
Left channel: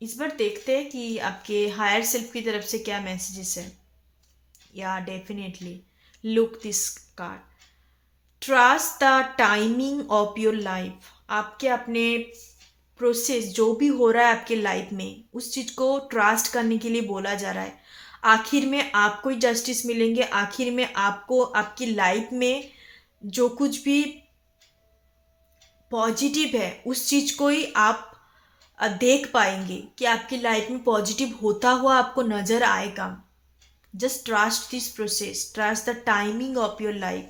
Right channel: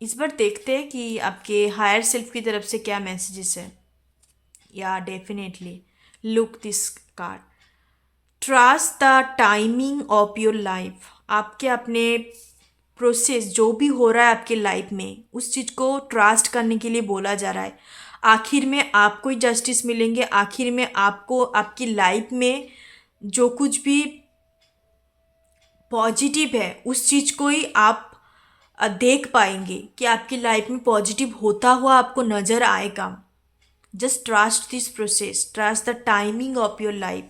इस बार देखते हैं कि आपके हायर सेल्फ की तरफ से क्या मैसेजेस है। या definitely look this card, trust the timing of your life. आपके अपने प्रोसेस जो भी हो रहा है आपके लाइफ में, उस चीज़ को ट्रस्ट करने के लिए बोला जा रहा है। आखिर में आपको ही जस्टिस मिलेंगे, आखिर में आपको आपकी लाइफ में जो कुछ भी पॉजिटिव है उस चीज़ को ही आप देख पाएंगे कि आपकी लाइफ में पॉजिटिव होता हुआ आपको नज़र आएगा। Just trust this process, trust the timing of your life.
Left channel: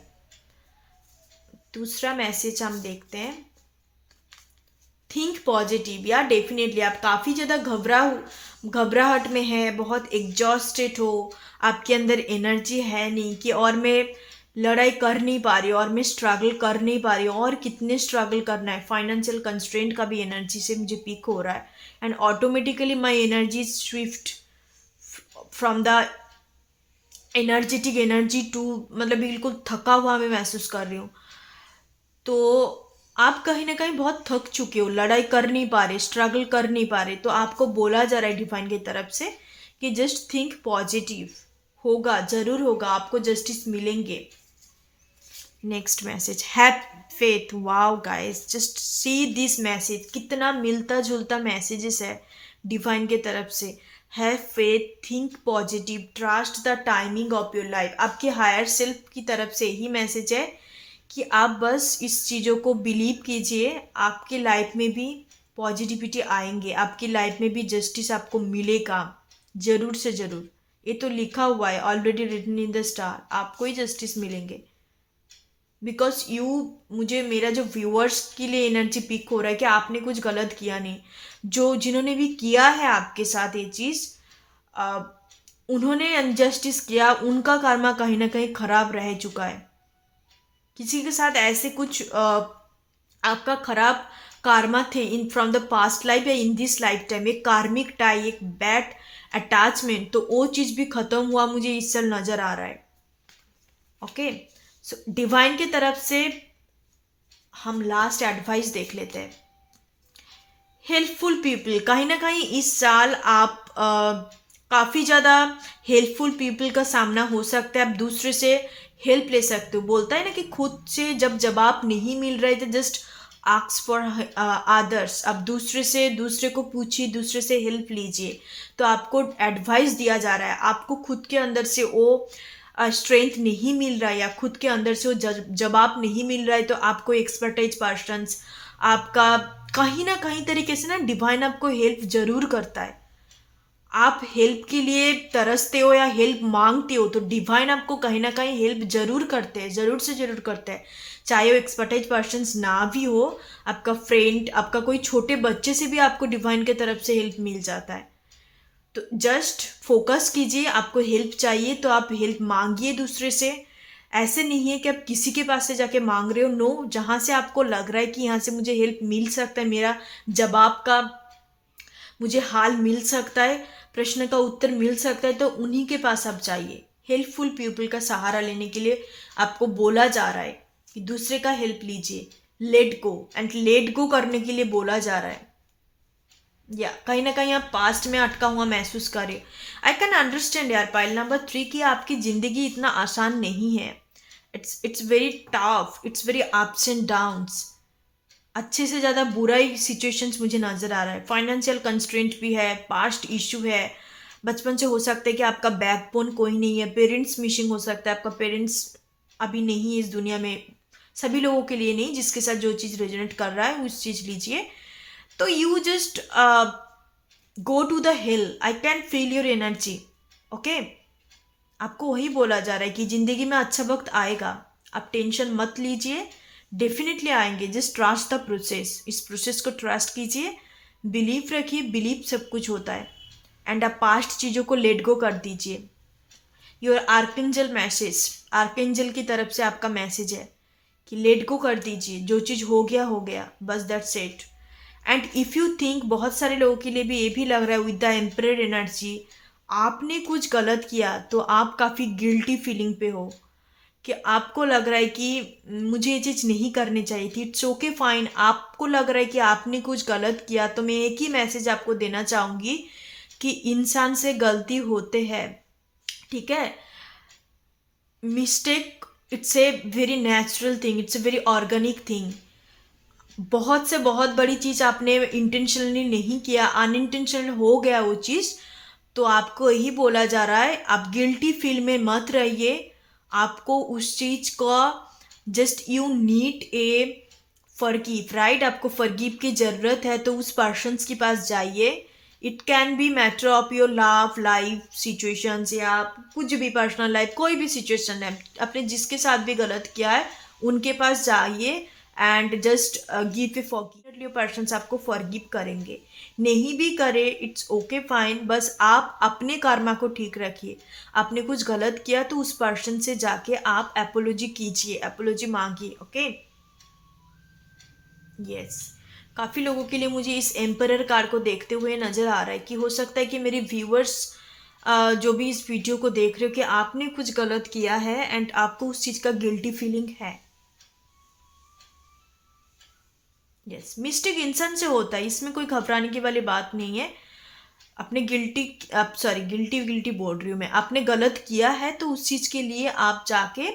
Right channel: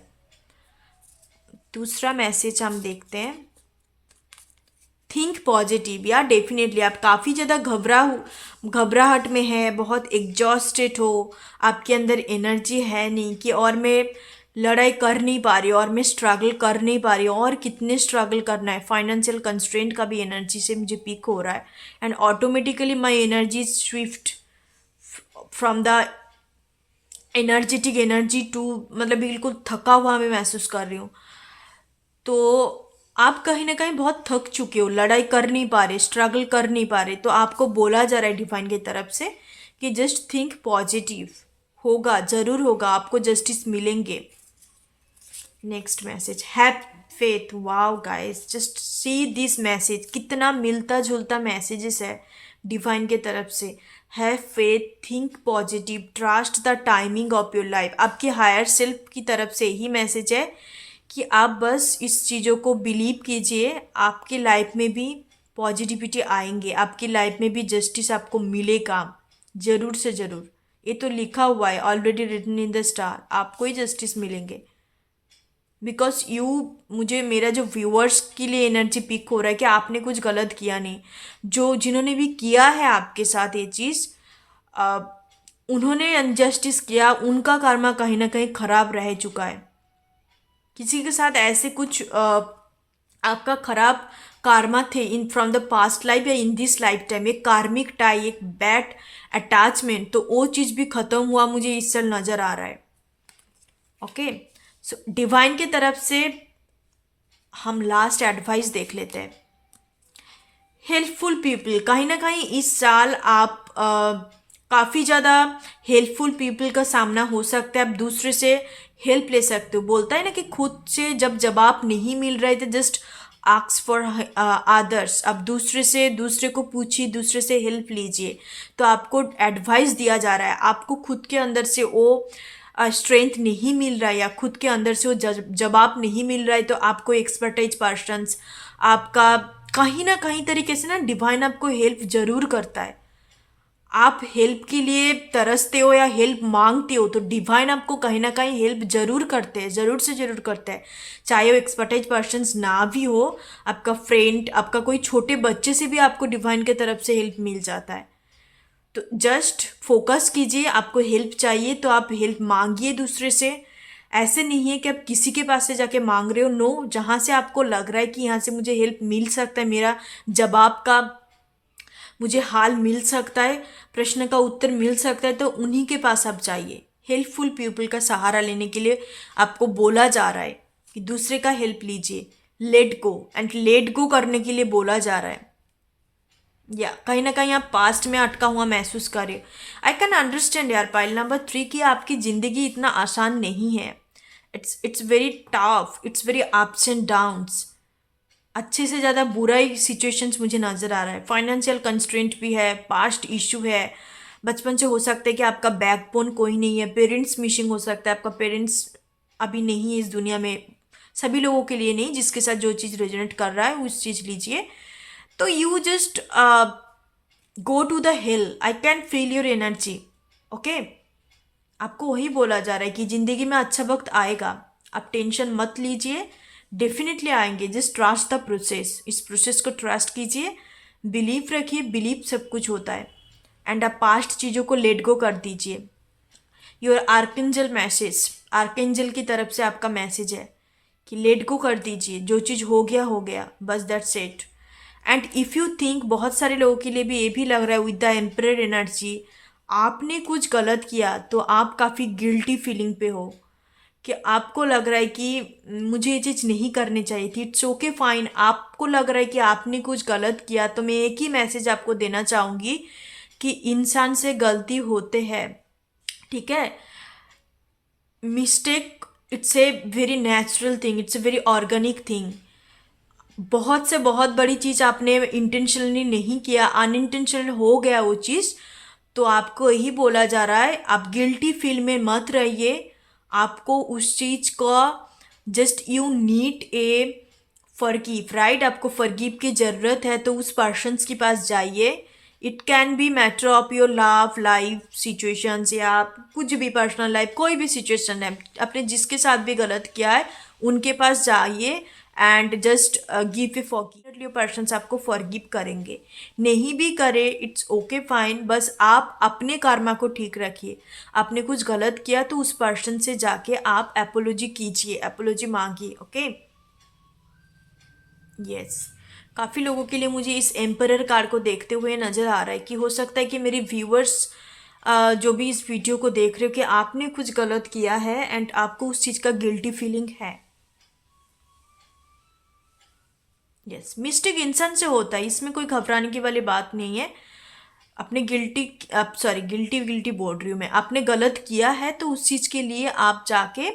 दूसरा मैसेज हम देखते हैं, थिंक पॉजिटिव। या डेफिनेटली आप काफ़ी ज़्यादा घबराहट में है, बहुत एग्जॉस्टेड हो, आपके अंदर एनर्जी है नहीं कि और मैं लड़ाई कर नहीं पा रही हूँ और मैं स्ट्रगल कर नहीं पा रही हूँ, और कितने स्ट्रगल करना है। फाइनेंशियल कंस्ट्रेंट का भी एनर्जी से मुझे पिक हो रहा है, and automatically my energy swift from the energetic energy to, मतलब बिल्कुल थका हुआ मैं महसूस कर रही हूँ। तो आप कहीं ना कहीं बहुत थक चुके हो, लड़ाई कर नहीं पा रहे, स्ट्रगल कर नहीं पा रहे, तो आपको बोला जा रहा है डिवाइन की तरफ से कि जस्ट थिंक पॉजिटिव, होगा, जरूर होगा, आपको जस्टिस मिलेंगे। Next message, have faith. Wow guys, just see this message, कितना मिलता जुलता मैसेजेस है डिवाइन के तरफ से। Have faith, think positive, trust the timing of your life. आपके हायर सेल्फ की तरफ से ही मैसेज है कि आप बस इस चीज़ों को बिलीव कीजिए, आपकी लाइफ में भी पॉजिटिविटी आएंगे, आपकी लाइफ में भी जस्टिस आपको मिलेगा, ज़रूर से ज़रूर। ये तो लिखा हुआ है, already written in the star, आपको ही जस्टिस मिलेंगे। बिकॉज यू, मुझे मेरा जो व्यूअर्स के लिए एनर्जी पिक हो रहा है कि आपने कुछ गलत किया नहीं। जो जिन्होंने भी किया है आपके साथ ये चीज़, उन्होंने अनजस्टिस किया, उनका कर्मा कहीं ना कहीं खराब रह चुका है। किसी के साथ ऐसे कुछ आपका खराब कार्मा थे in from the past life या इन दिस लाइफ टाइम, एक कार्मिक टाई, एक बैड अटैचमेंट, तो वो चीज़ भी ख़त्म हुआ मुझे इस साल नज़र आ रहा है। ओके, सो डिवाइन की तरफ से हम लास्ट एडवाइस देख लेते हैं। हेल्पफुल पीपल, कहीं ना कहीं इस साल आप काफ़ी ज़्यादा हेल्पफुल पीपल का सामना हो सकता है। आप दूसरे से हेल्प ले सकते हो। बोलता है ना कि खुद से जब जवाब नहीं मिल रहे थे, जस्ट आस्क फॉर अदर्स। आप दूसरे को पूछिए, दूसरे से हेल्प लीजिए। तो आपको एडवाइस दिया जा रहा है, आपको खुद के अंदर से वो स्ट्रेंथ नहीं मिल रहा है या खुद के अंदर से वो जवाब नहीं मिल रहा है, तो आपको एक्सपर्टाइज पर्सन्स, आपका कहीं ना कहीं तरीके से ना डिवाइन आपको हेल्प जरूर करता है। आप हेल्प के लिए तरसते हो या हेल्प मांगते हो, तो डिवाइन आपको कहीं ना कहीं हेल्प जरूर करते हैं, ज़रूर से ज़रूर करते हैं। चाहे वो एक्सपर्टाइज पर्सन्स ना भी हो, आपका फ्रेंड, आपका कोई छोटे बच्चे से भी आपको डिवाइन के तरफ से हेल्प मिल जाता है। तो जस्ट फोकस कीजिए, आपको हेल्प चाहिए तो आप हेल्प मांगिए दूसरे से। ऐसे नहीं है कि आप किसी के पास से जाके मांग रहे हो, नो, जहाँ से आपको लग रहा है कि यहाँ से मुझे हेल्प मिल सकता है, मेरा जवाब का मुझे हाल मिल सकता है, प्रश्न का उत्तर मिल सकता है, तो उन्हीं के पास आप जाइए। हेल्पफुल पीपल का सहारा लेने के लिए आपको बोला जा रहा है कि दूसरे का हेल्प लीजिए, let go, and let go करने के लिए बोला जा रहा है। या कहीं ना कहीं आप पास्ट में अटका हुआ महसूस करें। आई कैन अंडरस्टैंड यार, पाइल नंबर 3, कि आपकी ज़िंदगी इतना आसान नहीं है। It's very tough, it's very ups and downs. अच्छे से ज़्यादा बुरा ही सिचुएशंस मुझे नज़र आ रहा है। फाइनेंशियल कंस्ट्रेंट भी है, पास्ट इशू है, बचपन से हो सकता है कि आपका बैकबोन कोई नहीं है, पेरेंट्स मिसिंग हो सकता है, आपका पेरेंट्स अभी नहीं है इस दुनिया में। सभी लोगों के लिए नहीं, जिसके साथ जो चीज़ रेजोनेट कर रहा है उस चीज़ लीजिए। तो you just go to the hill, I can feel your energy. Okay, आपको वही बोला जा रहा है कि ज़िंदगी में अच्छा वक्त आएगा, आप टेंशन मत लीजिए, डेफिनेटली आएंगे। जस्ट ट्रस्ट द प्रोसेस, इस प्रोसेस को ट्रस्ट कीजिए, बिलीव रखिए, बिलीव सब कुछ होता है। एंड आप पास्ट चीज़ों को लेट गो कर दीजिए। योर आर्कएंजल मैसेज, आर्कएंजल की तरफ से आपका मैसेज है कि लेट गो कर दीजिए, जो चीज़ हो गया, बस that's it. And if you think, बहुत सारे लोगों के लिए भी ये भी लग रहा है विद द एम्परर एनर्जी, आपने कुछ गलत किया तो आप काफ़ी गिल्टी फीलिंग पे हो, कि आपको लग रहा है कि मुझे ये चीज़ नहीं करनी चाहिए थी। It's okay, fine. आपको लग रहा है कि आपने कुछ गलत किया, तो मैं एक ही मैसेज आपको देना चाहूँगी कि इंसान से गलती होते हैं, ठीक है। Mistake, it's a very natural thing, it's a very organic thing. बहुत से बहुत बड़ी चीज़ आपने इंटेंशनली नहीं किया, अनइंटेंशनल हो गया वो चीज़, तो आपको यही बोला जा रहा है, आप गिल्टी फील में मत रहिए। आपको उस चीज़ का just you need a forgive, right. आपको फॉरगिव की ज़रूरत है, तो उस पर्सन्स के पास जाइए। It can B matter of your love life situations, या कुछ भी पर्सनल लाइफ, कोई भी सिचुएशन है, आपने जिसके साथ भी गलत किया है उनके पास जाइए and just give a forgive. Persons आपको फॉरगिव करेंगे, नहीं भी करे इट्स ओके फाइन, बस आप अपने कर्मा को ठीक रखिए। आपने कुछ गलत किया तो उस पर्सन से जाके आप एपोलॉजी कीजिए, एपोलॉजी मांगिए। ओके यस, काफ़ी लोगों के लिए मुझे इस एम्परर कार्ड को देखते हुए नज़र आ रहा है कि हो सकता है कि मेरे व्यूअर्स जो भी इस वीडियो को देख रहे हो कि आपने कुछ गलत किया है एंड आपको उस चीज़ का गिल्टी फीलिंग है। यस, मिस्टेक इंसान से होता है, इसमें कोई घबराने की वाली बात नहीं है। आपने गिल्टी बोल रही हूँ मैं, आपने गलत किया है तो उस चीज़ के लिए आप जाके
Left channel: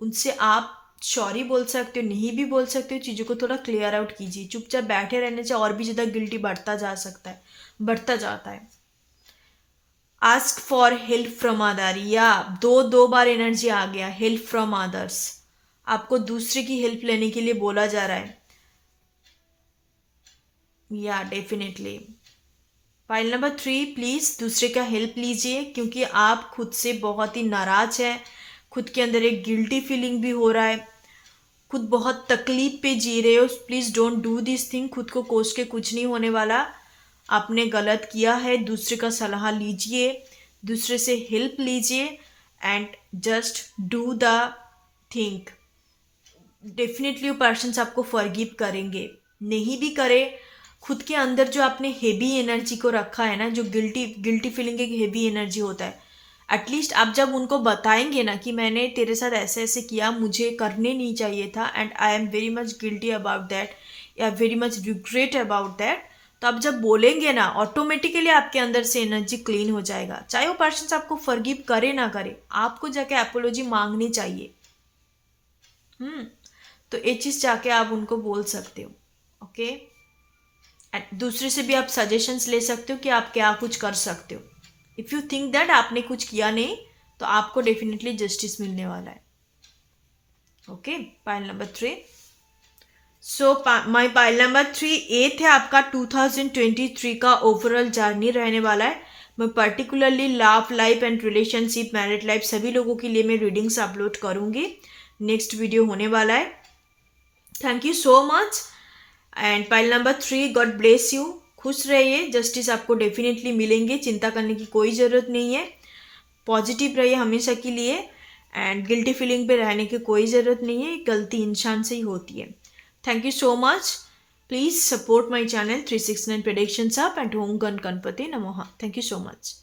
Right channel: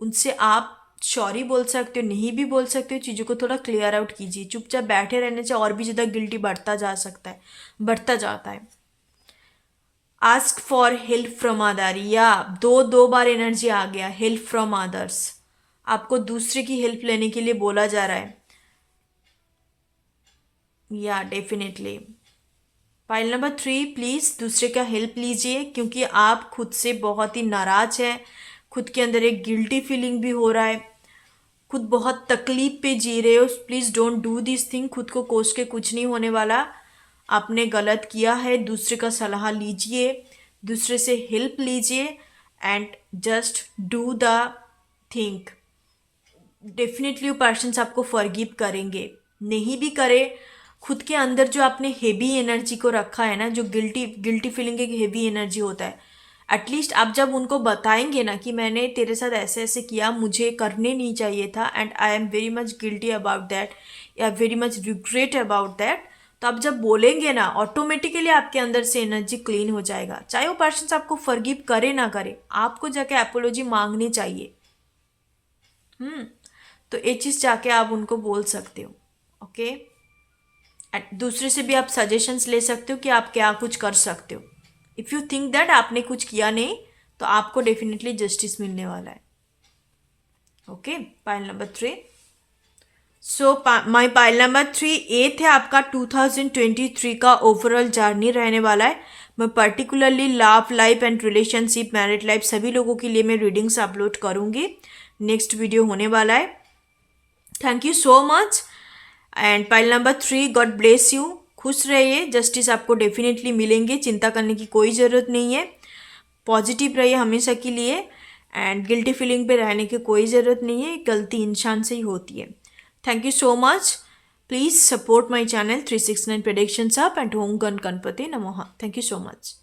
उनसे आप सॉरी बोल सकते हो, नहीं भी बोल सकते हो। चीज़ों को थोड़ा क्लियर आउट कीजिए। चुपचाप बैठे रहने से और भी ज़्यादा गिल्टी बढ़ता जा सकता है, बढ़ता जाता है। Ask for help from other, या दो बार एनर्जी आ गया, हेल्प फ्रॉम अदर्स। आपको दूसरे की हेल्प लेने के लिए बोला जा रहा है। या डेफिनेटली पाइल नंबर 3, प्लीज़ दूसरे का हेल्प लीजिए, क्योंकि आप खुद से बहुत ही नाराज हैं। खुद के अंदर एक गिल्टी फीलिंग भी हो रहा है, खुद बहुत तकलीफ पे जी रहे हो। Please don't do this thing. खुद को कोस के कुछ नहीं होने वाला। आपने गलत किया है, दूसरे का सलाह लीजिए, दूसरे से हेल्प लीजिए and just do the think. Definitely वो पर्सन्स आपको फॉरगिव करेंगे, नहीं भी करे। खुद के अंदर जो आपने हेवी एनर्जी को रखा है ना, जो गिल्टी फीलिंग एक हेवी एनर्जी होता है, एटलीस्ट आप जब उनको बताएंगे ना कि मैंने तेरे साथ ऐसे ऐसे किया, मुझे करने नहीं चाहिए था and I am very much guilty about that, या very much regret about that, तो आप जब बोलेंगे ना, ऑटोमेटिकली आपके अंदर से एनर्जी क्लीन हो जाएगा। चाहे वो पर्सन आपको फॉरगिव करे ना करे, आपको जाके एपोलॉजी मांगनी चाहिए। तो ये चीज़ जाके आप उनको बोल सकते हो। ओके दूसरे से भी आप सजेशंस ले सकते हो कि आप क्या कुछ कर सकते हो। इफ़ यू थिंक दैट आपने कुछ किया नहीं, तो आपको डेफिनेटली जस्टिस मिलने वाला है। Okay pile number 3। सो माई पाइल नंबर 3 8 है आपका 2023 का ओवरऑल जर्नी रहने वाला है। मैं particularly love life and relationship, married life, सभी लोगों के लिए मैं रीडिंग्स अपलोड करूँगी। नेक्स्ट वीडियो होने वाला है। Thank you so much. And pile number 3, God bless you. खुश रहिए, जस्टिस आपको डेफिनेटली मिलेंगे, चिंता करने की कोई ज़रूरत नहीं है। पॉजिटिव रहिए हमेशा के लिए एंड गिल्टी फीलिंग पे रहने की कोई ज़रूरत नहीं है, गलती इंसान से ही होती है। Thank you so much. Please support my channel 369 predictions up and ओम गण गणपति नमः। Thank you so much.